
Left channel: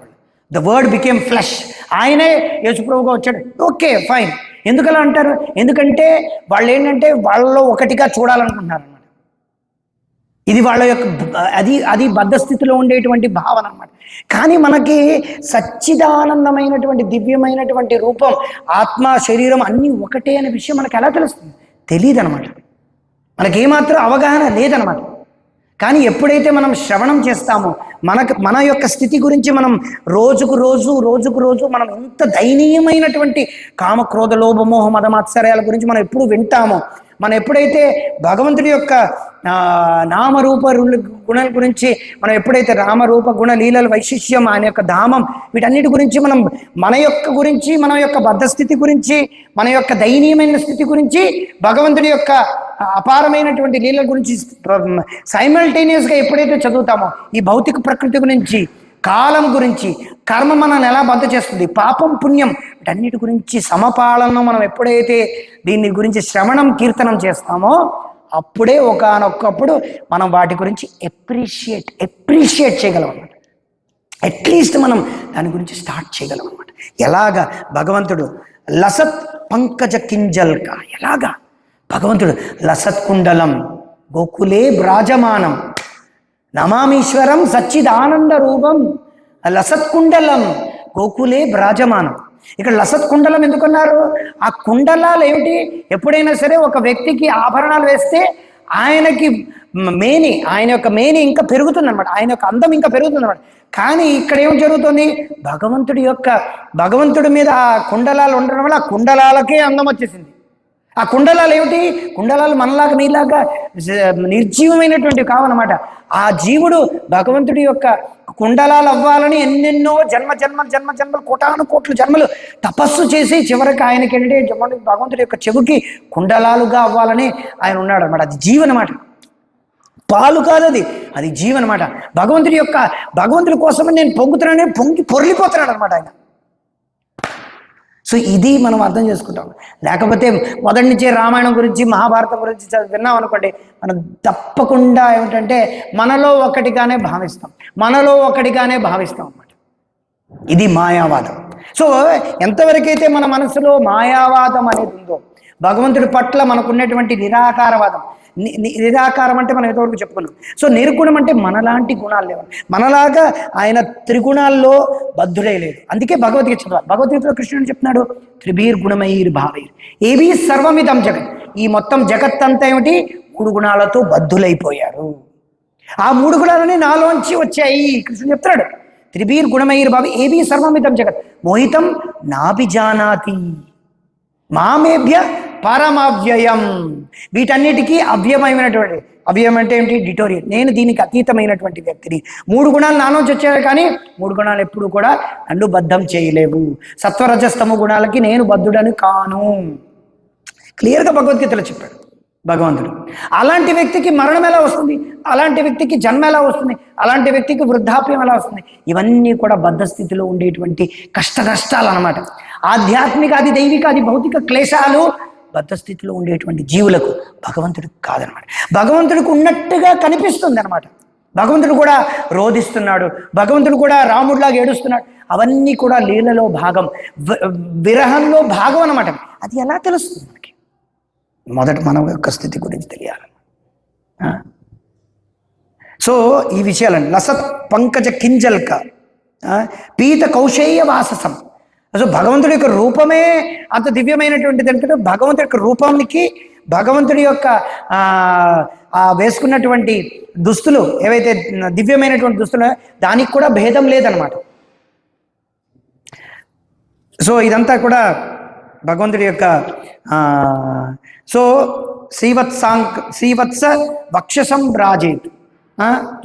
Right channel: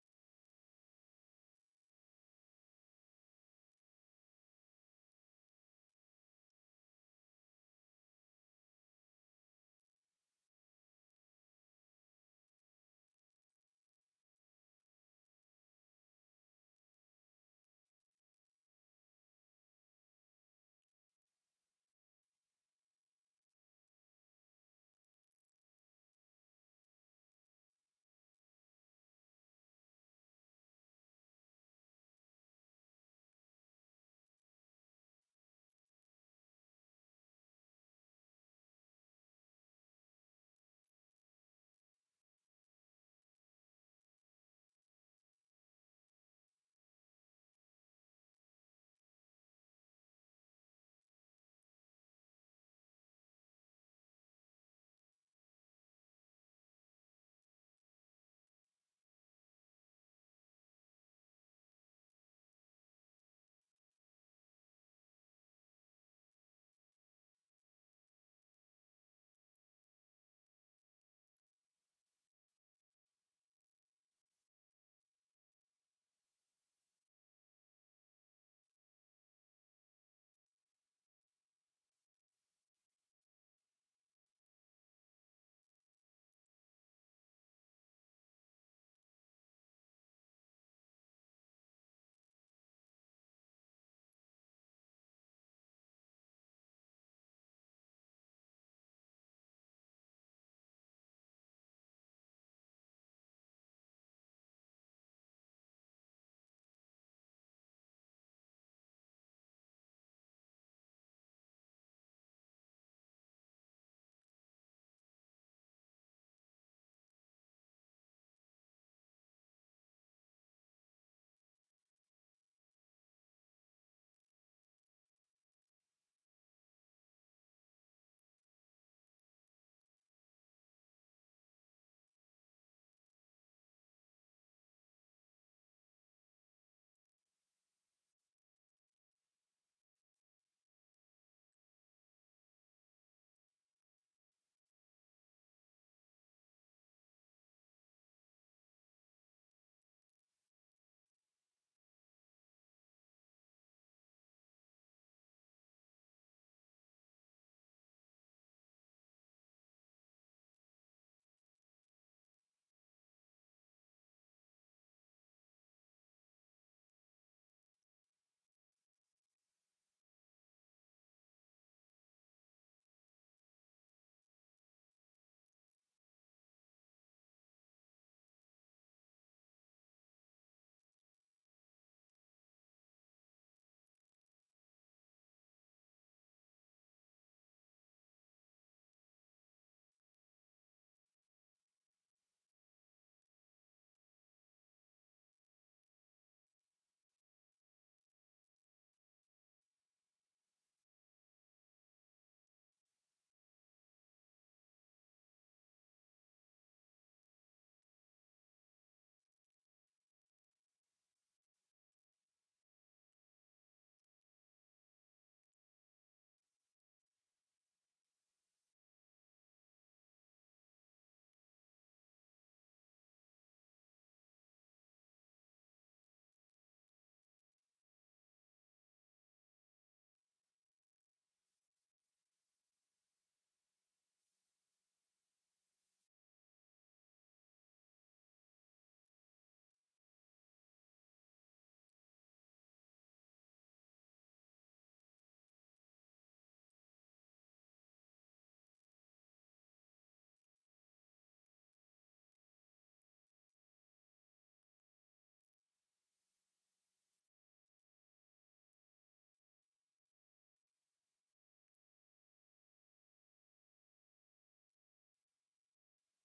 ద వర్డ్ బికేమ్ ఫ్లెష్, ఆయనే యేసుప్రభుగా వచ్చాడు. Okay fine. ఎందుకు అలా అంటారు? ఎందుకంటే వాళ్ళు ఏంటంటే వాళ్ళలో ఒకటిగా చూడాలనుకుంటున్నారు అనమాట. ఇది వాళ్ళ యొక్క అది బద్ధస్థితిలో ఉండేటువంటి భావన అనమాట. కానీ మనకి సచ్చిదానందమైనటువంటి దివ్యమైనటువంటి రూపం, ఆత్మ, శరీరం అన్నీ ఒకటే అనే విషయం మనకు ఎలా తెలుస్తుంది? తెలియదు అనమాట. మనకేమాత్రం అవగాహన లేదనమాట. కానీ ఎప్పుడైతే మనం శ్రవణం చేస్తామో మన యొక్క స్థితి గురించి మనం రోజుకు రోజు మనం ఎంత దయనీయమైనటువంటి కామ, క్రోధ, లోభ, మోహ, మద, మాత్సర్యాల గురించి మనం ఎప్పుడు వింటామో, మనం ఎప్పుడైతే భగవంతుడి యొక్క నామరూప గుణాల గురించి మనం ఎప్పుడైతే రామరూప గుణ లీలల వైశిష్యం, ఆయన యొక్క ధామం, వీటన్నిటి గురించి మనం మన యొక్క బద్ధస్థితి గురించి, మన యొక్క దయనీయమైన స్థితి గురించి, భగవంతుడి యొక్క అపారమైనటువంటి లీలల గురించి సైమల్టేనియస్గా ఎప్పుడైతే చదువుతామో, ఈ భౌతిక ప్రకృతి గురించి, కాలం గురించి, కర్మ మనల్ని ఎలా బద్ధ చేస్తుంది, పాపం పుణ్యం, వీటన్నిటి గురించి సమపాలన మనం ఎప్పుడైతే దీని గురించి శ్రవణం కీర్తనం చేస్తామో, అప్పుడే ఒకానొక్కప్పుడు మనం వాటి గురించి ఎప్రిషియేట్ చేయగలం అన్నమాట. అట్లీస్ట్ మనం దాని గురించి స్టార్ట్ చేయగలం అన్నమాట. ఎలాగా భగవంతుడు లసత్ పంకజ కింజల్క, ఎలాగా భగవంతుడు లసత్ కుండలం గోకులే బ్రాజమానం నమామీశ్వరం సచ్చిదానంద రూపం లసత్ కుండలం గోకులే బ్రాజమానం. ఇక్కడ లసత్ కుండలం ఎందుకున్నారు? ఆ కుండలాలు ఏమిటి? ఎప్పుడైనా సరే ఒక వ్యక్తికి ఆభరణాలు వేస్తే ఆయనకి ఆయన యొక్క మేని ఇంకా పెరుగుతుంది అనమాట, ఆయన యొక్క అందం ఇంకా పెరుగుతుంది అనమాట. కానీ ఇక్కడ ఏం జరుగుతుంది? భగవంతుడి మీద ఆ కుండలాలు ఉండడం వల్ల ఆ కుండలాలకే అందం వచ్చేసింది. ఆ కుండలాలు ఏమిటి? కుండలాలు మనలాగా నీలాగా నిర్జీవమైనటువంటివి కావన్నమాట. ఆ జీవుడు భగవంతుడి యొక్క కుండలాలు అవ్వాలని ఎన్నెన్నో జన్మలు కోట్ల జన్మలు తపస్సు చేసి చివరికి ఆయనకి ఏంటంటే భగవంతుడి యొక్క చెవుకి కుండలాలుగా అవ్వాలని ఆయన ఉన్నాడు అనమాట. అది జీవనమాట, పాలు కాదు, అది జీవనమాట. భగవంతుడి కోసమని నేను పొంగి పొర్లిపోతున్నాడు అనమాట ఆయన. సో ఇది మనం అర్థం చేసుకుంటాం. లేకపోతే మొదటి నుంచే రామాయణం గురించి, మహాభారతం గురించి విన్నాం అనుకోండి, మనం తప్పకుండా ఏమిటంటే మనలో ఒకటిగానే భావిస్తాం అన్నమాట. ఇది మాయావాదం. సో ఎంతవరకైతే మన మనసులో మాయావాదం అనేది ఉందో, భగవంతుడి పట్ల మనకున్నటువంటి నిరాకారవాదం, నిరాకారం అంటే మనం ఎంతవరకు చెప్పుకున్నాం. సో నిర్గుణం అంటే మనలాంటి గుణాలు లేవు, మనలాగా ఆయన త్రిగుణాల్లో బద్ధుడై లేదు. అందుకే భగవద్గీత చదవాలి. భగవద్గీతలో కృష్ణుడు చెప్తున్నాడు, త్రిభీర్గుణమైర్ భావైర్ ఏవీ సర్వమిదం జగత్. ఈ మొత్తం జగత్ అంతా ఏమిటి? 3 గుణాలతో బద్ధులైపోయారు. ఆ 3 గుణాలని నాలోంచి వచ్చాయి. కృష్ణుడు చెప్తాడు, త్రిభీర్ గుణమైర్ భావి ఏబీ సర్వమిదం జగత్ మోహితం నాభిజానాతి మామేభ్య పరమవ్యయం. వీటన్నిటికీ అవ్యయమైనటువంటి, అవ్యయం అంటే ఏంటి? డిటోరియల్. నేను దీనికి అతీతమైనటువంటి వ్యక్తిని. 3 గుణాలు నాలోంచి వచ్చాయి, కానీ 3 గుణాలు ఎప్పుడు కూడా నన్ను బద్ధం చేయలేవు. సత్వరజస్తమ గుణాలకి నేను బద్ధుడని కాను. క్లియర్గా భగవద్గీతలో చెప్పాడు భగవంతుడు. అలాంటి వ్యక్తికి మరణం ఎలా వస్తుంది? అలాంటి వ్యక్తికి జన్మ ఎలా వస్తుంది? అలాంటి వ్యక్తికి వృద్ధాప్యం ఎలా వస్తుంది? ఇవన్నీ కూడా బద్ధ స్థితిలో ఉండేటువంటి కష్టాలు అన్నమాట. ఆధ్యాత్మిక, అది దైవిక, అది భౌతిక క్లేశాలు బద్ధ స్థితిలో ఉండేటువంటి జీవులకు, భగవంతుడికి కాదనమాట. భగవంతుడికి ఉన్నట్టుగా కనిపిస్తుంది అనమాట. భగవంతుడు కూడా రోధిస్తున్నాడు, భగవంతుడు కూడా రాముడిలాగా ఏడుస్తున్నాడు. అవన్నీ కూడా లీలలో భాగం, విరహంలో భాగం అనమాట. అది ఎలా తెలుస్తుంది మనకి? మొదట మన యొక్క స్థితి గురించి తెలియాలి. సో ఈ విషయాలను లసత్ పంకజ కింజల్క పీత కౌశేయ వాససం. సో భగవంతుడి యొక్క రూపమే అంత దివ్యమైనటువంటిది అంటే, భగవంతుడి యొక్క రూపానికి, భగవంతుడి యొక్క వేసుకున్నటువంటి దుస్తులు ఏవైతే దివ్యమైనటువంటి దుస్తులు, దానికి కూడా భేదం లేదనమాట. సో ఇదంతా కూడా భగవంతుడి యొక్క సో శ్రీవత్స వక్షసం రాజేత్.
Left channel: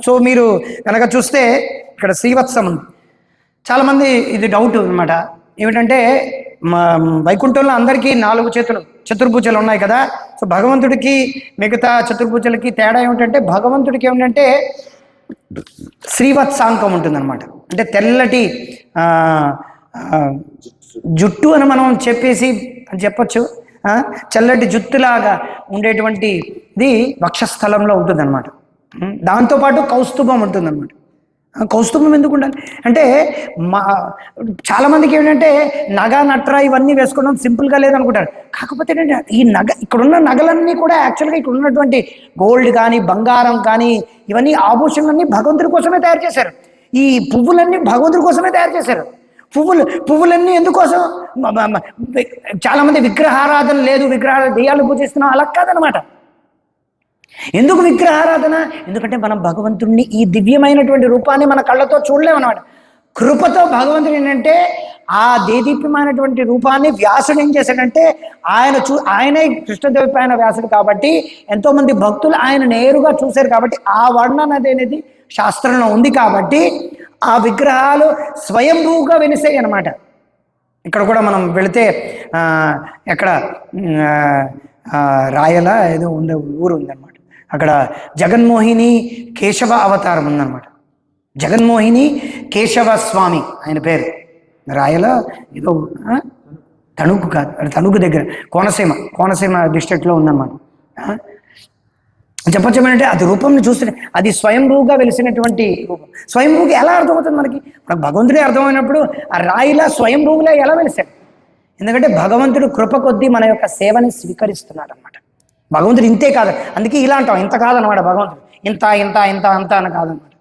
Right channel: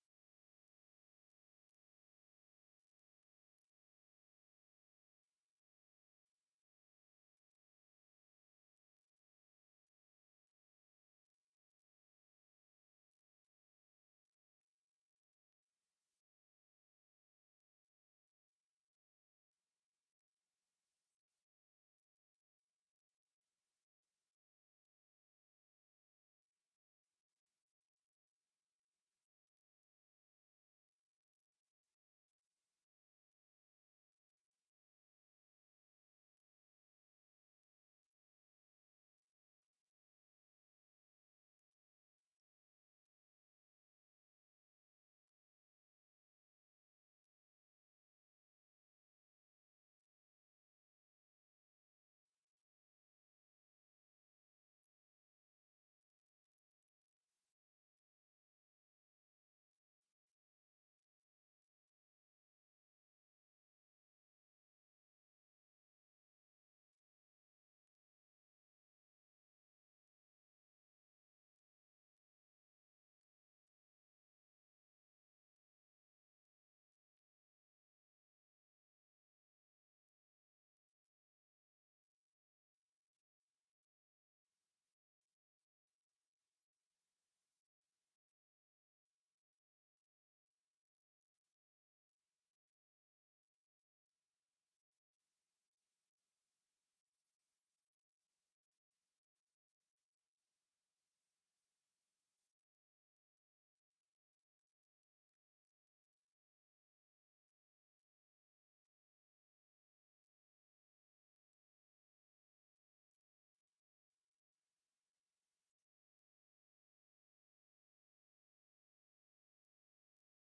సో మీరు కనుక చూస్తే ఇక్కడ శ్రీవత్సం ఉంది. చాలామంది ఇది డౌట్ అనమాట, ఏమిటంటే వైకుంఠంలో అందరికీ 4 చేతులు, చతుర్భుజాలు ఉన్నాయి కదా. సో భగవంతుడికి మిగతా చతుర్భుజాలకి తేడా ఏమిటంటే, భగవంతుడికి ఏమిటంటే శ్రీవత్సాంకం ఉంటుందన్నమాట. అంటే తెల్లటి జుట్టు అని మనం చెప్పొచ్చు. చల్లటి జుట్టులాగా ఉండేటువంటిది వక్షస్థలంలో ఉంటుందన్నమాట. దాంతోపాటు కౌస్తుభం ఉంటుందన్నమాట. కౌస్తుభం ఎందుకు ఉండాలి అంటే, చాలామందికి ఏంటంటే నగ నట్ర ఇవన్నీ వేసుకోవడం సింపుల్గా లేదనుకుంటారు. కాకపోతే ఏంటంటే ఈ ఇక్కడున్న నగలన్నీ కూడా యాక్చువల్గా ఇక్కడ ఉన్నటువంటి గోల్డ్ కానీ, బంగారం కానీ, ఇవన్నీ ఆభూషణలన్నీ భగవంతుడి కోసమే తయారు చేశారు. ఈ పువ్వులన్నీ భగవంతుడి కోసమే తయారు చేశారు. పువ్వులన్నీ ఎందుకోసం? చాలామంది విగ్రహారాధన లేదు, విగ్రహాలు దెయ్యాలు పూజిస్తున్నాం, అలా కాదనమాట. ఎందుకు విగ్రహారాధన? ఎందుకంటే మనం భగవంతుడిని, ఈ దివ్యమైనటువంటి రూపాన్ని మన కళ్ళతో చూడలేమన్నమాట. కృపతో భగవంతుడు ఏంటంటే ఆ దేదీప్యమైనటువంటి రూపాన్ని వ్యాసుడు ఏం చేశాడంటే, ఆయనే కృష్ణదేవపాయన వ్యాసుడు కాబట్టి ఎంతోమంది భక్తులు ఆయన నేరుగా చూశారు కాబట్టి ఆ వర్ణన అనేది శాస్త్రంలో ఉంది కాబట్టి ఆ విగ్రహాలు స్వయంభూగా వెలిసాయి అన్నమాట. ఇక్కడ కూడా మనం వెళితే ఎక్కడ రాయల ఏదో ఉండే ఊరు ఉందన్నమాట. అక్కడ జగన్మోహిని కేశవ అవతారం ఉందన్నమాట. జగన్మోహిని కేశవ స్వామి ఆయన పేరు. రాయల ఏదో తణుకు కాదు, తణుకు దగ్గర కోనసీమ డిస్ట్రిక్ట్లో ఉందన్నమాట. చెప్పొచ్చేమంటే అది రూపంని చూస్తే అది స్వయంభూగా వెలిసినటువంటి రూపం. స్వయంభూకి ఎలా అర్థమవుతుంది మనకి? భగవంతుడే అర్థమైనప్పుడు ఆ రాయిలా స్వయంభూవులా ఎలా వెలిసాడు? ఎందుకంటే భగవంతుడు కృప కొద్దీ మన యొక్క సేవని స్వీకరిస్తున్నాడు అనమాట. భగవంతుడు ఇంతే కాదు, అందుకే ఇలా అంటాం, ఇంత కాదనమాట. భగవంతుడు ఇంత ఇంత ఇంత అంత అని కాదనమాట.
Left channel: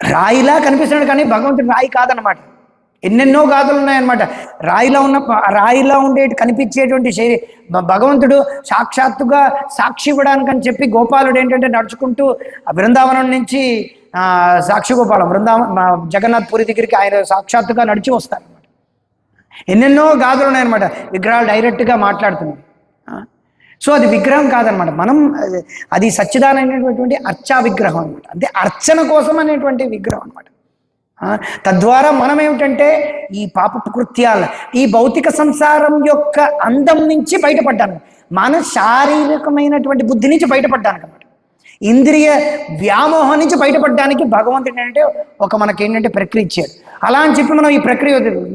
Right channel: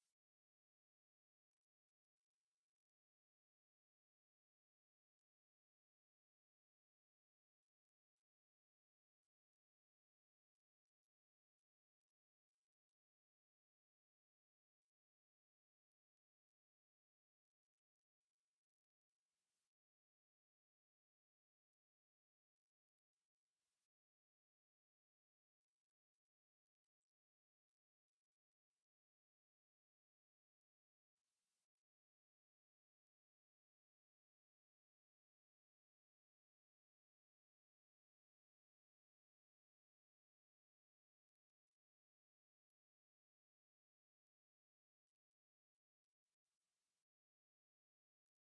రాయిలా కనిపిస్తున్నాడు కానీ భగవంతుడు రాయి కాదనమాట. ఎన్నెన్నో గాథలు ఉన్నాయన్నమాట. రాయిలా కనిపించేటువంటి భగవంతుడు సాక్షాత్తుగా సాక్షి ఇవ్వడానికని చెప్పి గోపాలుడు ఏంటంటే నడుచుకుంటూ బృందావనం నుంచి సాక్షి గోపాలం జగన్నాథ్ పూరి దగ్గరికి ఆయన సాక్షాత్తుగా నడిచి వస్తారనమాట. ఎన్నెన్నో గాథలు ఉన్నాయన్నమాట. విగ్రహాలు డైరెక్ట్గా మాట్లాడుతున్నాయి. సో అది విగ్రహం కాదనమాట. మనం అది సచ్చిదానమైనటువంటి అర్చా విగ్రహం అనమాట. అంటే అర్చన కోసం అనేటువంటి విగ్రహం అనమాట. తద్వారా మనం ఏమిటంటే ఈ పాపపు కృత్యాల, ఈ భౌతిక సంసారం యొక్క అందం నుంచి బయటపడ్డాను, మన శారీరకమైనటువంటి బుద్ధి నుంచి బయటపడ్డాను అనమాట. ఇంద్రియ వ్యామోహం నుంచి బయటపడడానికి భగవంతుడు ఏంటంటే మనకేంటంటే ప్రక్రియ ఇచ్చాడు. అలా అని చెప్పి మనం ఈ ప్రక్రియ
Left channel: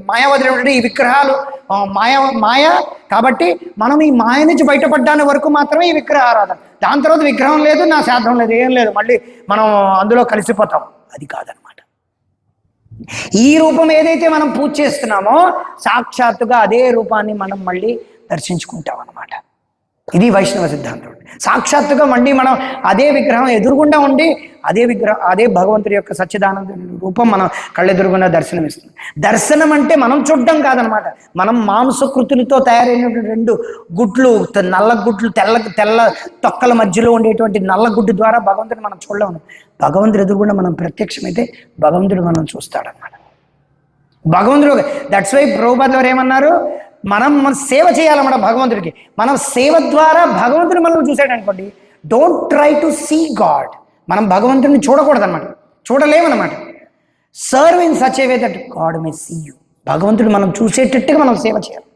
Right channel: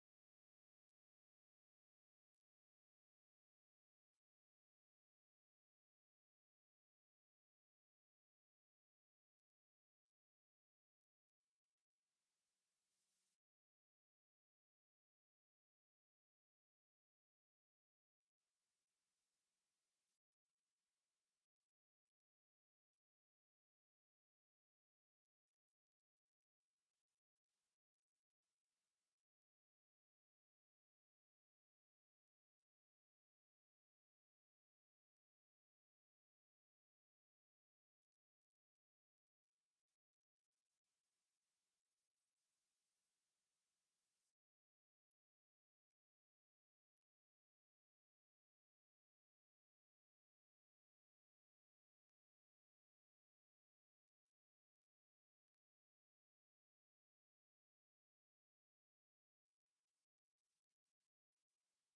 మాయావదులు ఏమిటంటే ఈ విగ్రహాలు మాయ కాబట్టి మనం ఈ మాయ నుంచి బయటపడ్డానికి వరకు మాత్రమే ఈ విగ్రహ ఆరాధన. దాని తర్వాత విగ్రహం లేదు, నా శాస్త్రం లేదు, ఏం లేదు, మళ్ళీ మనం అందులో కలిసిపోతాం. అది కాదనమాట. ఈ రూపం ఏదైతే మనం పూజ చేస్తున్నామో సాక్షాత్తుగా అదే రూపాన్ని మనం మళ్ళీ దర్శించుకుంటాం అన్నమాట. ఇది వైష్ణవ సిద్ధాంతం. సాక్షాత్తుగా మళ్ళీ మనం అదే విగ్రహం ఎదురుగుండా ఉండి అదే భగవంతుడి యొక్క సచ్చిదానంద రూపం మనం కళ్ళెదురుగుండా దర్శనమిస్తుంది. దర్శనం అంటే మనం చూడడం కాదనమాట. మనం మాంసకృతులతో తయారైనటువంటి 2 గుడ్లు, నల్ల గుడ్లు, తెల్ల తొక్కల మధ్యలో ఉండేటువంటి నల్ల గుడ్డు ద్వారా భగవంతుడిని మనం చూడలేము. భగవంతుడి ఎదురుగుండా మనం ప్రత్యక్షమైతే భగవంతుడు మనం చూస్తాడనమాట. భగవంతుడు దట్స్ వై ప్రభుపాదులు వారు ఏమన్నారు, మనం సేవ చేయాలన్నమాట భగవంతుడికి. మనం సేవ ద్వారా భగవంతుడు మనం చూసాడు అనుకోండి, don't try to see God. మనం భగవంతుడిని చూడకూడదు అనమాట, చూడలేమన్నమాట. Serve in such a way that God may see you. భగవంతుడు మనం చూసేటట్టుగా మనం సేవ చేయాలి.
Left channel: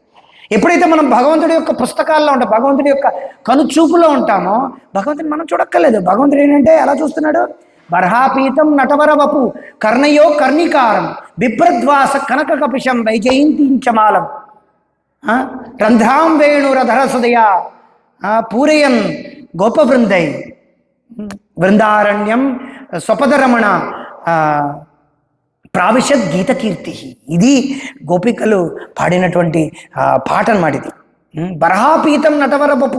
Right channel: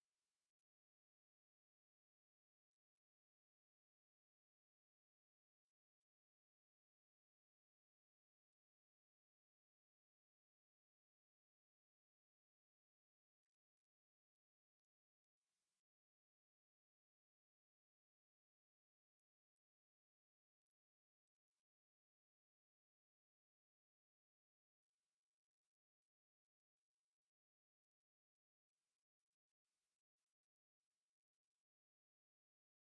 ఎప్పుడైతే మనం భగవంతుడి యొక్క పుస్తకాల్లో ఉంటాం, భగవంతుడి యొక్క కనుచూపులో ఉంటామో భగవంతుని మనం చూడక్కర్లేదు. భగవంతుడు ఏంటంటే ఎలా చూస్తున్నాడు, బర్హాపీతం నటవర వపు కర్ణయో కర్ణికారం బిభ్రద్వాస కనక కపిశం వైజయంతించమాలం రంధ్రాం వేణురధర సుదయా పూరయన్ గోపవృందై బృందారణ్యం స్వపదరమణ ప్రావిశద్ గీతకీర్తి. ఇది గోపికలు పాడినటువంటి పాట అన్నమాట. ఇది బర్హాపీతం నటవర వపు,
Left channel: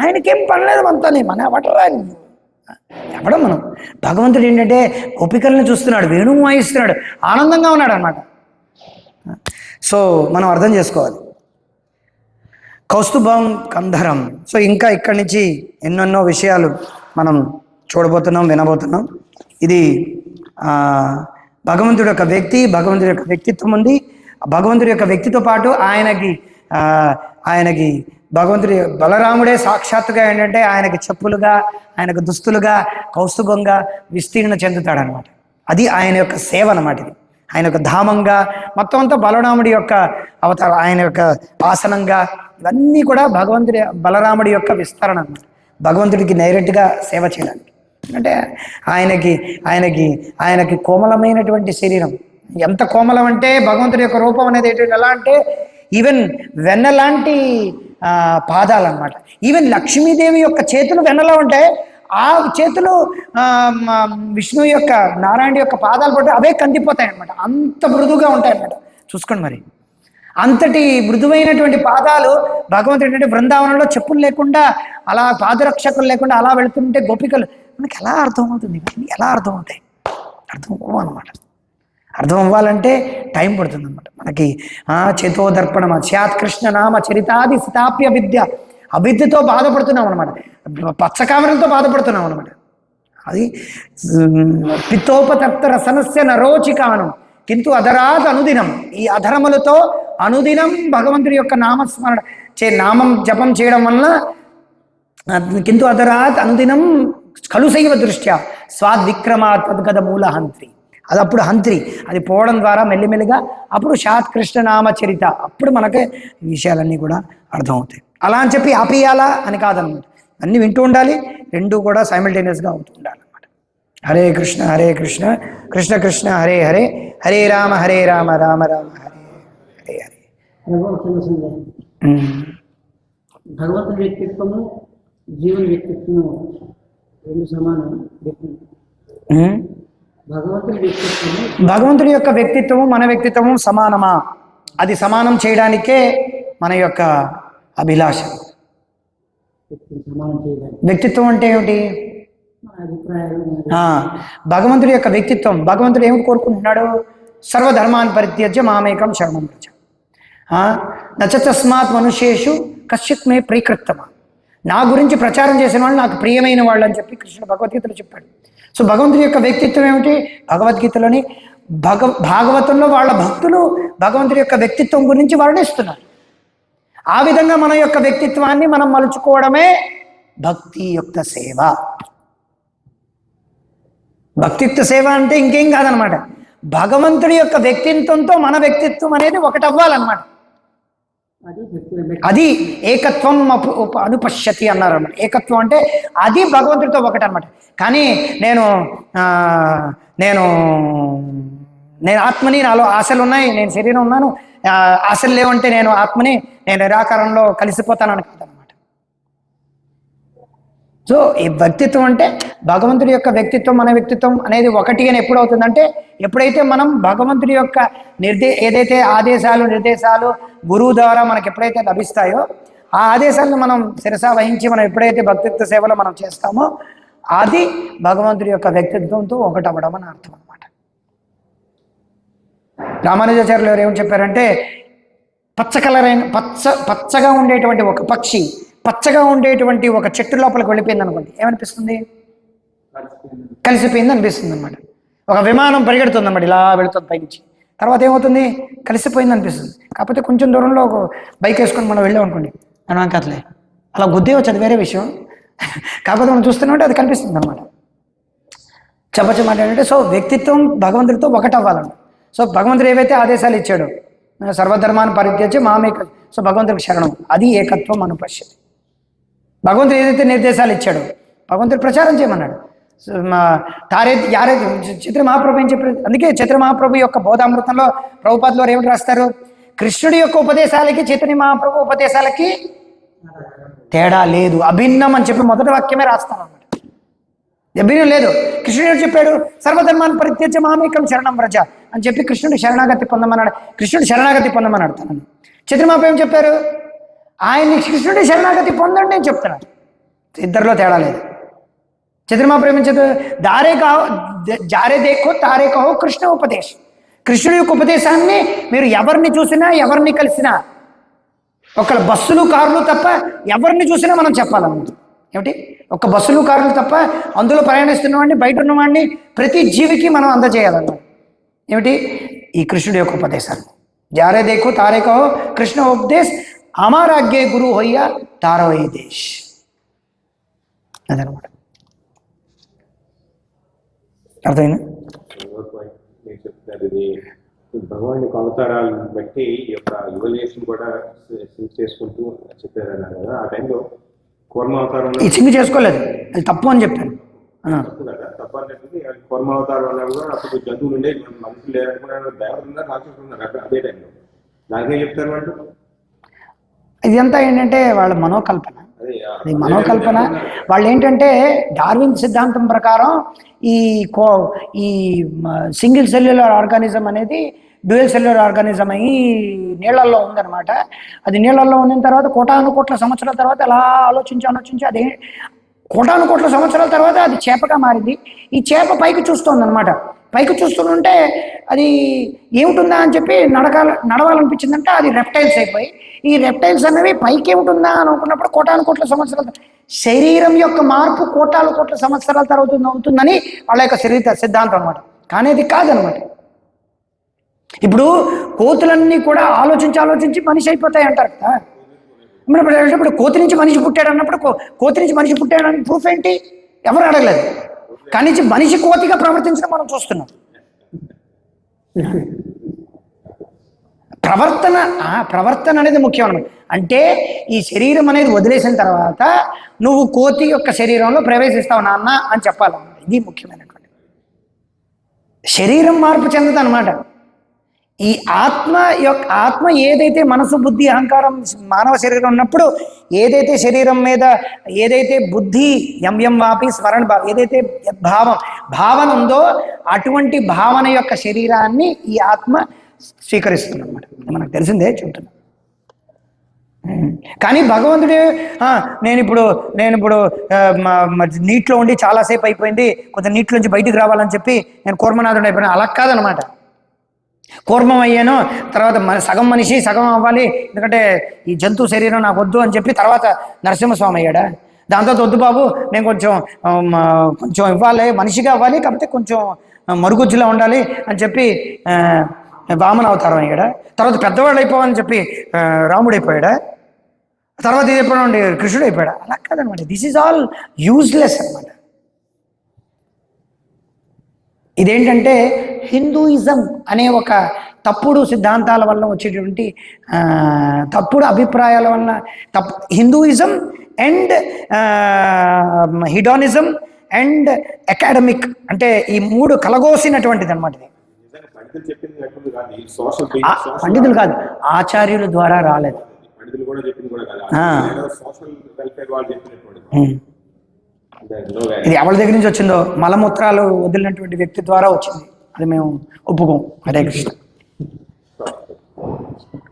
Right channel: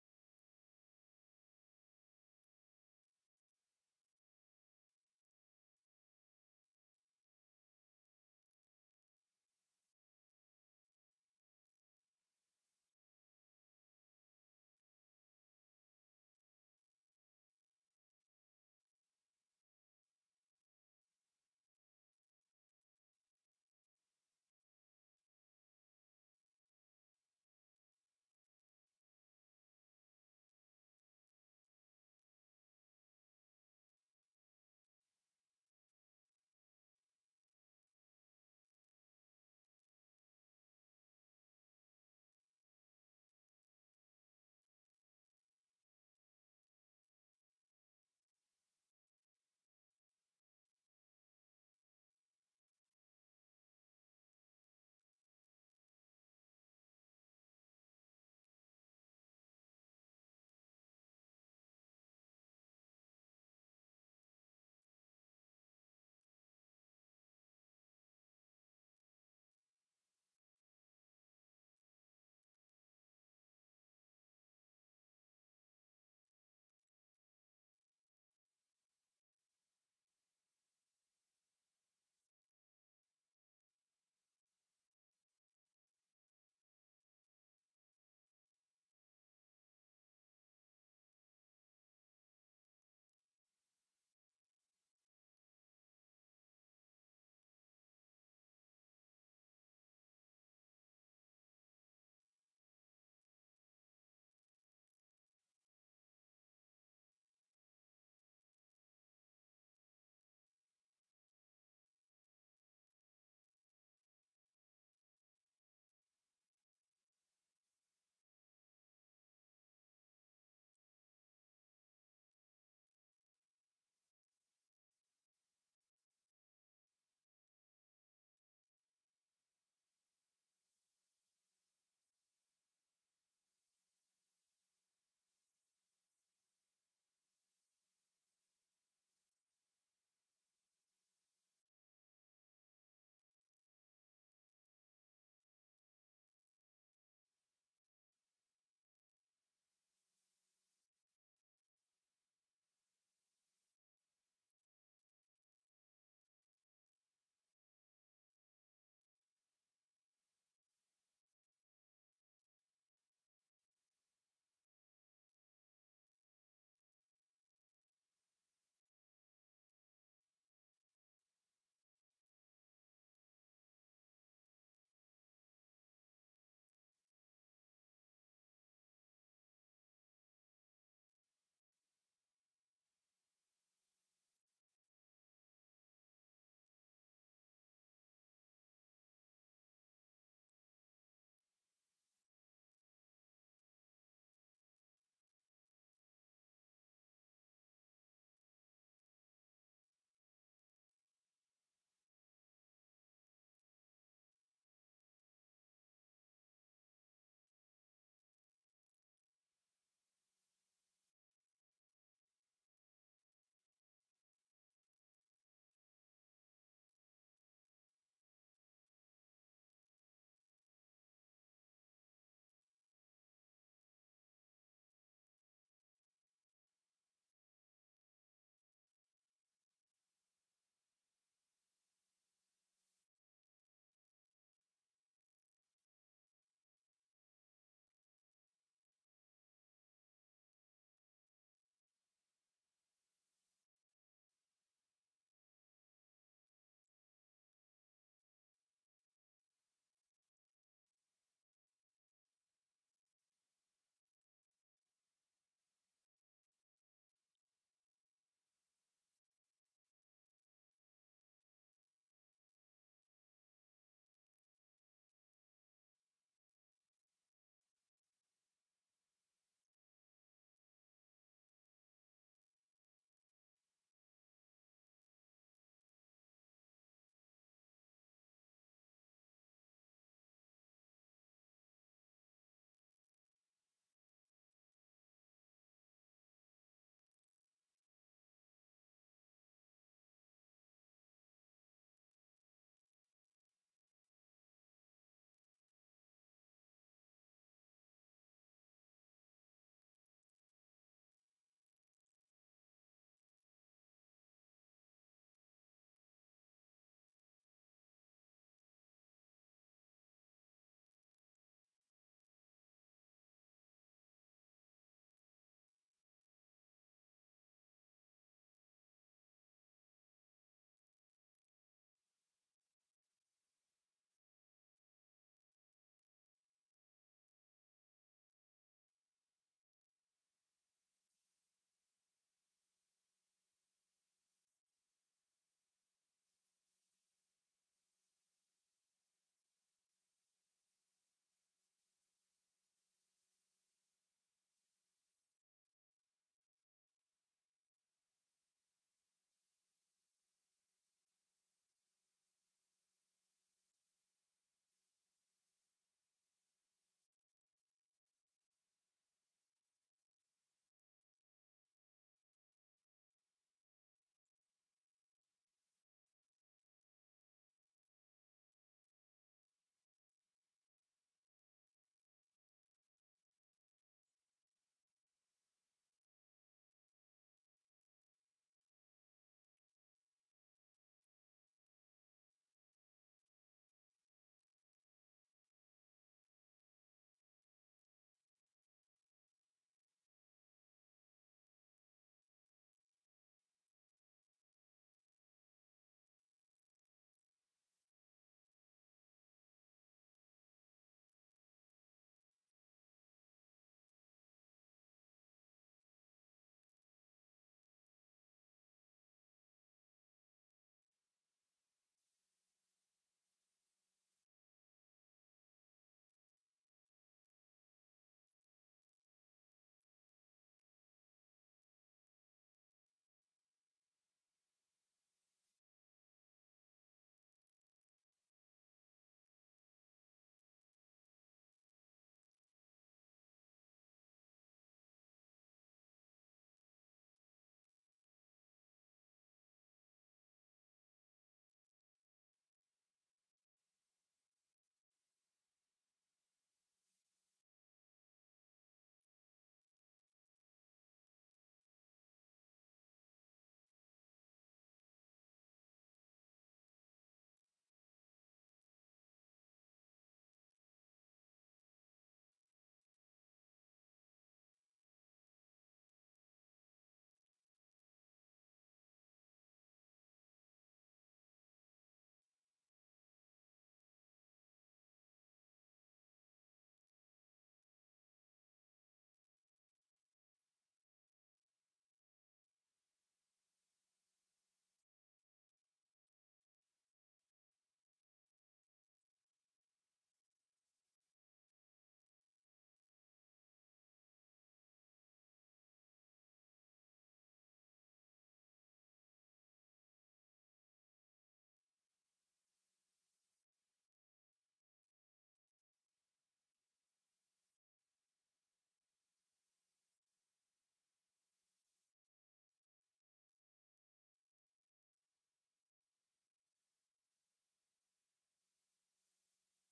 ఆయనకేం పనిలేదు మనతోనే, మన ఎవడరా ఎవడం మనం. భగవంతుడు ఏంటంటే గోపికల్ని చూస్తున్నాడు, వేణువు వాయిస్తున్నాడు, ఆనందంగా ఉన్నాడు అనమాట. సో మనం అర్థం చేసుకోవాలి. కౌస్తుభం కంధరం. సో ఇంకా ఇక్కడి నుంచి ఎన్నెన్నో విషయాలు మనం చూడబోతున్నాం, వినబోతున్నాం. ఇది భగవంతుడి యొక్క వ్యక్తి, భగవంతుడి యొక్క వ్యక్తిత్వం ఉంది. భగవంతుడి యొక్క వ్యక్తితో పాటు ఆయనకి భగవంతుడి బలరాముడే సాక్షాత్తుగా ఏంటంటే ఆయనకి చెప్పులుగా, ఆయనకు దుస్తులుగా, కౌస్తుభంగా విస్తీర్ణ చెందుతాడనమాట. అది ఆయన యొక్క సేవ అన్నమాట. ఇది ఆయన యొక్క ధామంగా, మొత్తం అంతా బలరాముడి యొక్క అవతారం, ఆయన యొక్క ఆసనంగా, ఇవన్నీ కూడా బలరాముడి యొక్క విస్తరణ అన్నమాట. భగవంతుడికి డైరెక్ట్గా సేవ చేయడానికి. అంటే ఆయనకి కోమలమైనటువంటి శరీరం. ఎంత కోమలం అంటే భగవంతుడి యొక్క రూపం అనేది ఎలా అంటే ఈవెన్ వెన్నలాంటి పాదాలన్నమాట. ఈవెన్ లక్ష్మీదేవి యొక్క చేతులు వెన్నలా ఉంటాయి. ఆ చేతులు విష్ణువు యొక్క, నారాయణ యొక్క పాదాలు పట్టి అవే కందిపోతాయి అనమాట. అంత మృదువుగా ఉంటాయి అన్నమాట. చూసుకోండి మరి, అంతటి మృదువైనటువంటి పాదాలు భగవంతుడు ఏంటంటే బృందావనంలో చెప్పులు లేకుండా, అలా పాదరక్షకులు లేకుండా అలా వెళుతుంటే గోపికలు మనకి ఎలా అర్థమవుతుంది, ఎలా అర్థమవుతాయి, అర్థం అవ్వనమాట. అర్థం అవ్వాలంటే టైం పడుతుంది అనమాట మనకి. చేతోదర్పణం స్యాత్ కృష్ణ నామ చరితాది స్థాప్య విద్య. అవిద్యతో బాధపడుతున్నాం అనమాట, పచ్చకామరంతో బాధపడుతున్నాం అనమాట. అది పిత్తోపతప్త రసనస్య నరోచికానం కింటు అధరాత్ అనుదినం. ఈ అధరములతో అనుదినం భగవంతుడి యొక్క నామస్మరణ నామం జపం చేయడం వలన కింటు అధరాత్ అనుదినం కలుసైవ దృష్ట్యా స్వాద్విక్రమాత్ తద్గద మూల హంత్రి. అది అప్పుడు హంత్రి, అది పోవడం ద్వారా మెల్లిమెల్లిగా అప్పుడు శాత్ కృష్ణ నామచరిత, అప్పుడు మనకి ఈ విషయాలన్నీ కూడా అర్థమవుతాయి. అలా అని చెప్పి ఆపేయాలా అని కాదనమాట, అన్నీ వింటూ ఉండాలి, రెండు కూడా సైమల్టేనియస్గా అవుతూ ఉండాలి అనమాట. హరే కృష్ణ కృష్ణ కృష్ణ హరే హరే, హరే రామ రామ రామ హరే హరే. భగవంతుని వ్యక్తిత్వము జీవన వ్యక్తిత్వము రెండు సమానం. భగవంతుడి యొక్క వ్యక్తిత్వము మన వ్యక్తిత్వము సమానమా? అది సమానం చేయడానికే మన యొక్క అభిలాష. వ్యక్తిత్వం అంటే ఏమిటి? భగవంతుడి యొక్క వ్యక్తిత్వం. భగవంతుడు ఏమిటి కోరుకుంటున్నాడు? సర్వధర్మాన్ పరిత్యజ్య మామేకం శరణం వ్రజ. నచ తస్మాత్ మనుష్యేషు కశ్చిత్ మే ప్రీకృత్తమా. నా గురించి ప్రచారం చేసిన వాళ్ళు నాకు ప్రియమైన వాళ్ళు అని చెప్పి కృష్ణుడు భగవద్గీతలో చెప్పాడు. సో భగవంతుడి యొక్క వ్యక్తిత్వం ఏమిటి? భగవద్గీతలోని భాగవతంలో వాళ్ళ భక్తులు భగవంతుడి యొక్క వ్యక్తిత్వం గురించి వర్ణిస్తున్నారు. ఆ విధంగా మన యొక్క వ్యక్తిత్వాన్ని మనం మలుచుకోవడమే భక్తి యొక్క సేవ. భక్తియుక్త సేవ అంటే ఇంకేం కాదనమాట, భగవంతుడి యొక్క వ్యక్తిత్వంతో మన వ్యక్తిత్వం అనేది ఒకటి అవ్వాలన్నమాట. అది ఏకత్వం అనుపశ్యతి అన్నారు అన్నమాట. ఏకత్వం అంటే అది భగవంతుడితో ఒకటి అనమాట. కానీ నేను ఆత్మని, నాలో ఆశలు ఉన్నాయి, నేను శరీరం ఉన్నాను, ఆశలు లేవంటే నేను ఆత్మని, నేను నిరాకారంలో కలిసిపోతాను అనుకుంటాను అనమాట. సో ఈ వ్యక్తిత్వం అంటే భగవంతుడి యొక్క వ్యక్తిత్వం మన వ్యక్తిత్వం అనేది ఒకటి అని ఎప్పుడు అవుతుందంటే, ఎప్పుడైతే మనం భగవంతుడి యొక్క ఏదైతే ఆదేశాలు నిర్దేశాలు గురువు ద్వారా మనకి ఎప్పుడైతే లభిస్తాయో ఆ ఆదేశాలను మనం శిరసా వహించి మనం ఎప్పుడైతే భక్తిత్వ సేవలో మనం చేస్తామో అది భగవంతుడి యొక్క వ్యక్తిత్వంతో ఒకటవ్వడం అని అర్థం అనమాట. రామానుజాచార్యులు ఎవరు ఏమని చెప్పారంటే, పచ్చగా ఉండేటువంటి ఒక పక్షి పచ్చగా ఉండేటువంటి ఒక చెట్టు లోపలికి వెళ్ళిపోయింది అనుకోండి, ఏమనిపిస్తుంది? కలిసిపోయింది అనిపిస్తుంది అనమాట. ఒక విమానం పరిగెడుతుంది అన్నమాట, ఇలా వెళుతుంది పైనుంచి, తర్వాత ఏమవుతుంది? కలిసిపోయింది అనిపిస్తుంది. కాకపోతే కొంచెం దూరంలో ఒక బైక్ వేసుకొని మనం వెళ్ళాం అనుకోండి, మనం కథలే అలా గుద్దే వచ్చి అది వేరే విషయం. కాకపోతే మనం చూస్తున్నట్టు అది కనిపిస్తుంది అనమాట. చెప్పమాట ఏంటంటే, సో వ్యక్తిత్వం భగవంతుడితో ఒకటవ్వాలని. సో భగవంతుడు ఏవైతే ఆదేశాలు ఇచ్చాడో, సర్వధర్మాన్ని పరిత్యజ్య మామేక, సో భగవంతుడికి శరణం, అది ఏకత్వం అనుపశ్యతి. భగవంతుడు ఏదైతే నిర్దేశాలు ఇచ్చాడో భగవంతుడు ప్రచారం చేయమన్నాడు. చైతన్య మహాప్రభు ఏం చెప్పారు? అందుకే చైతన్య మహాప్రభు యొక్క బోధామృతంలో ప్రభుపాదులు వారు ఏమిటి రాస్తారు? కృష్ణుడి యొక్క ఉపదేశాలకి చైతన్య మహాప్రభు ఉపదేశాలకి తేడా లేదు, అభిన్నం అని చెప్పి మొదటి వాక్యమే రాస్తారు అన్నమాట. అభిన్నం లేదు. కృష్ణుడు ఏం చెప్పాడు? సర్వధర్మాన్ని పరిత్యజ్య మామేకం శరణం వ్రజ అని చెప్పి కృష్ణుడు శరణాగతి పొందమన్నాడు. కృష్ణుడు శరణాగతి పొందమన్నాడు తనని. చైతన్య మహాప్రభు ఏం చెప్పారు? ఆయన్ని కృష్ణుడి శరణాగతి పొందండి అని చెప్తున్నాడు. ఇద్దరిలో తేడా లేదు. చైతన్య మహాప్రభు ఏం చెప్పారు? జారే దేఖో తారే కహో కృష్ణ ఉపదేశం. కృష్ణుడి యొక్క ఉపదేశాన్ని మీరు ఎవరిని చూసినా ఎవరిని కలిసినా, ఒక బస్సులు కార్లు తప్ప ఎవరిని చూసినా మనం చెప్పాలన్నమాట. ఏమిటి? ఒక బస్సులు కార్లు తప్ప అందులో ప్రయాణిస్తున్నవాడిని, బయట ఉన్నవాడిని, ప్రతి జీవికి మనం అందజేయాలన్నమాట. ఏమిటి? ఈ కృష్ణుడి యొక్క ఉపదేశాన్ని. జారే దేఖో తారే కహో కృష్ణ ఉపదేశ్, అమారాగ్యే గురు హొయ్య తారో ఏ దేశ్. అదనమాట. అర్థమైందా? మీరు చెప్తారు ఇది భగవాన్ యొక్క అవతారాలను బట్టి ఈ యొక్క యువలేషన్ కూడా సింక్ చేసుకుంటూ చెప్పారన్నారు కదా. ఆ టైంలో కూర్మ అవతారం ఈ సింగ్ చేసుకోలేదు, అది తప్పు అని చెప్పాను. తప్పు కదా, తప్పు అనేది. కూర్మ అవతారం అన్నా కూడా అప్పుడు జంతువులు ఉండే, మనుషులు లేరనుకున్నారు, దేవతలు ఉన్నారు, రాక్షసులు ఉన్నారు అదే టైంలో. దానికేం చెప్తారు వాళ్ళు? ఇదంతా ఏంటంటే వాళ్ళ మనోకల్పన. అది మనోకల్పన. వాళ్ళు ఏంటంటే డార్విన్ సిద్ధాంతం ప్రకారం ఈ సింగిల్ సెల్యులర్ ఆర్గానిజం అనేది డ్యూయల్ సెల్యులర్ ఆర్గానిజం అయ్యి నీళ్ళల్లో ఉందన్నమాట. అది నీళ్ళల్లో ఉన్న తర్వాత కోటానుకోట్ల సంవత్సరాల తర్వాత అలా ఆలోచించి అదే కోటానుకోట్ల సంవత్సరాల తర్వాత అది చేపగా మారింది. ఈ చేప పైకి చూస్తుంది అనమాట. పైకి చూస్తుంటే అది ఏమిటుందా అని చెప్పి నడవాలనిపించిందంటే అది రెప్టైల్స్ అయిపోయి, ఈ రెప్టైల్స్ అనేవి పైకి ఏమిటుందా అని అనుకున్నప్పుడు కోటానుకోట్ల సంవత్సరాల శరీరం యొక్క మార్పు కోట్ల సంవత్సరాల తర్వాత అవుతుందని వాళ్ళ యొక్క సిద్ధాంతం అనమాట. కానీ అది కాదనమాట. ఇప్పుడు కోతులన్నీ కూడా ఆలోచించి మనిషి అయిపోతాయి అంటారు కదా. ఇప్పుడు కోతి నుంచి మనిషి పుట్టాడు అన్నప్పుడు కోతి నుంచి మనిషి పుట్టాడని ప్రూఫ్ ఏంటి? ఎవరు అడగలేదు. కానీ మనిషి కోతిగా ప్రవర్తించడం మనం చూస్తున్నాం. ప్రవర్తన అనేది ముఖ్యం అన్నమాట. అంటే ఈ శరీరం అనేది వదిలేసిన తర్వాత నువ్వు కోతి యొక్క శరీరంలో ప్రవేశిస్తావు నాన్న అని చెప్పాలన్నమాట. ఇది ముఖ్యమైనటువంటి. శరీరం మార్పు చెందదు అనమాట. ఈ ఆత్మ ఏదైతే మనసు, బుద్ధి, అహంకారం మానవ శరీరం ఉన్నప్పుడు ఏదైతే శరీరం మీద ఏదైతే బుద్ధి ఎం వాపి స్మరణ ఏదైతే భావన ఉందో అటువంటి భావన యొక్క శరీరాన్ని ఈ ఆత్మ స్వీకరిస్తుంది అనమాట. మనకు తెలిసిందే చెబుతున్నా. కానీ భగవంతుడు నేను ఇప్పుడు నీటిలో ఉండి చాలాసేపు అయిపోయింది, కొంచెం నీటిలోంచి బయటికి రావాలని చెప్పి నేను కూర్మనాథుడు అయిపోయినా, అలా కాదనమాట. కూర్మం అయ్యాను, తర్వాత సగం మనిషి సగం అవ్వాలి, ఎందుకంటే ఈ జంతు శరీరం నాకు వద్దు అని చెప్పి తర్వాత నరసింహస్వామి అయ్యాడా. దాంతో వద్దు బాబు, నేను కొంచెం ఇవ్వాలి, మనిషిగా అవ్వాలి, కాకపోతే కొంచెం మరుగుజ్జులా ఉండాలి అని చెప్పి వామన అవతారం అయ్యాడా. తర్వాత పెద్దవాళ్ళు అయిపోవాలని చెప్పి రాముడు అయిపోయాడా. తర్వాత ఇది ఎప్పుడు కృష్ణుడు అయిపోయాడా. అలా కాదనమాట. దిస్ ఈజ్ ఆల్ యూజ్లెస్ అనమాట. ఇదేంటంటే హిందూయిజం అనే ఒక తప్పుడు సిద్ధాంతాల వల్ల వచ్చేటువంటి తప్పుడు అభిప్రాయాల వల్ల హిందూయిజం అండ్ హిడానిజం అండ్ అకాడమిక్ అంటే ఈ మూడు కలగోసినటువంటిది అనమాట. ఇది పండితులు కాదు, ఆచార్యుల ద్వారా రాలేదు. ఇది ఎవరి దగ్గర నుంచి వచ్చిందో, మలమూత్రాలు వదిలినటువంటి వ్యక్తి ద్వారా వచ్చింది. అది మేము ఒప్పుకోం. హరే కృష్ణ.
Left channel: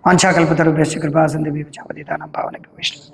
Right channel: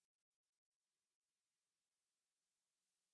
వాంఛాకల్పతరుభ్యశ్చ కృపా సింధుభ్యో చ పతితానాం పావనేభ్యో వైష్ణవేభ్యో